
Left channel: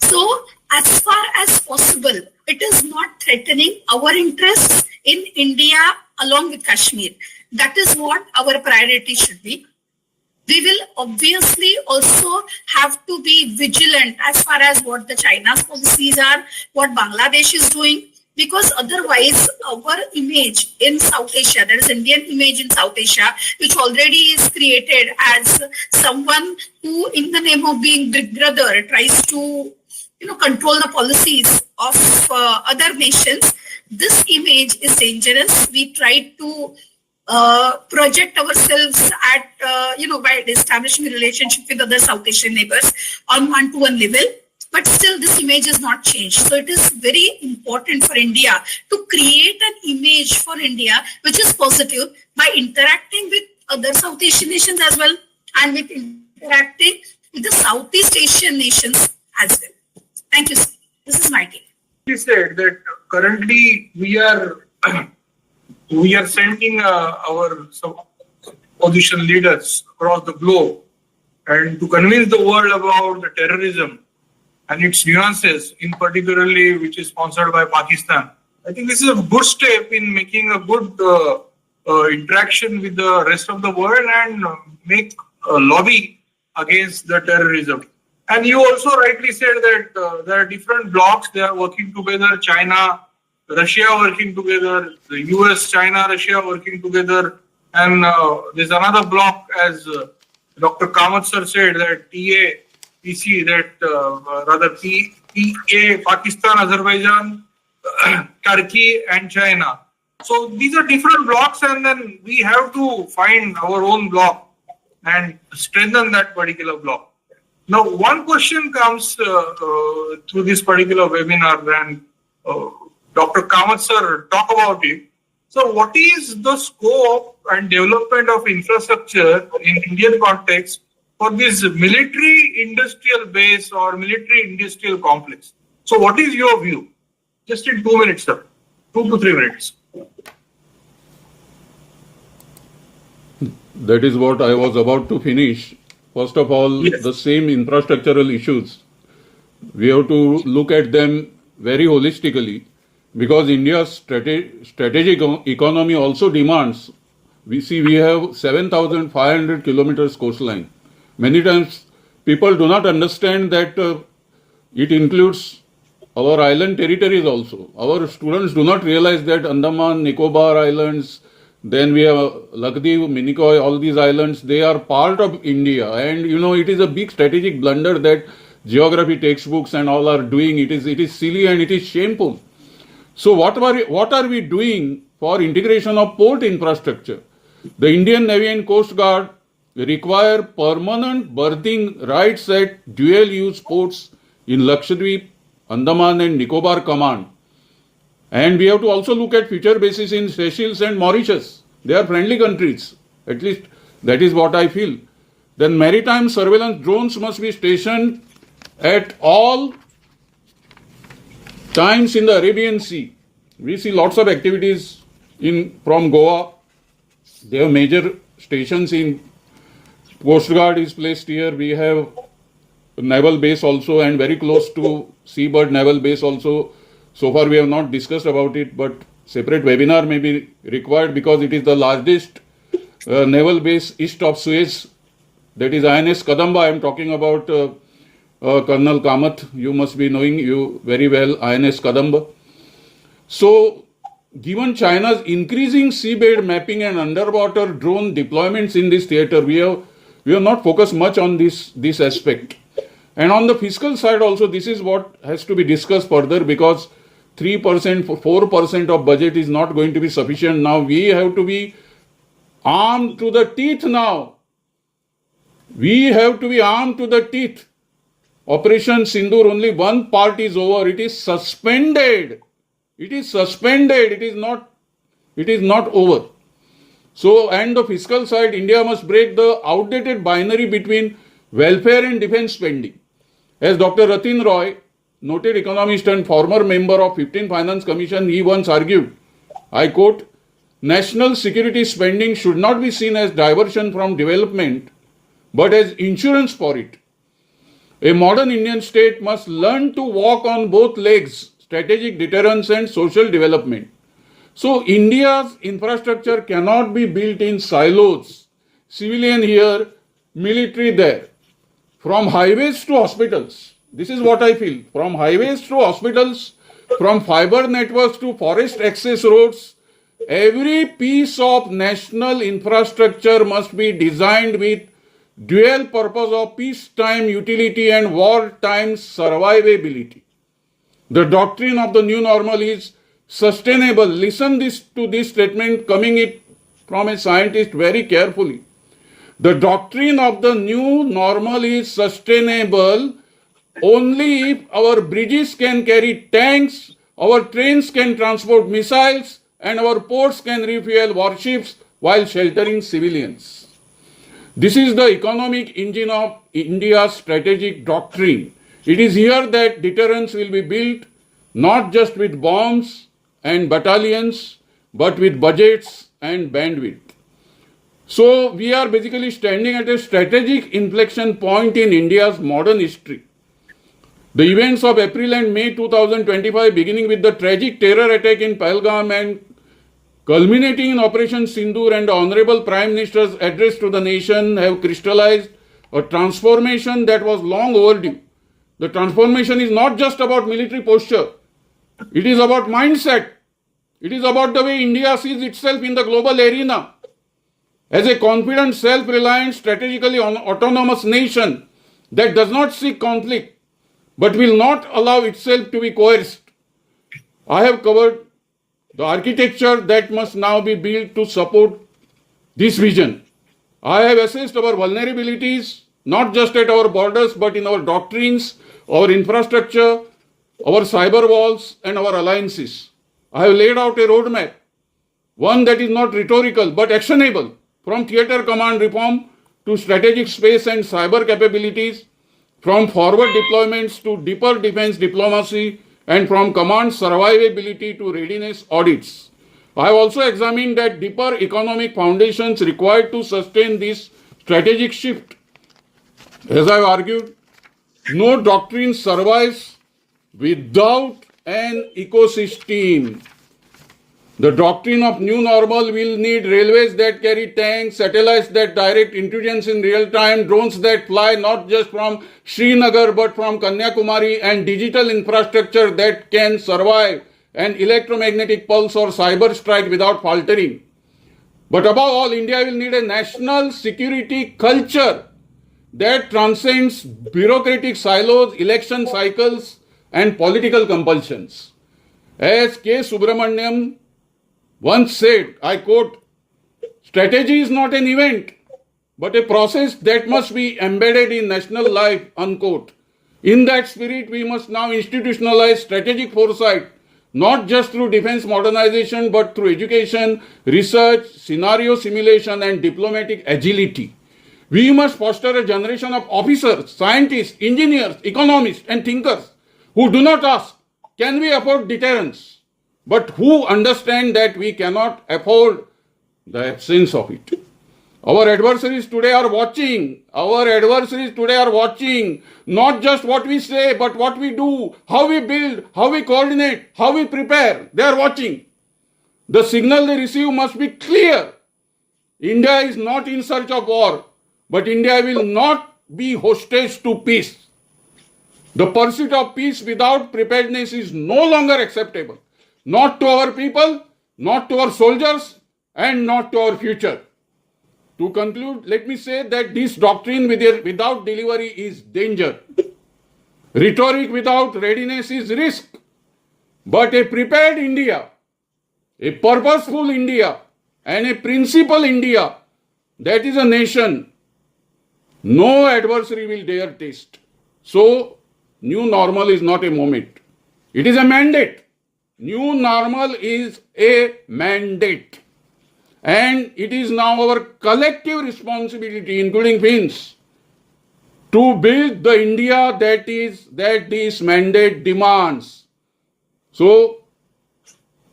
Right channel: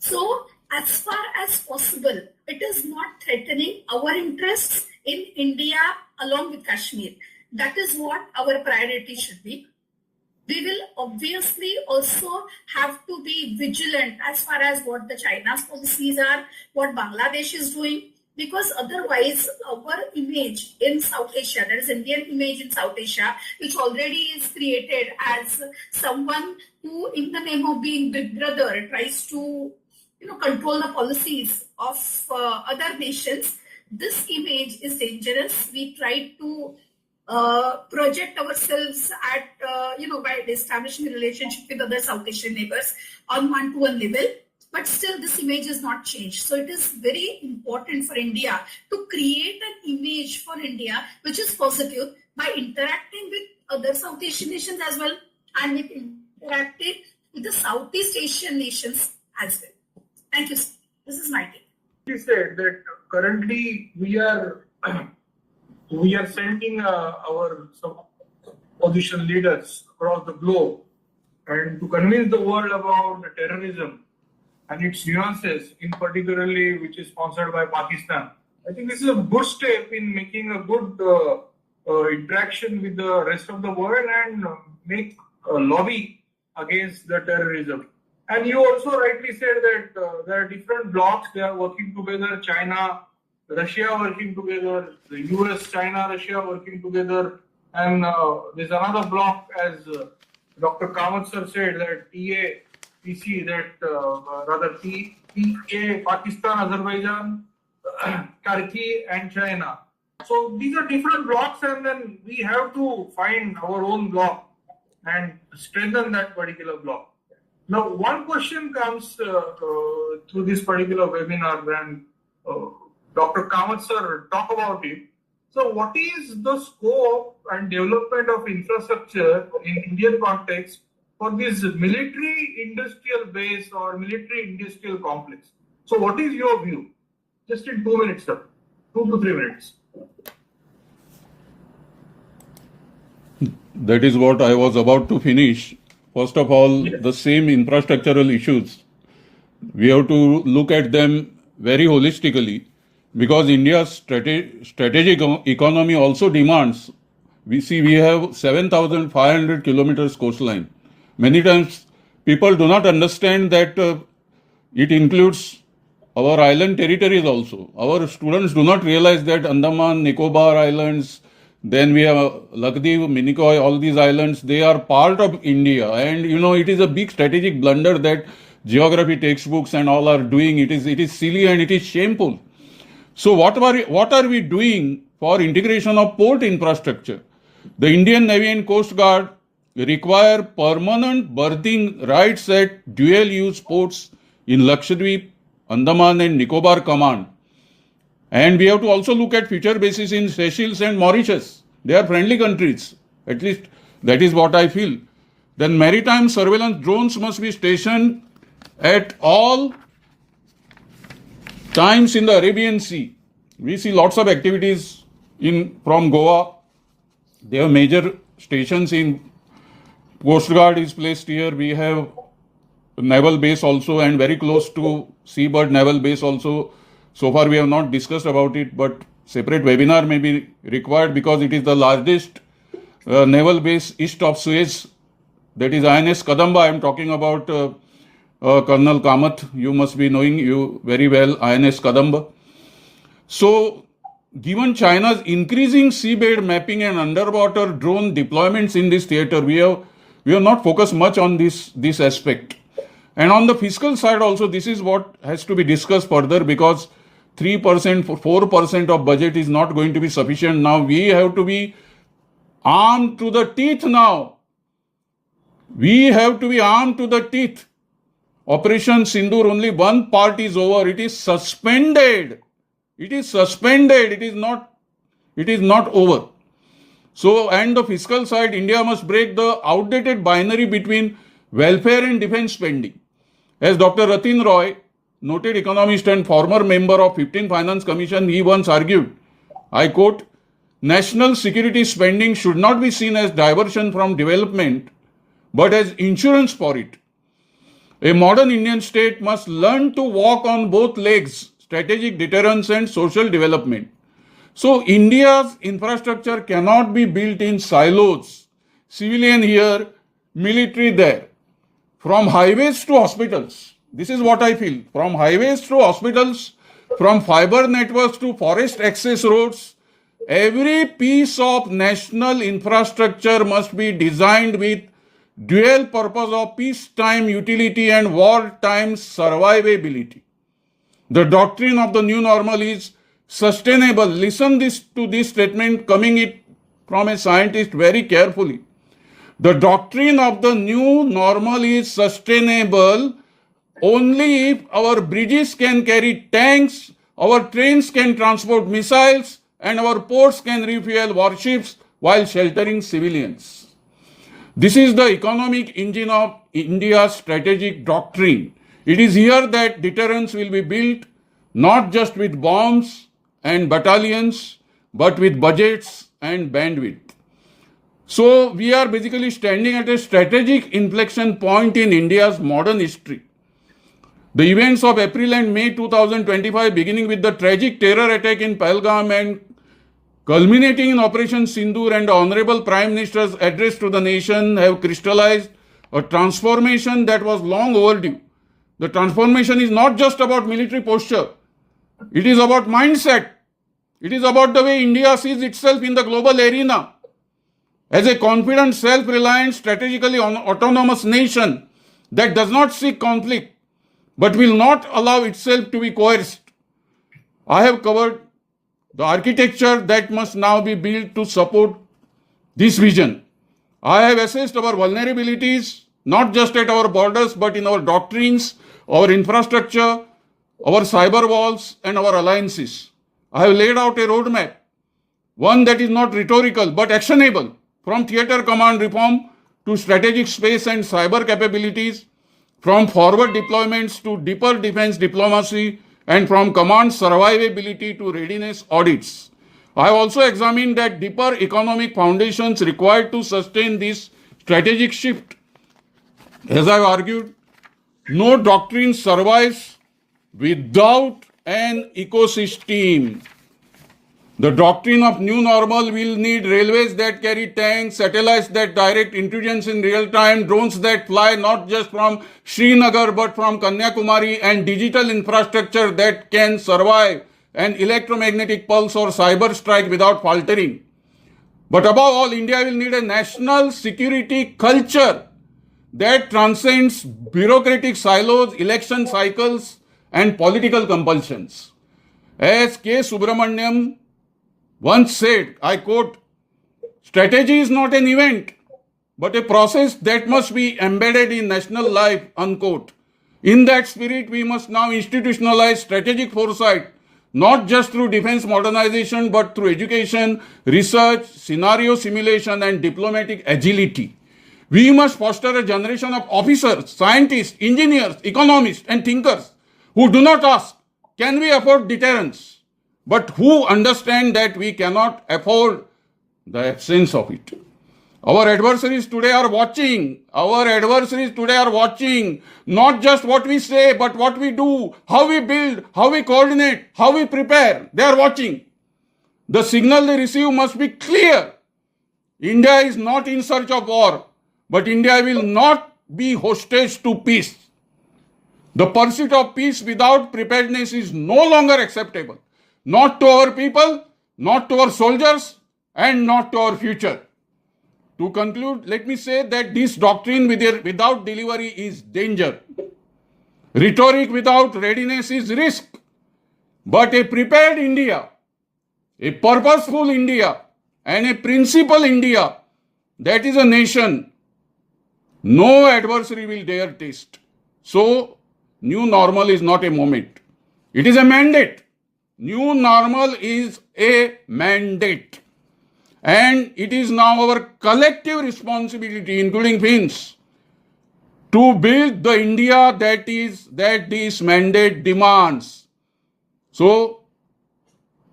So as far as possible, it is not threatening our interests in India along with Kashmir. That is what our priority should be. We will obviously also have to be vigilant as far as what the China's policies are, what Bangladesh is doing, because otherwise our image in South Asia, there is Indian image in South Asia, which already is created as someone who, in the name of being big brother, tries to control the policies of other nations. This image is dangerous. We try to project ourselves at, by establishing a relationship with other South Asian neighbors on one-to-one level. But still, this image is not changed. So it is very important for India to create an image for India which is positive by interacting with other South Asian nations as well, and with interacting with the Southeast Asian nations as well. Thank you, sir. This is my take. He said that currently we are sending our opposition leaders across the globe and to convince the world about the terrorism and its nuances, in particularly which is sponsored by Pakistan. I think this is a good step in making a good interaction with the rest of the world and make a lobby against the terrorism. And you also rightly said that there are different blocs, they are working together, China, Russia working together, the US, China, Russia working together, and there's another bloc, as Dr. Kamath sir said, that TAPC, PA, Pakistan, Azerbaijan, Turkey, and China. So these are different blocks, and then we have to find our own bloc and strengthen that particular bloc. Now, one question comes through this particular webinar, and Dr. Kamath sir talk about it. So what is the scope and development of infrastructure in Indian context for this military industrial base or military industrial complex? So what is your view? Just in 2 minutes, sir. 2 to 3 minutes. That is what I was about to finish. First of all, Yes. the same infrastructural issues, we have to look at them very holistically, because India's strategic economy also demands. We have 7,500 kilometers coastline. Many times people do not understand that it includes our island territories also. Our students do not realize that Andaman, Nicobar Islands, then we have Lakdweep, Minicoy, all these islands, they are part of India. And it is a big strategic blunder that geography textbooks and all are doing. It is silly and it is shameful. So what are we doing for integration of port infrastructure? The Indian Navy and Coast Guard require permanent berthing rights at dual-use ports in Lakshadweep, Andaman and Nicobar Command. And we have to also look at future bases in Seychelles and Mauritius. They are friendly countries. At least that is what I feel. Then maritime surveillance drones must be stationed at all times in the Arabian Sea. We see lots of activities from Goa. They have major stations in Coast Guard is placed here. We have naval base also, and very close to Seabird Naval Base also. So far we have not discussed about it, but separate webinar may be required because it is the largest naval base east of Suez. That is INS Kadamba. I am talking about Colonel Kamath. You must be knowing you very well, INS Kadamba. So, given China's increasing seabed mapping and underwater drone deployments in this theater, we have not focused much on this aspect. And on the fiscal side also, this is what has to be discussed further, because 3%, 4% of budget is not going to be sufficient now. We have to be armed to the teeth now. We have to be armed to the teeth. Operation Sindoor, only one part is over. It is suspended. It is suspended. It is not over. So, and the fiscal side, India must break the outdated binary between welfare and defense spending. As Dr. Ratin Roy, noted economist and former member of 15th Finance Commission, he once argued, I quote, national security spending should not be seen as diversion from development, but as insurance for it. A modern Indian state must learn to walk on both legs, strategic deterrence and social development. So India's infrastructure cannot be built in silos, civilian here, military there. From highways to hospitals, this is what I feel, from highways to hospitals, from fiber networks to forest access roads, every piece of national infrastructure must be designed with dual purpose of peacetime utility and wartime survivability. The doctrine of the new normal is sustainable. Listen to this statement coming it from a scientist very carefully. The doctrine of the new normal is sustainable only if our bridges can carry tanks, our trains can transport missiles, and our ports can refuel warships while sheltering civilians. This is the economic engine of India's strategic doctrine. It is here that deterrence will be built, not just with bombs and battalions, but with budgets and bandwidth. So we are basically standing at a strategic inflection point in India's modern history. The events of April and May 2025, beginning with the tragic terror attack in Pahalgam and culminating in Operation Sindoor and the Honorable Prime Minister's address to the nation, have crystallized a transformation that was long overdue. The transformation is not just about military posture. It is about mindset. It is about the way India sees itself in the global arena as a confident, self-reliant, strategically autonomous nation that does not seek conflict but will not allow itself to be coerced. I have covered the architecture that must now be built to support this vision. I have assessed our vulnerabilities, not just at our borders, but in our doctrines, our infrastructure, our cyber walls, and our alliances. I have laid out a roadmap, one that is not rhetorical but actionable, from theater command reform to strategic space and cyber capabilities, from forward deployments to deeper defense diplomacy, and from command survivability to readiness audits. I have also examined that deeper economic foundations required to sustain this strategic shift. As I have argued, no doctrine survives without an ecosystem. The doctrine of new normal will need railways that carry tanks, satellites that direct intelligence in real time, drones that fly not just from Srinagar but from Kanyakumari, and digital infrastructure that can survive an electromagnetic pulse or cyber strike without faltering. But above all, India will need a national security culture that transcends bureaucratic silos, election cycles, and political compulsions. As K. Subramaniam once said, I quote, strategy is not an event, but a process that must be embedded in national life, unquote. In that spirit, we must now institutionalize strategic foresight, not just through defense modernization, but through education, research, scenario simulation, and diplomatic agility. We must foster a generation of officers, scientists, engineers, economists, and thinkers who do not ask, can we afford deterrence? But who understand that we cannot afford the absence of it. Our adversaries today are watching. Not just what we say, but what we do, how we build, how we coordinate, how we prepare. They are watching. The signal they receive must be clear. India is not in search of war, but India will not be hostage to peace. The pursuit of peace without preparedness is no longer acceptable. Not to our people, not to our soldiers, and not to our future. To conclude, let me say that this doctrine without delivery is danger. Rhetoric without readiness is risk. But a prepared India, a purposeful India, and a principled India, that is a nation no adversary will dare taste. So, new normal is not a moment. It is a mandate. New normal is a mandate. And it is now our collective responsibility, including Finns, to build the India that this mandate demands. So,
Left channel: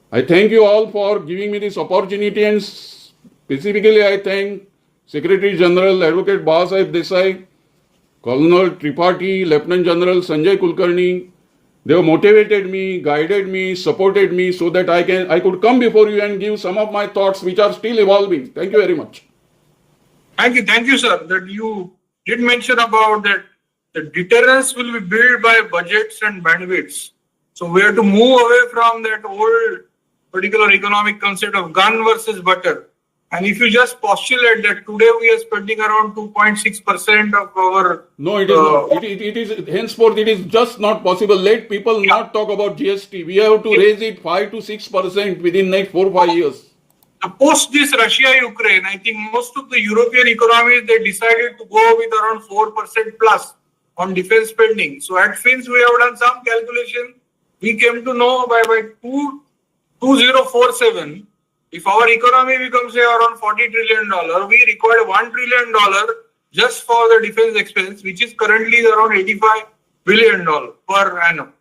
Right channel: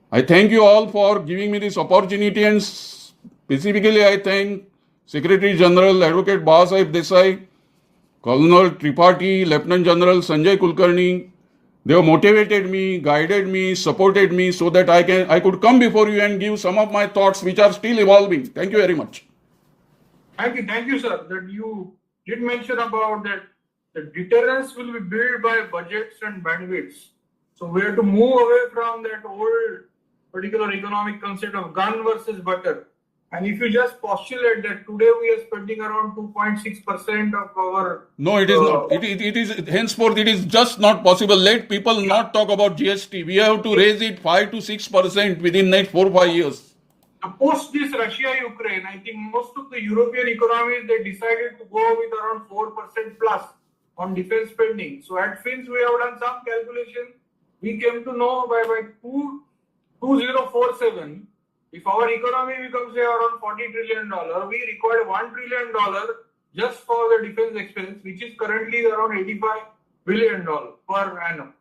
I thank you all for giving me this opportunity, and specifically I thank Secretary General Advocate Bahasaheb Desai, Colonel Tripathi, Lieutenant General Sanjay Kulkarni. They have motivated me, guided me, supported me so that I could come before you and give some of my thoughts which are still evolving. Thank you very much. Thank you, sir. That you did mention about that the deterrence will be built by budgets and bandwidths. So we have to move away from that old particular economic concept of gun versus butter. And if you just postulate that today we are spending around 2.6% of our... No, it is not. It is henceforth, it is just not possible. Let people not talk about GST. We have to raise it 5 to 6% within next 4 or 5 years. Post this Russia-Ukraine, I think most of the European economies, they decided to go with around 4% plus on defense spending. So at Fins, we have done some calculation. We came to know by 2047, if our economy becomes say around $40 trillion, we require $1 trillion just for the defense expense, which is currently around $85 billion per annum.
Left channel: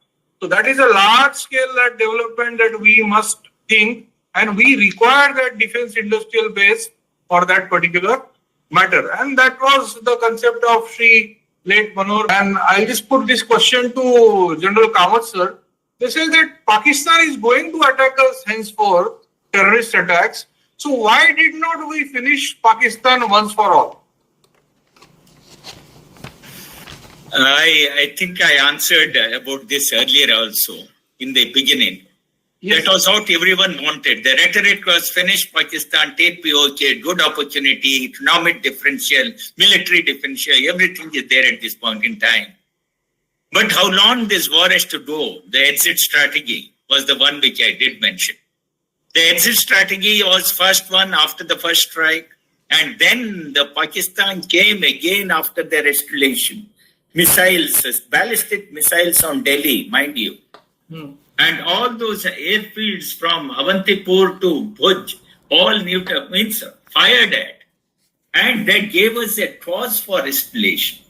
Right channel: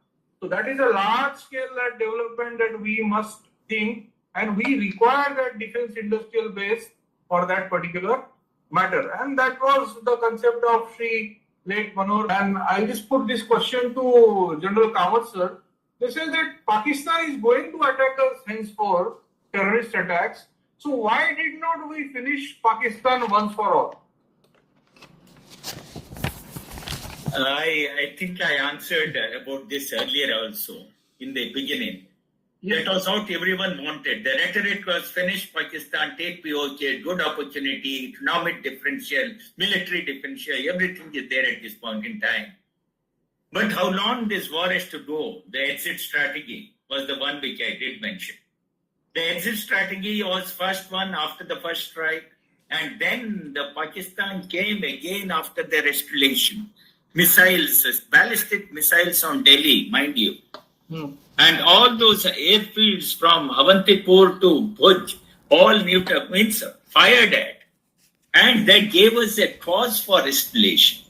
So that is a large scale development that we must think, and we require that defense industrial base for that particular matter. And that was the concept of Sri late Manor. And I just put this question to General Kamath sir. They say that Pakistan is going to attack us henceforth, terrorist attacks. So why did not we finish Pakistan once for all? I think I answered about this earlier also in the beginning. Yes. That was what everyone wanted. The rhetoric was finish Pakistan, take POK, good opportunity, economic differential, military differential, everything is there at this point in time. But how long this war has to go, the exit strategy was the one which I did mention. The exit strategy was first one after the first strike, and then the Pakistan came again after their escalation. Missiles, ballistic missiles on Delhi, mind you. And all those airfields from Avantipur to Bhuj, all means fired at. And that gave us a cause for escalation.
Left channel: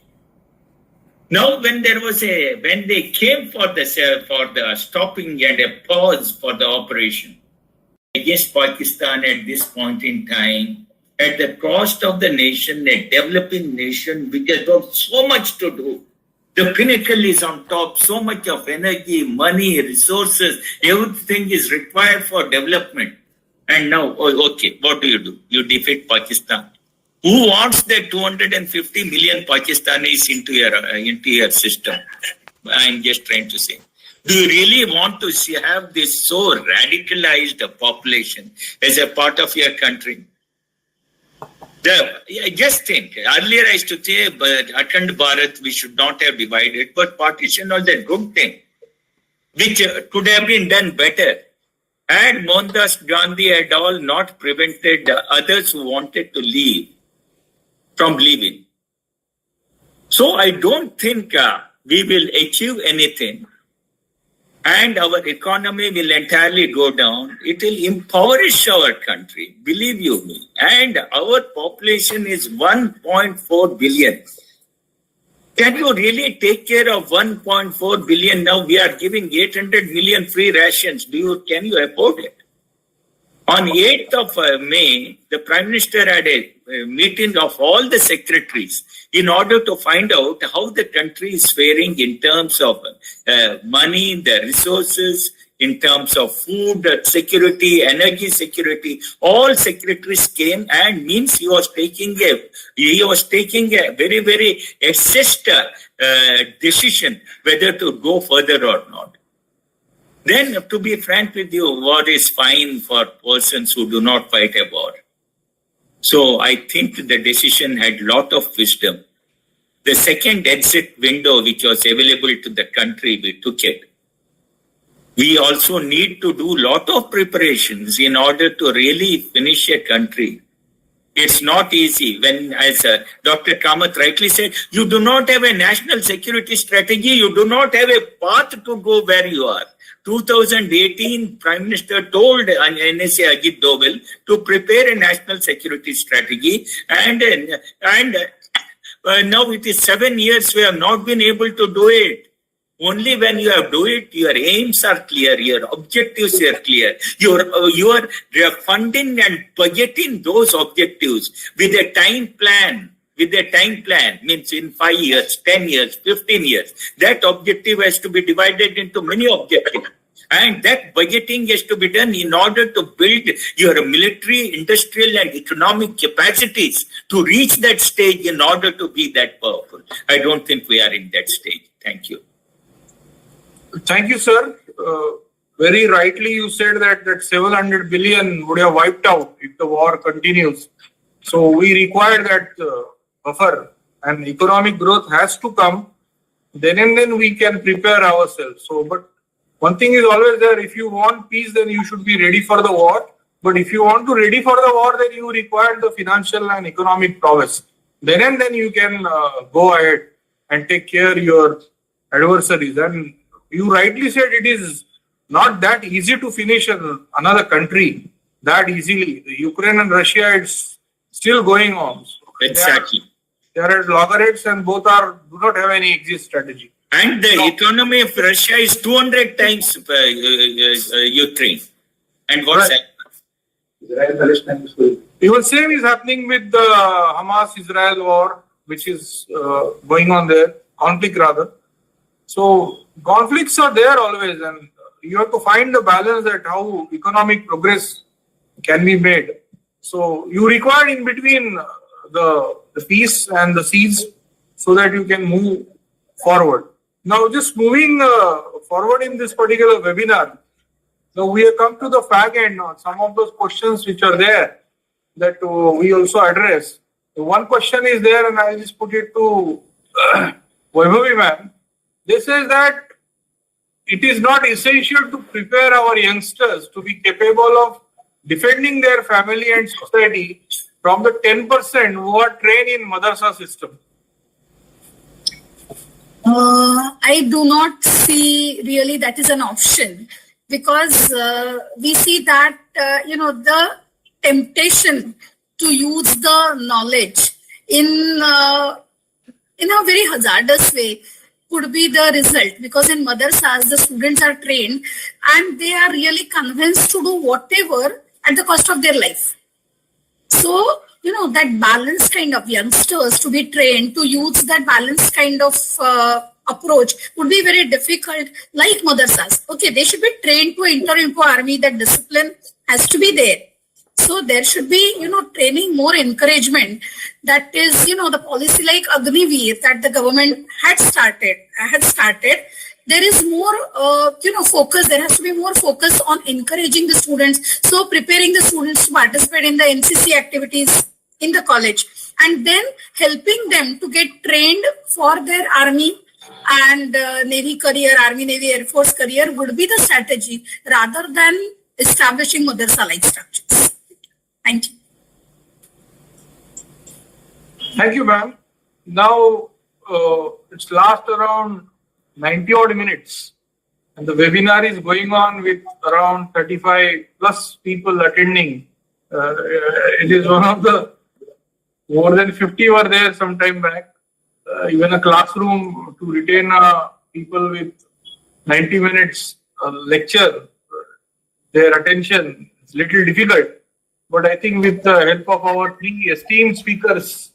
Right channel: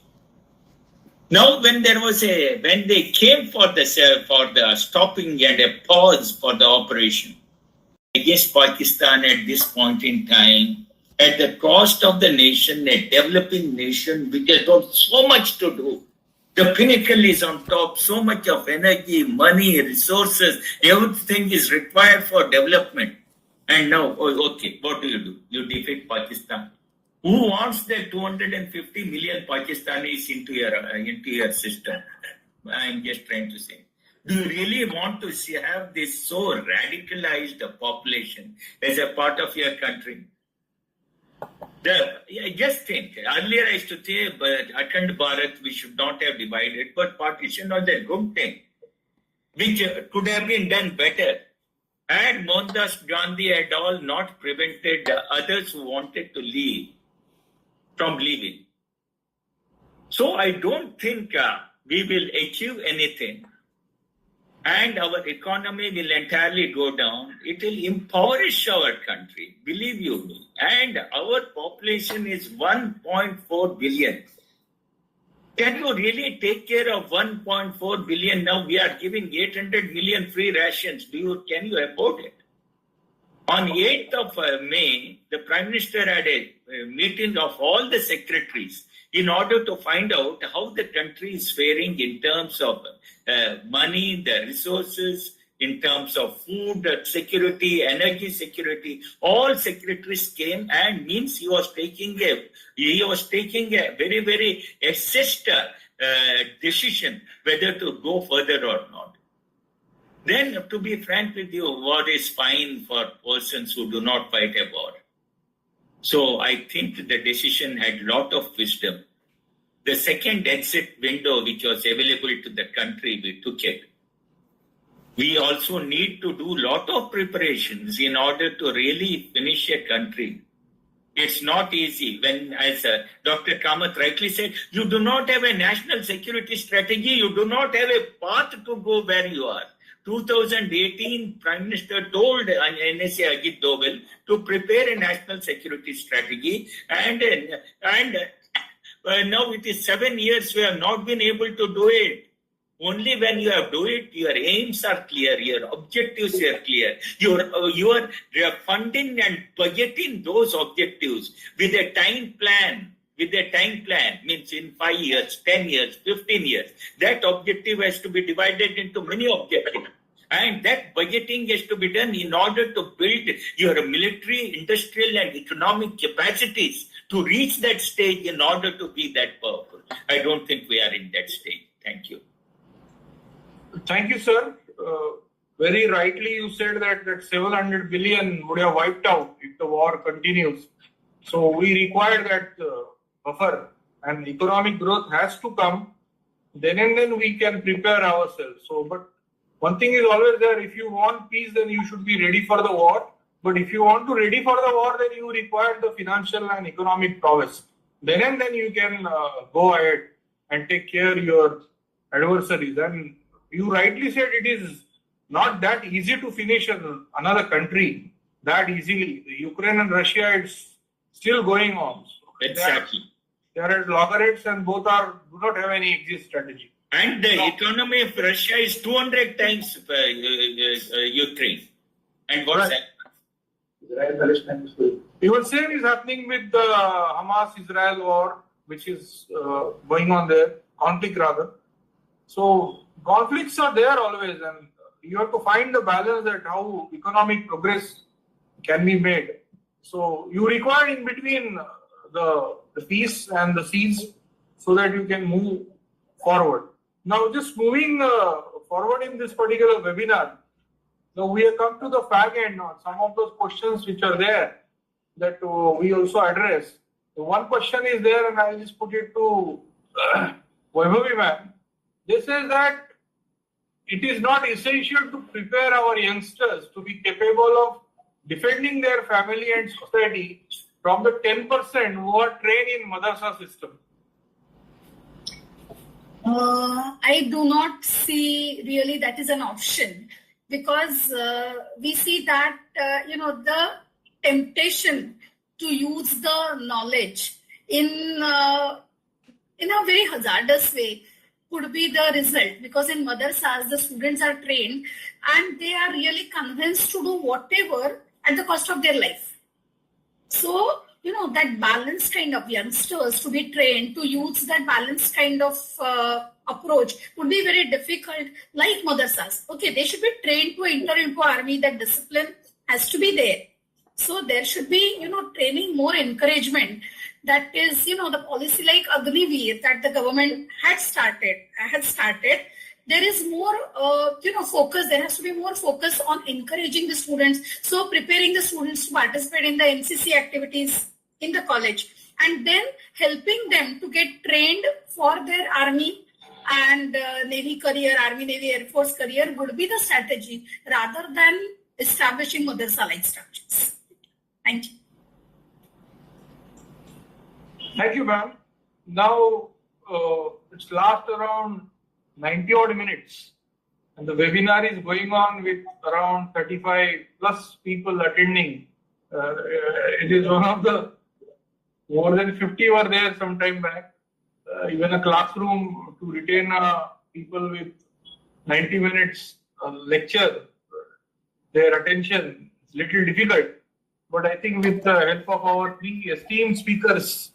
Now, when they came for the stopping and a pause for the operation against Pakistan at this point in time, at the cost of the nation, a developing nation which has got so much to do. The pinnacle is on top, so much of energy, money, resources, everything is required for development. And now, okay, what do? You defeat Pakistan. Who wants the 250 million Pakistanis into your system? I'm just trying to say. Do you really want to have this so radicalized population as a part of your country? Just think, earlier I used to say, but Akhand Bharat, we should not have divided, but partition was a good thing, which could have been done better. And Mohandas Gandhi had all not prevented others who wanted to leave from leaving. So I don't think we will achieve anything, and our economy will entirely go down. It will impoverish our country, believe you me. And our population is 1.4 billion. Can you really take care of 1.4 billion? Now we are giving 800 million free rations. Can you afford it? On 8th of May, the Prime Minister had a meeting of all the secretaries in order to find out how the country is faring in terms of money, the resources, in terms of food security, energy security. All secretaries came, and means he was taking a very, very assessed decision whether to go further or not. Then, to be frank with you, war is fine for persons who do not fight a war. So I think the decision had a lot of wisdom. The second exit window which was available to the country, we took it. We also need to do a lot of preparations in order to really finish a country. It's not easy when, as Dr. Kamath rightly said, you do not have a national security strategy, you do not have a path to go where you are. 2018, Prime Minister told NSA Ajit Doval to prepare a national security strategy, and now it is 7 years we have not been able to do it. Only when you have do it, your aims are clear, your objectives are clear. You are funding and budgeting those objectives with a time plan. With a time plan, means in 5 years, 10 years, 15 years. That objective has to be divided into many objectives. And that budgeting has to be done in order to build your military, industrial, and economic capacities to reach that stage in order to be that powerful. I don't think we are in that stage. Thank you. Thank you, sir. Very rightly you said that 700 billion would have wiped out if the war continues. So we require that buffer, and economic growth has to come. Then and then we can prepare ourselves. So, but one thing is always there: if you want peace, then you should be ready for the war. But if you want to ready for the war, then you require the financial and economic prowess. Then and then you can go ahead and take care of your adversaries. And you rightly said it is not that easy to finish another country that easily. The Ukraine and Russia, it's still going on. So Exactly. they are at loggerheads, and both do not have any exit strategy. And the economy of Russia is 200 times Ukraine. And what's Right. that? Even same is happening with the Hamas-Israel war, which is going on there, conflict rather. So conflicts are there always, and you have to find the balance at how economic progress can be made. So you require in between the peace and the siege so that you can move forward. Now, just moving forward in this particular webinar, now we have come to the fag end on some of those questions which are there that we also address. The one question is there, and I'll just put it to Vaibhavi ma'am. This is that it is not essential to prepare our youngsters to be capable of defending their family and society from the 10% who are trained in madrasa system. I do not see really that is an option, because we see that the temptation to use the knowledge in a very hazardous way could be the result, because in madrasas the students are trained and they are really convinced to do whatever at the cost of their life. So, that balanced kind of youngsters to be trained to use that balanced kind of approach would be very difficult, like madrasas. Okay, they should be trained to enter into army, that discipline has to be there. So there should be, training, more encouragement. That is, the policy like Agniveer that the government had started. There is more, focus. There has to be more focus on encouraging the students. So preparing the students to participate in the NCC activities in the college, and then helping them to get trained for their army and Navy career, Army, Navy, Air Force career would be the strategy rather than establishing madrasa-like structures. Thank you. Thank you, ma'am. Now, it's last around 90 odd minutes, and the webinar is going on with around 35 plus people attending. It is one of the more than 50 were there some time back. Even a classroom to retain people with 90 minutes lecture, their attention is little difficult. But I think with the help of our three esteemed speakers,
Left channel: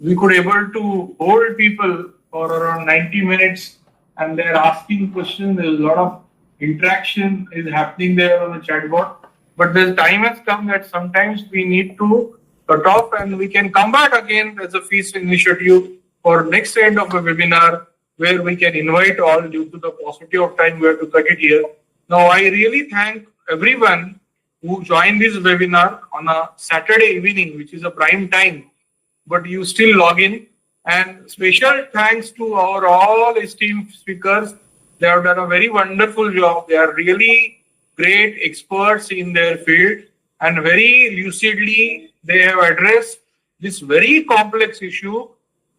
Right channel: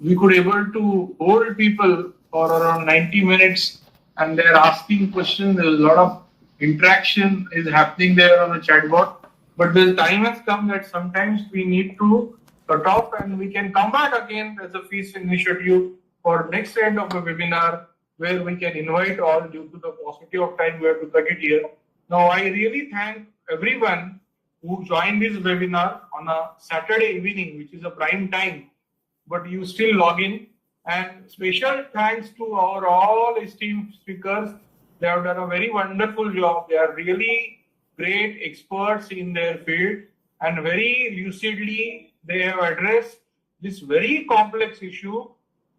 we could able to hold people for around 90 minutes, and they're asking questions. There's a lot of interaction is happening there on the chatbot. But the time has come that sometimes we need to cut off, and we can come back again as a feast initiative for next end of the webinar, where we can invite all. Due to the paucity of time, we have to cut it here. Now, I really thank everyone who joined this webinar on a Saturday evening, which is a prime time, but you still log in. And special thanks to our all esteemed speakers. They have done a very wonderful job. They are really great experts in their field, and very lucidly they have addressed this very complex issue,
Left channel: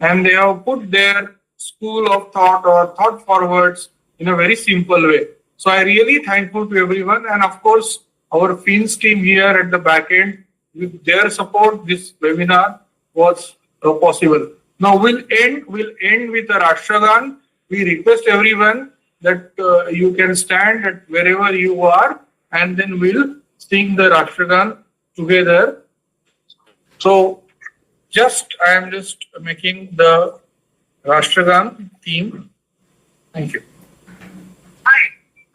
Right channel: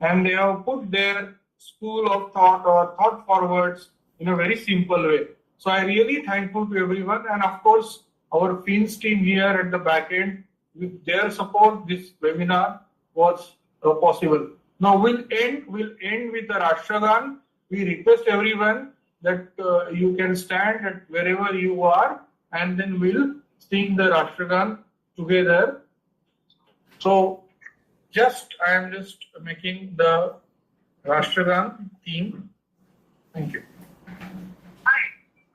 and they have put their school of thought or thought forwards in a very simple way. So I really thankful to everyone, and of course our Fins team here at the back end. With their support, this webinar was possible. Now we'll end with the Rashtragan. We request everyone that you can stand at wherever you are, and then we'll sing the Rashtragan together. So I am just making the Rashtragan theme. Thank you. Hi,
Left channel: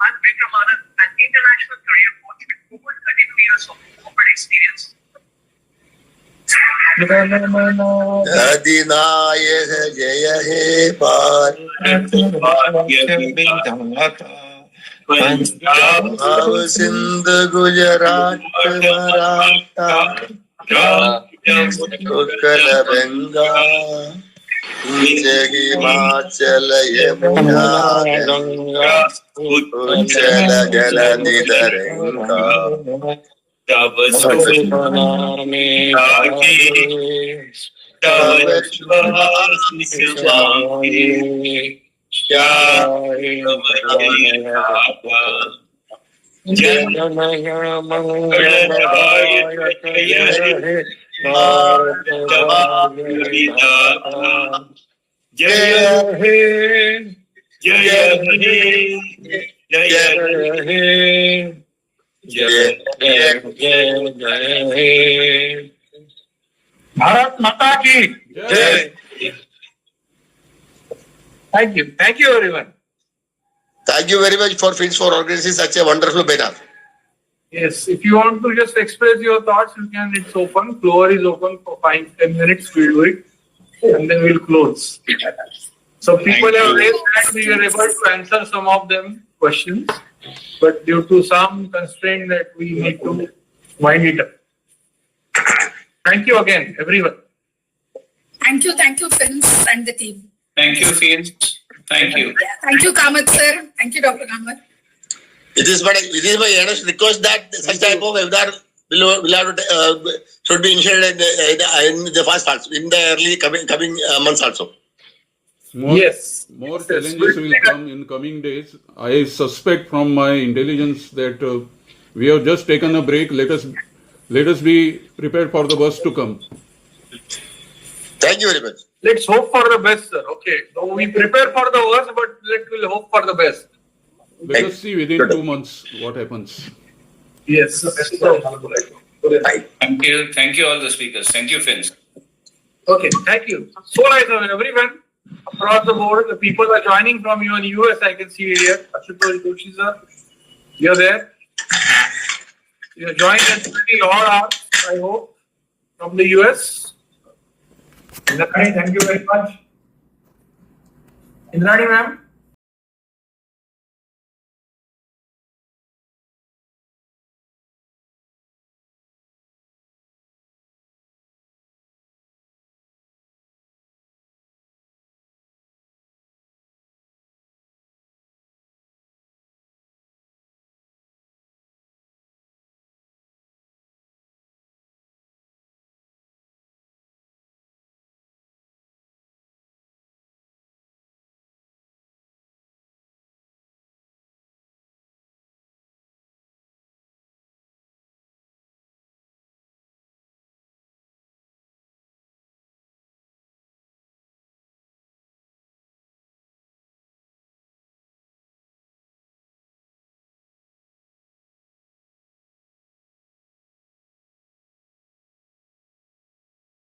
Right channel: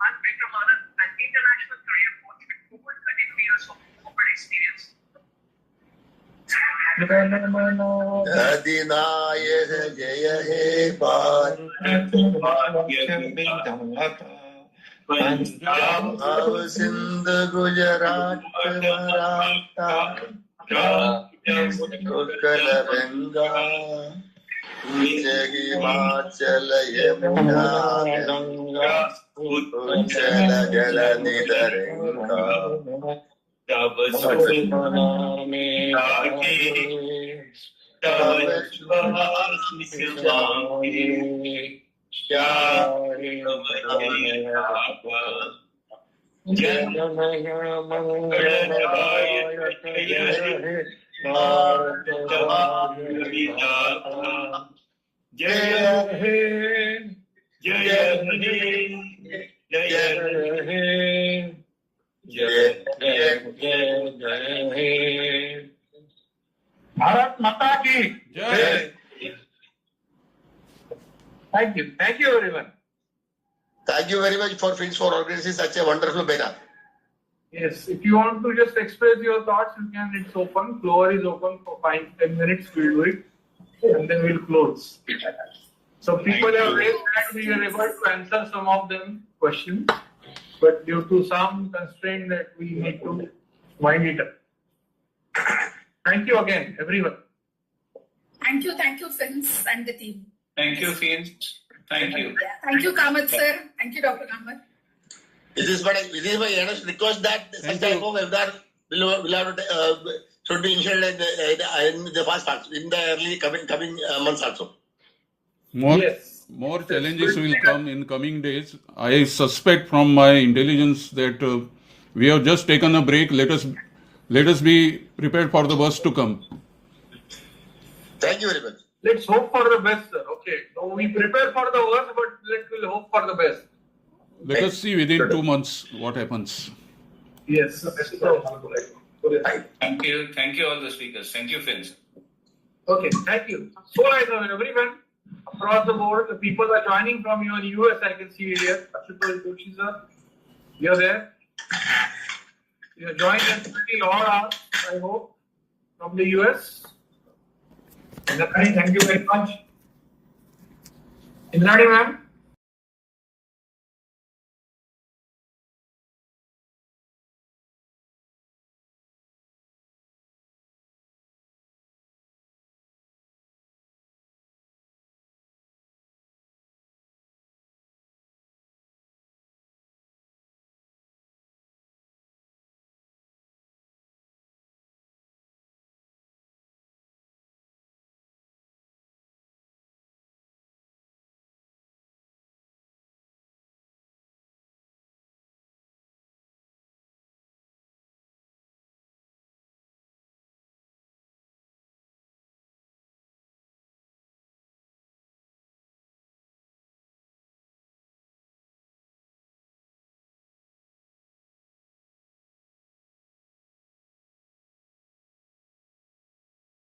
I'm Vikram Anand, an international career coach with over 32 years of corporate experience. अधिनायक जय हे पंजाब सिंध गुजरात मराठा उत्कल गंगा हिमाचल यमुना गंगा उच्चल जलधि तरंगा तब tsunami तब सुहासिस मांगे जन मंगलदायक जय हे जय हे जय हे जय हे Bharat Mata ki Jai. Thank you everyone. Thank you very much for Fins for organizing such a wonderful webinar. Yes, if you want to just express your thoughts, you can. It's open. Floor is open for 5-10 minutes. We'll do it, and then we'll close. So people have raised that we were able to answer some of them questions, but due to some constraint that we need to wind it up. Thank you again, everyone. Thank you, Fins and the team. Thank you, Fins. Thank you. Thank you, Kamath sir. Thank you, Dr. Nandkumar. It is my earnest request that such type of webinar should be initiated in the fast also, in the early coming months also. More challenges will come in coming days. I suspect from my intelligence that we have just taken a break. Let us be prepared for the worst to come. Thank you very much. Let's hope for the best, sir. Okay, so we prepare for the worst, but we'll hope for the best. Let us see within 2 months what happens. Yes. Thank you. Thank you, all the speakers. Thank you, Fins. Okay, thank you. So nice of everyone across the board. The people are joining from you in US. I can see here. Ashutosh Joshi sir, you're there. You're joining us pretty odd hours, I hope, from the US. Thank you very much. Indrani ma'am.